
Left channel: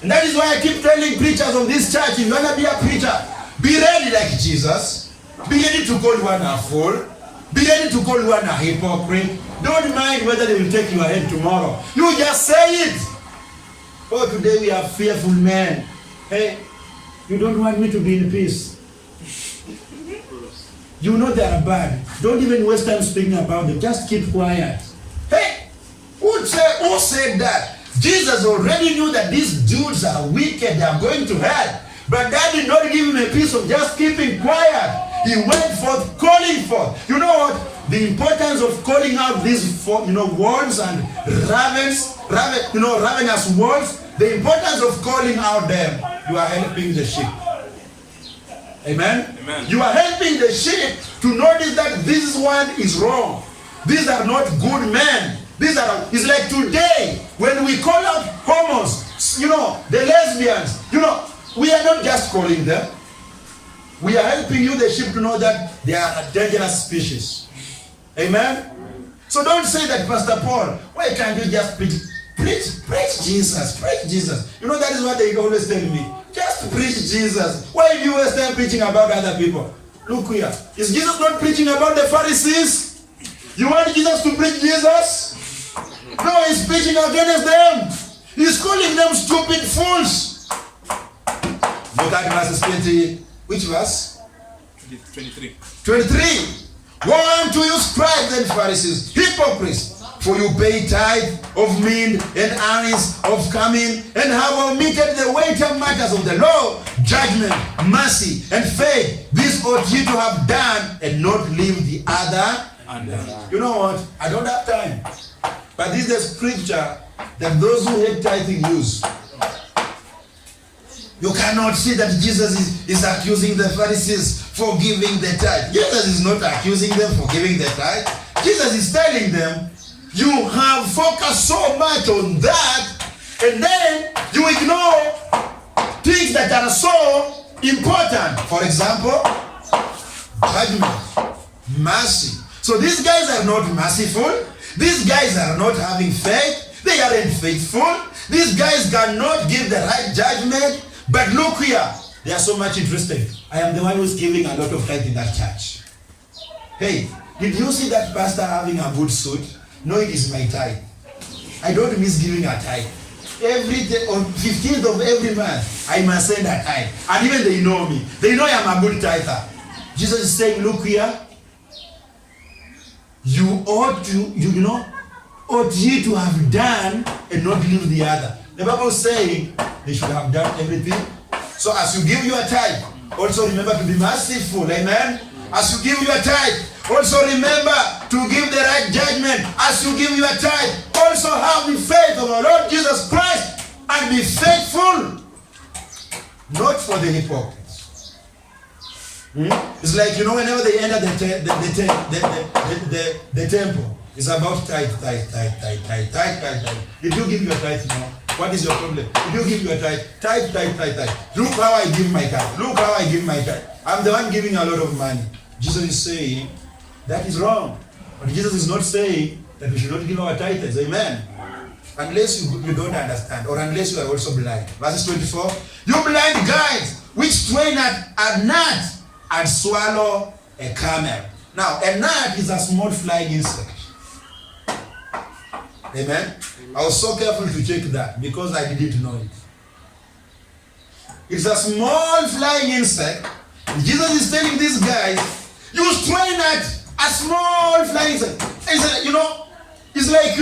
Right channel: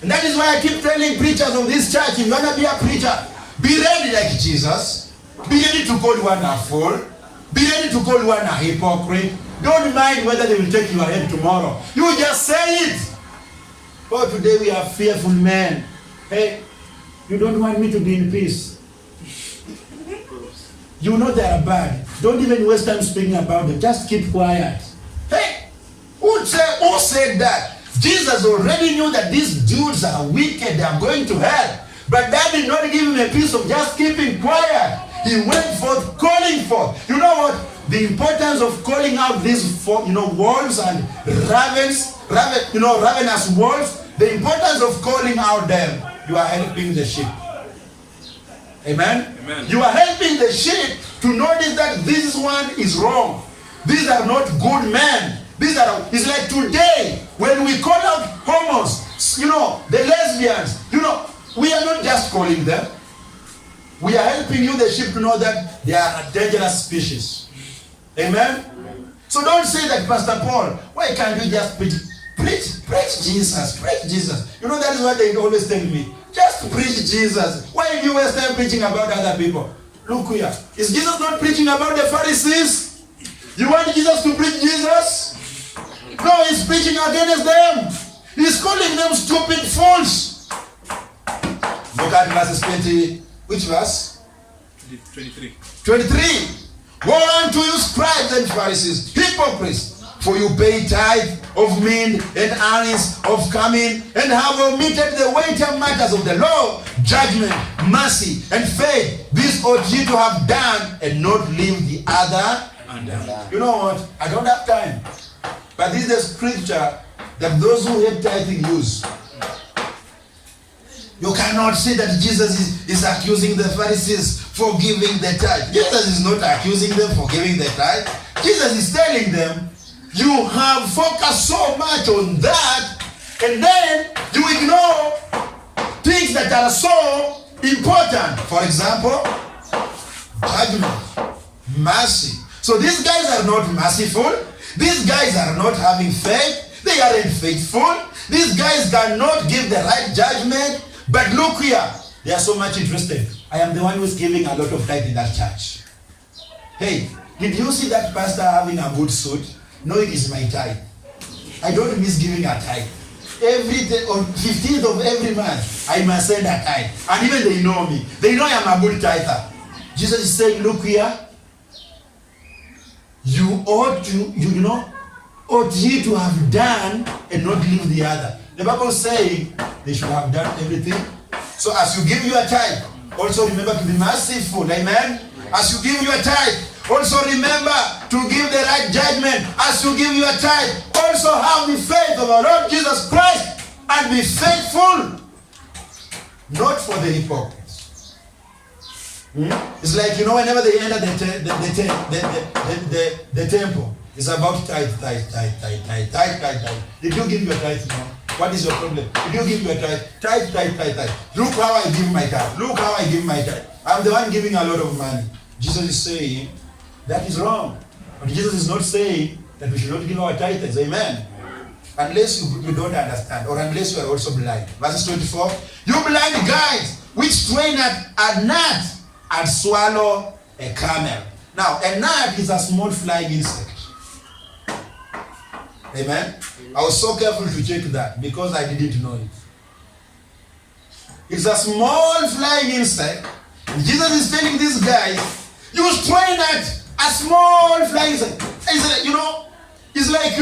And that is why I keep telling preachers of this church, if you want to be a preacher, be ready like Jesus. Be ready to call one a fool. Be ready to call one a hypocrite. Don't mind whether they will take your head tomorrow. You just say it. Oh, today we are fearful men. Hey, you don't want me to be in peace. You know they are bad. Don't even waste time speaking about them. Just keep quiet. Hey, who said that? Jesus already knew that these dudes are wicked. They are going to hell. But that did not give him a piece of just keeping quiet. He went forth, calling forth. You know what? The importance of calling out these, wolves and ravenous wolves. The importance of calling out them. You are helping the sheep. Amen? Amen. You are helping the sheep to notice that this one is wrong. These are not good men. It's like today when we call out homos, the lesbians, we are not just calling them. We are helping you, the sheep, to know that they are a dangerous species. Amen? So don't say that, Pastor Paul, why can't you just preach Jesus, preach Jesus. That is what they always tell me. Just preach Jesus. Why do you waste time preaching about other people? Look here. Is Jesus not preaching about the Pharisees? You want Jesus to preach Jesus? No, he's preaching against them. He's calling them stupid fools. Look at verses 20. Which verse? 23. 23. Woe unto you, scribes and Pharisees, hypocrites! For you pay tithe of mint and anise, of cumin, and have omitted the weightier matters of the law, judgment, mercy, and faith. This ought ye to have done, and not leave the other undone. You know what? I don't have time. But this is the scripture that those who hate tithing use. You cannot see that Jesus is accusing the Pharisees for giving the tithe. Jesus is not accusing them for giving the tithe. Jesus is telling them, you have focused so much on that, and then you ignore things that are so important. For example, judgment, mercy. So these guys are not merciful. These guys are not having faith. They aren't faithful. These guys cannot give the right judgment. But look here, they are so much interested. I am the one who's giving a lot of tithe in that church. Hey, did you see that pastor having a good suit? No, it is my tithe. I don't miss giving a tithe. Every day, on 15th of every month, I must send a tithe. And even they know me. They know I am a good tither. Jesus is saying, look here. You ought ye to have done and not leave the other. The Bible is saying they should have done everything. So as you give your tithe, also remember to be merciful. Amen? As you give your tithe, also remember to give the right judgment. As you give your tithe, also have the faith of our Lord Jesus Christ and be faithful. Not for the hypocrites. It's like, whenever they enter the temple, it's about tithe. Did you give your tithe now? What is your problem? Did you give your tithe? Tithe. Look how I give my tithe. Look how I give my tithe. I'm the one giving a lot of money. Jesus is saying, that is wrong. But Jesus is not saying that we should not give our tithes. Amen. Unless you don't understand, or unless you are also blind. Verses 24. You blind guides, which train a gnat and swallow a camel. Now, a gnat is a small flying insect. Amen. I was so careful to check that because I didn't know it. It's a small flying insect. And Jesus is telling these guys, you strain at a small flying insect. He said, It's like,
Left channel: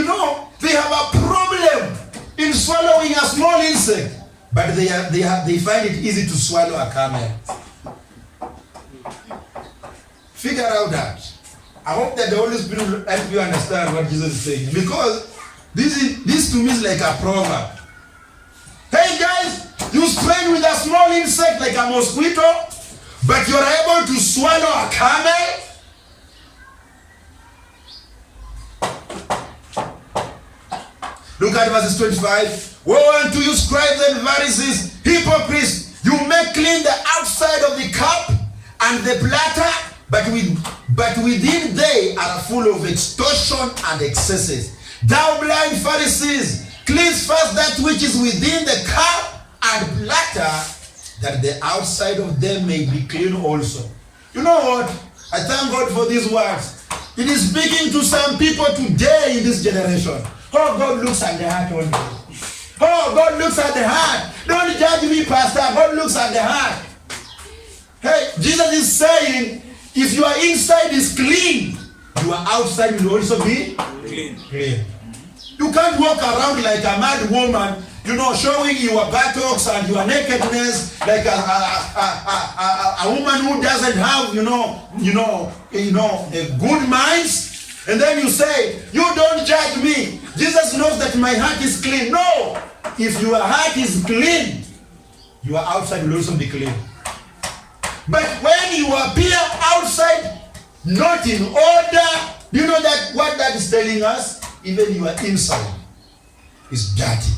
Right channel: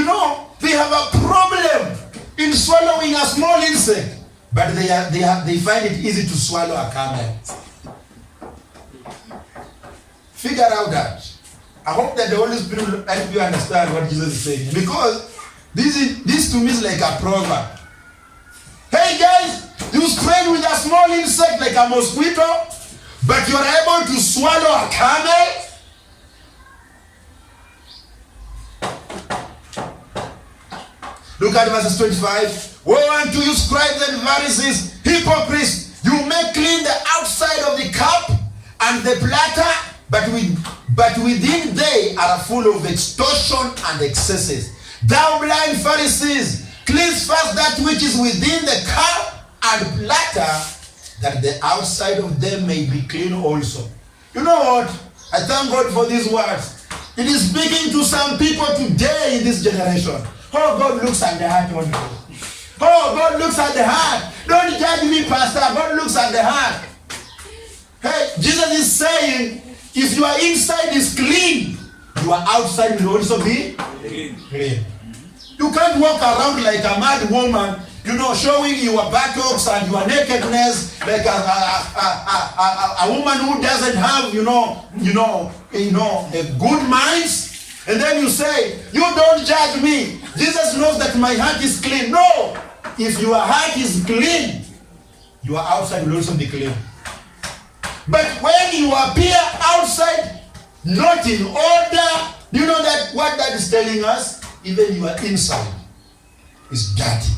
they have a problem in swallowing a small insect, but they find it easy to swallow a camel. Figure out that. I hope that the Holy Spirit will help you understand what Jesus is saying. Because this to me is like a proverb. Hey guys, you strain with a small insect like a mosquito, but you are able to swallow a camel? Look at verses 25. Woe unto you, scribes and Pharisees, hypocrites! You make clean the outside of the cup and the platter, but within they are full of extortion and excesses. Thou blind Pharisees, cleanse first that which is within the cup and platter, that the outside of them may be clean also. You know what? I thank God for these words. It is speaking to some people today in this generation. Oh, God looks at the heart only. Oh, God looks at the heart. Don't judge me, Pastor. God looks at the heart. Hey, Jesus is saying, if your inside is clean, your outside will also be clean. You can't walk around like a mad woman, showing your buttocks and your nakedness like a woman who doesn't have, a good mind. And then you say, you don't judge me. Jesus knows that my heart is clean. No! If your heart is clean, your outside will also be clean. But when you appear outside not in order, you know that what that is telling us? Even your inside is dirty.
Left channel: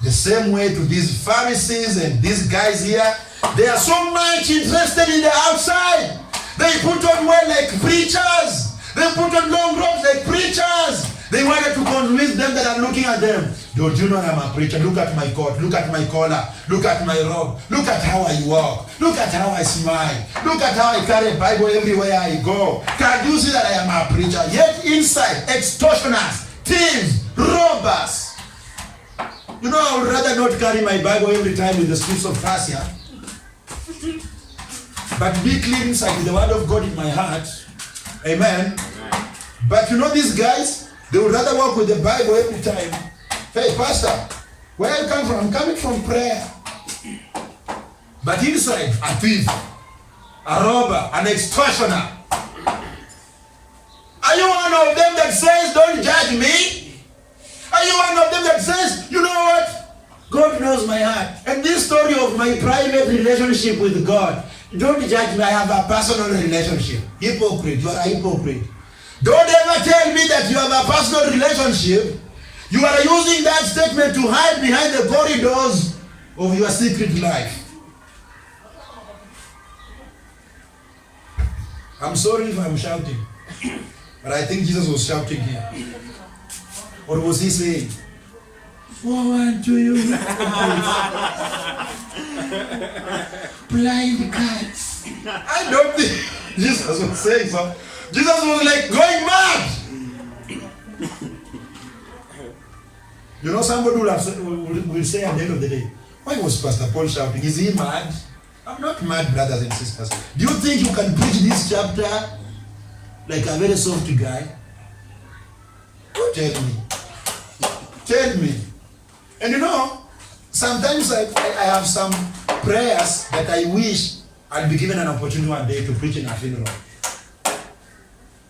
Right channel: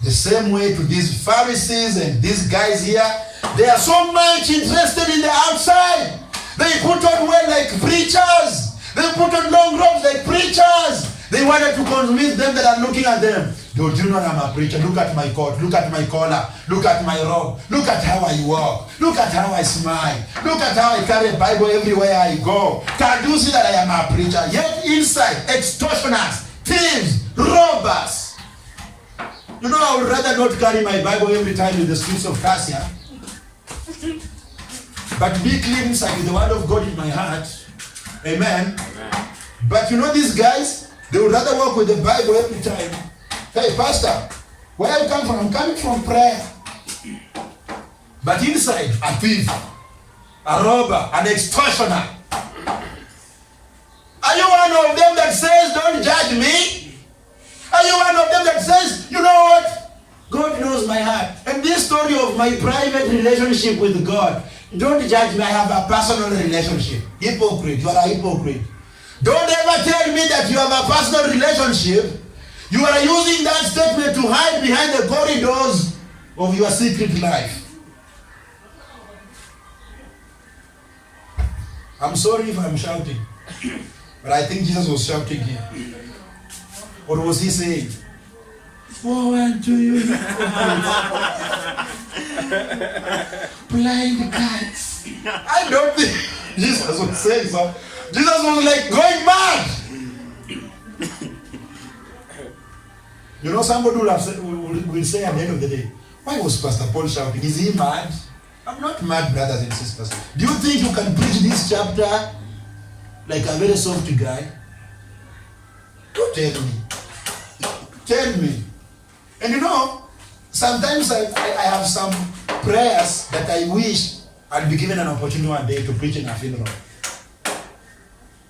The same way to these Pharisees and these guys here, they are so much interested in the outside. They put on well like preachers. They put on long robes like preachers. They wanted to convince them that are looking at them. Don't you know I'm a preacher? Look at my coat. Look at my collar. Look at my robe. Look at how I walk. Look at how I smile. Look at how I carry a Bible everywhere I go. Can you see that I am a preacher? Yet inside, extortioners, thieves, robbers. I would rather not carry my Bible every time in the streets of Cassia. But be clean inside with the word of God in my heart. Amen. But these guys, they would rather walk with the Bible every time. Hey, Pastor, where you come from? I'm coming from prayer. But inside, a thief, a robber, an extortioner. Are you one of them that says, don't judge me? Are you one of them that says, you know what? God knows my heart. And this story of my private relationship with God, don't judge me, I have a personal relationship. Hypocrite, you are a hypocrite. Don't ever tell me that you have a personal relationship. You are using that statement to hide behind the corridors of your secret life. I'm sorry if I'm shouting, but I think Jesus was shouting here. Or was he saying, woe unto you, blind cats? I don't think Jesus was saying so. Jesus was like going mad. Somebody will say at the end of the day, why was Pastor Paul shouting? Is he mad? I'm not mad, brothers and sisters. Do you think you can preach this chapter like a very soft guy? Don't tell me. Tell me. And sometimes I have some prayers that I wish I'd be given an opportunity one day to preach in a funeral.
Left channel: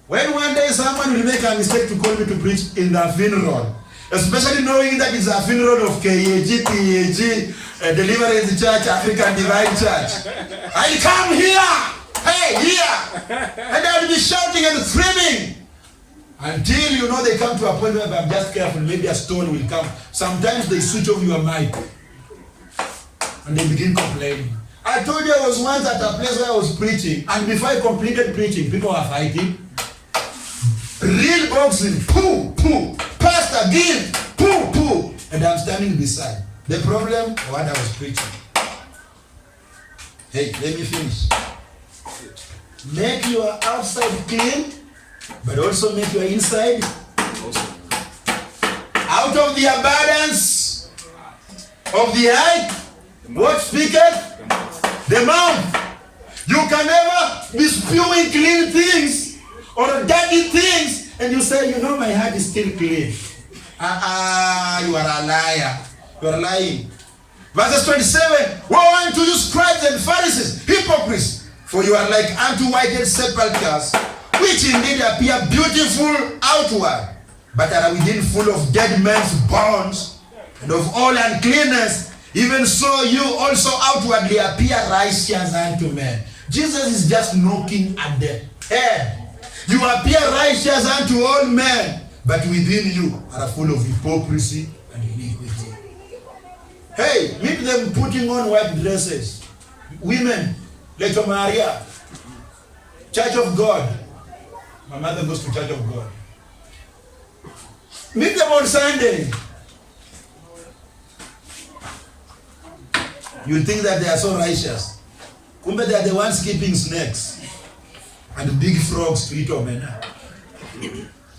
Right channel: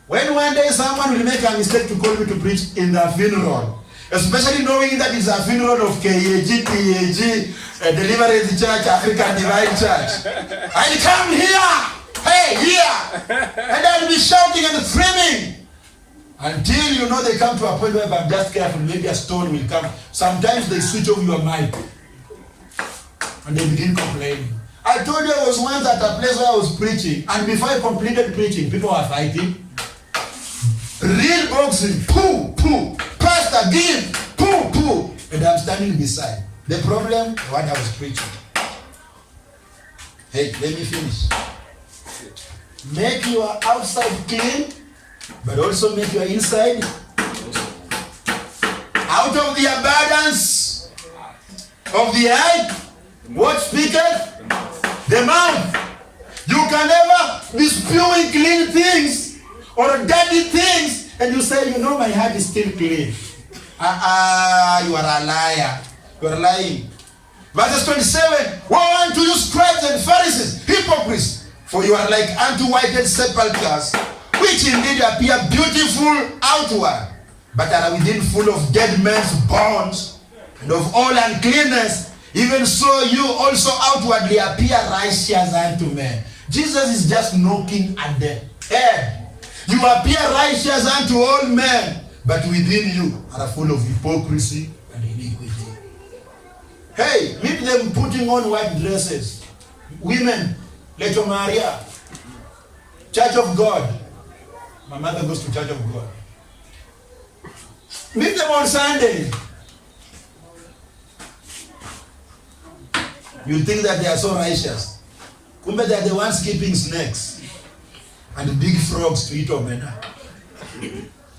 When one day someone will make a mistake to call me to preach in the funeral, especially knowing that it's a funeral of KAG, PAG, Deliverance Church, African Divine Church, I'll come here, hey, here, and I'll be shouting and screaming until they come to a point where if I'm just careful, maybe a stone will come. Sometimes they switch off your mic and they begin complaining. I told you I was once at a place where I was preaching, and before I completed preaching, people were fighting. Real boxing, poo, pastor, give, poo, and I'm standing beside. The problem, what I was preaching. Hey, let me finish. Make your outside clean, but also make your inside. Out of the abundance of the heart, what speaketh? The mouth. You can never be spewing clean things or dirty things and you say, my heart is still clean. You are a liar. You are lying. Verses 27, woe unto you, scribes and Pharisees, hypocrites, for you are like unto whited sepulchres, which indeed appear beautiful outward, but are within full of dead men's bones, and of all uncleanness. Even so you also outwardly appear righteous unto men. Jesus is just knocking at the head. You appear righteous unto all men, but within you are full of hypocrisy and iniquity. Hey, meet them putting on white dresses. Women, Lecho Maria, Church of God. My mother goes to Church of God. Meet them on Sunday. You think that they are so righteous. Kumbe they are the ones keeping snakes and big frogs to eat omena.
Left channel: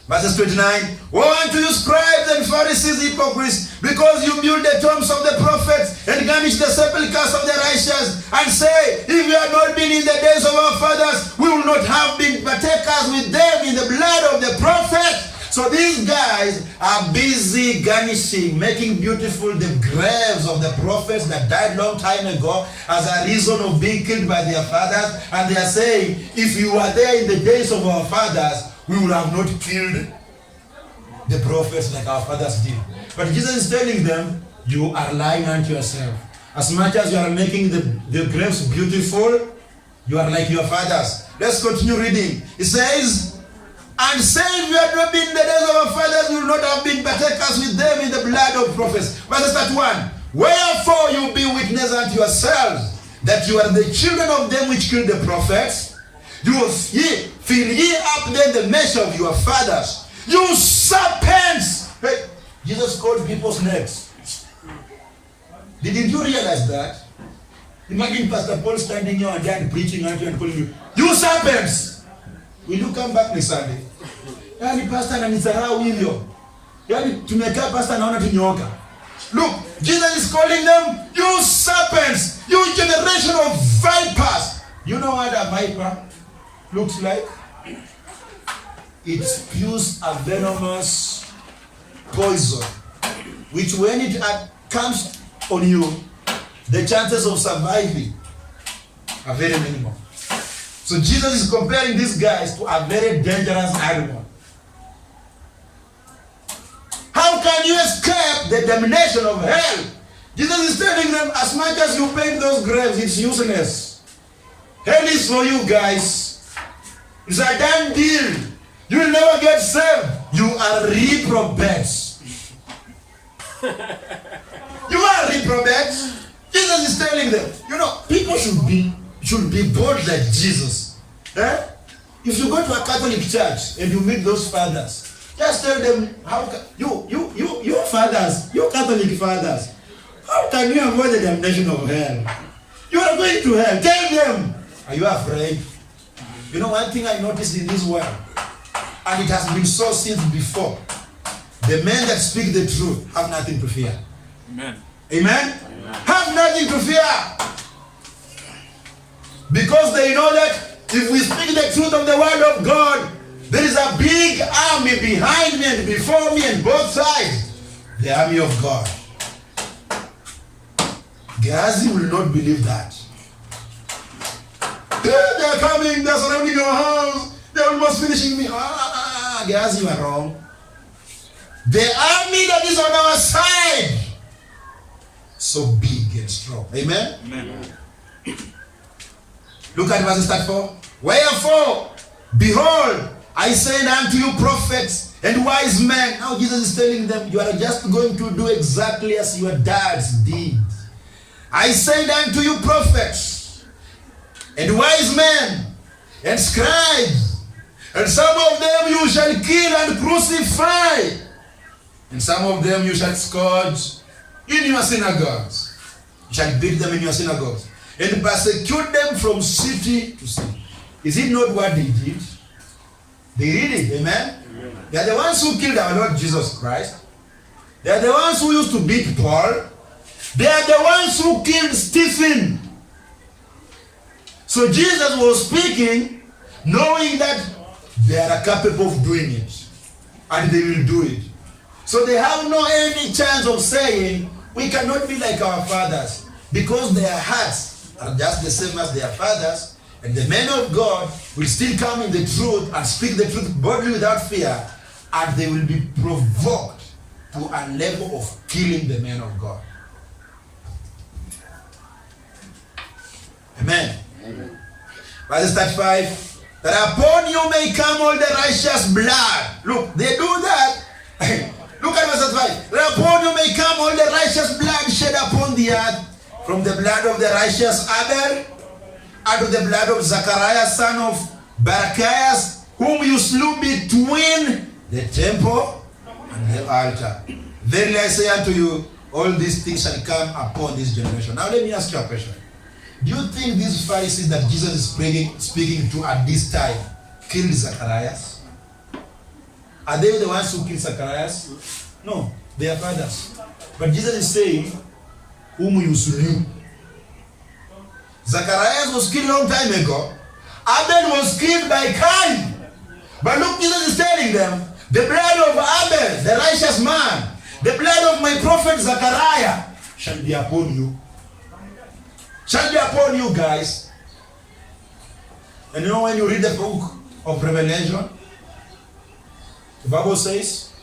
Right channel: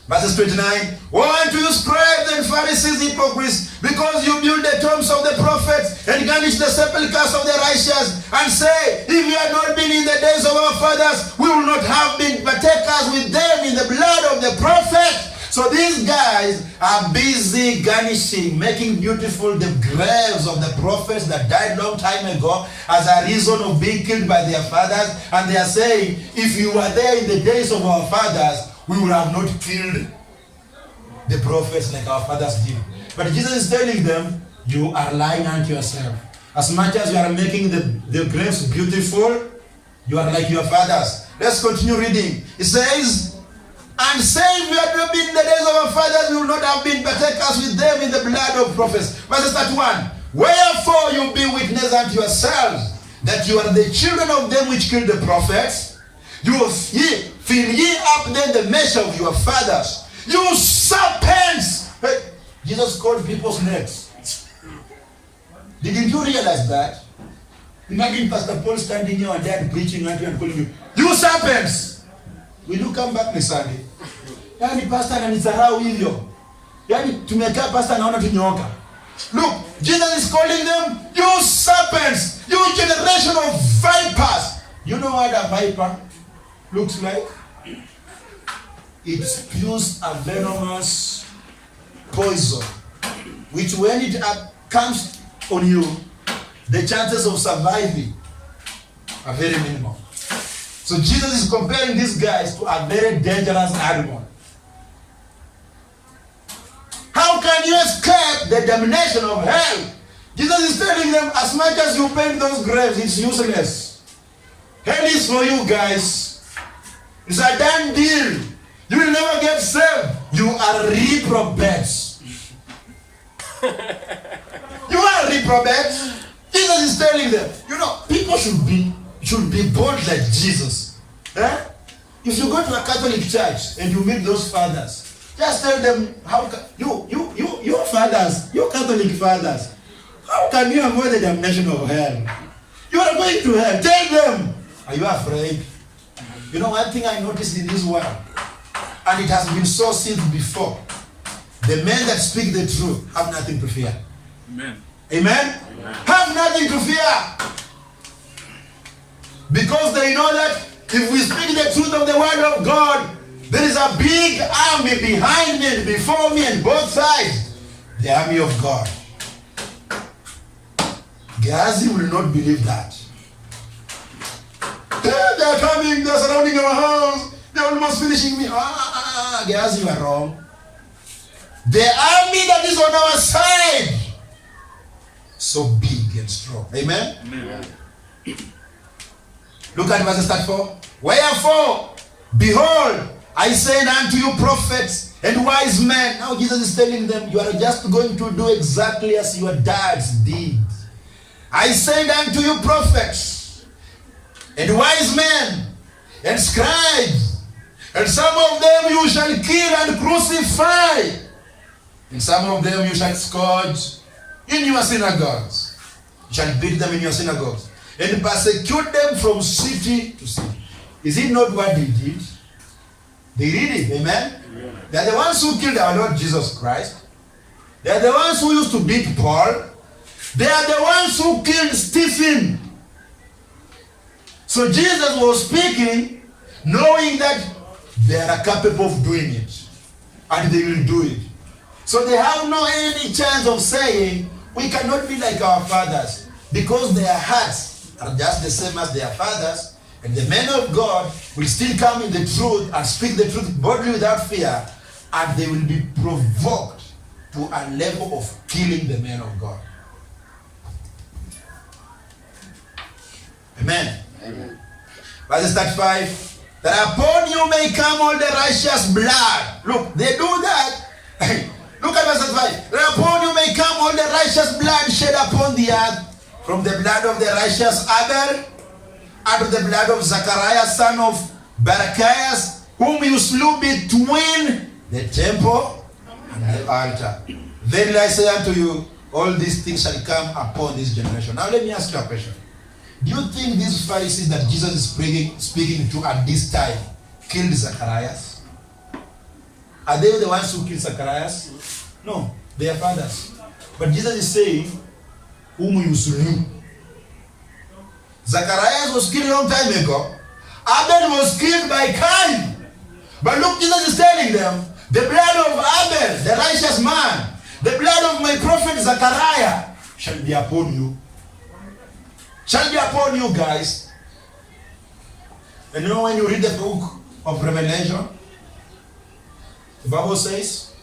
Verses 29, woe unto you, scribes and Pharisees, hypocrites, because you build the tombs of the prophets and garnish the sepulchres of the righteous, and say, if you had not been in the days of our fathers, we will not have been partakers with them in the blood of the prophets. So these guys are busy garnishing, making beautiful the graves of the prophets that died long time ago as a reason of being killed by their fathers. And they are saying, if you were there in the days of our fathers, we would have not killed the prophets like our fathers did. But Jesus is telling them, you are lying unto yourself. As much as you are making the graves beautiful, you are like your fathers. Let's continue reading. It says, and say, if you had not been in the days of our fathers, we would not have been partakers with them in the blood of prophets. Verse 31. Wherefore you be witness unto yourselves that you are the children of them which killed the prophets. Fill ye up then the measure of your fathers. You serpents! Hey, Jesus called people's names. Didn't you realize that? Imagine Pastor Paul standing here and dad preaching unto you and calling you serpents! Will you come back this Sunday? Yani pastor ananizarau hivyo. Yani tumekaa pastor naona tunyoka. Look, Jesus is calling them, you serpents, you generation of vipers. You know what a viper looks like? It spews a venomous poison, which when it comes on you, the chances of surviving are very minimal. So Jesus is comparing these guys to a very dangerous animal. How can you escape the damnation of hell? Jesus is telling them, as much as you paint those graves, it's useless. Hell is for you guys. It's a done deal. You will never get saved. You are reprobates. You are reprobates. Jesus is telling them, people should be bold like Jesus. If you go to a Catholic church and you meet those fathers, just tell them, you fathers, you Catholic fathers, how can you avoid the damnation of hell? You are going to hell. Tell them. Are you afraid? One thing I noticed in this world, and it has been so since before, the men that speak the truth have nothing to fear. Amen. Amen? Have nothing to fear. Because they know that if we speak the truth of the word of God, there is a big army behind me and before me and both sides. The army of God. Gehazi will not believe that. They are coming, they are surrounding our house, they are almost finishing me. Gehazi, you are wrong. The army that is on our side, so big and strong. Amen? Amen. Look at verse 34. Wherefore, behold, I send unto you prophets and wise men. Now Jesus is telling them, you are just going to do exactly as your dads did. I send unto you prophets and wise men and scribes, and some of them you shall kill and crucify, and some of them you shall scourge in your synagogues. You shall beat them in your synagogues and persecute them from city to city. Is it not what they did? They did it, amen? They are the ones who killed our Lord Jesus Christ. They are the ones who used to beat Paul. They are the ones who killed Stephen. So Jesus was speaking knowing that they are capable of doing it. and they will do it. So they have no any chance of saying, we cannot be like our fathers, because their hearts are just the same as their fathers, and the men of God will still come in the truth and speak the truth boldly without fear, and they will be provoked to a level of killing the men of God. Amen. Amen. Verse 35. That upon you may come all the righteous blood. Look, they do that. Look at verse 35. That upon you may come all the righteous blood shed upon the earth, from the blood of the righteous Abel, and of the blood of Zachariah, son of Barachias, whom you slew between the temple and the altar. Verily I say unto you, all these things shall come upon this generation. Now let me ask you a question. Do you think these Pharisees that Jesus is speaking to at this time killed Zacharias? Are they the ones who killed Zacharias? No, they are fathers. But Jesus is saying, whom you slew. Zacharias was killed a long time ago. Abel was killed by Cain. But look, Jesus is telling them, the blood of Abel, the righteous man, the blood of my prophet Zachariah shall be upon you. Shall be upon you guys. And you know when you read the book of Revelation, the Bible says,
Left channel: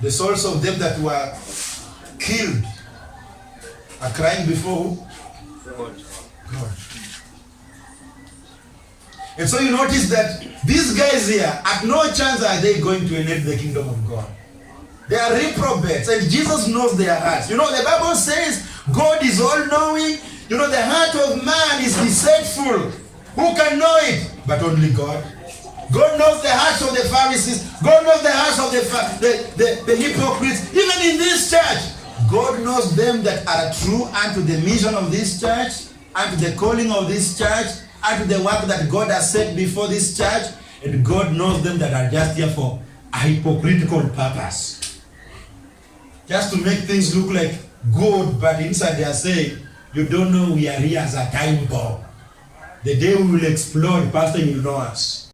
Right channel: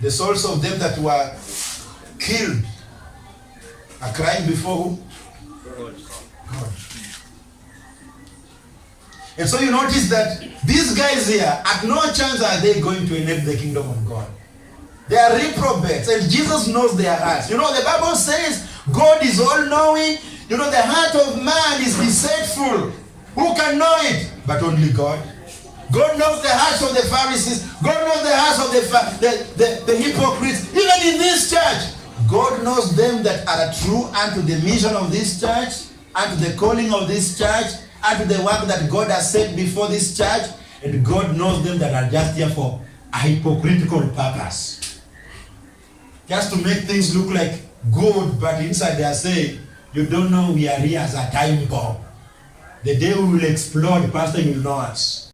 the souls of them that were killed are crying before who? God. And so you notice that these guys here, at no chance are they going to inherit the kingdom of God. They are reprobates, and Jesus knows their hearts. You know, the Bible says God is all-knowing. You know, the heart of man is deceitful. Who can know it? But only God. God knows the hearts of the Pharisees. God knows the hearts of the hypocrites. Even in this church, God knows them that are true unto the mission of this church, unto the calling of this church, unto the work that God has set before this church. And God knows them that are just here for a hypocritical purpose. Just to make things look like good, but inside they are saying, you don't know we are here as a time bomb. The day we will explode, Pastor, you will know us.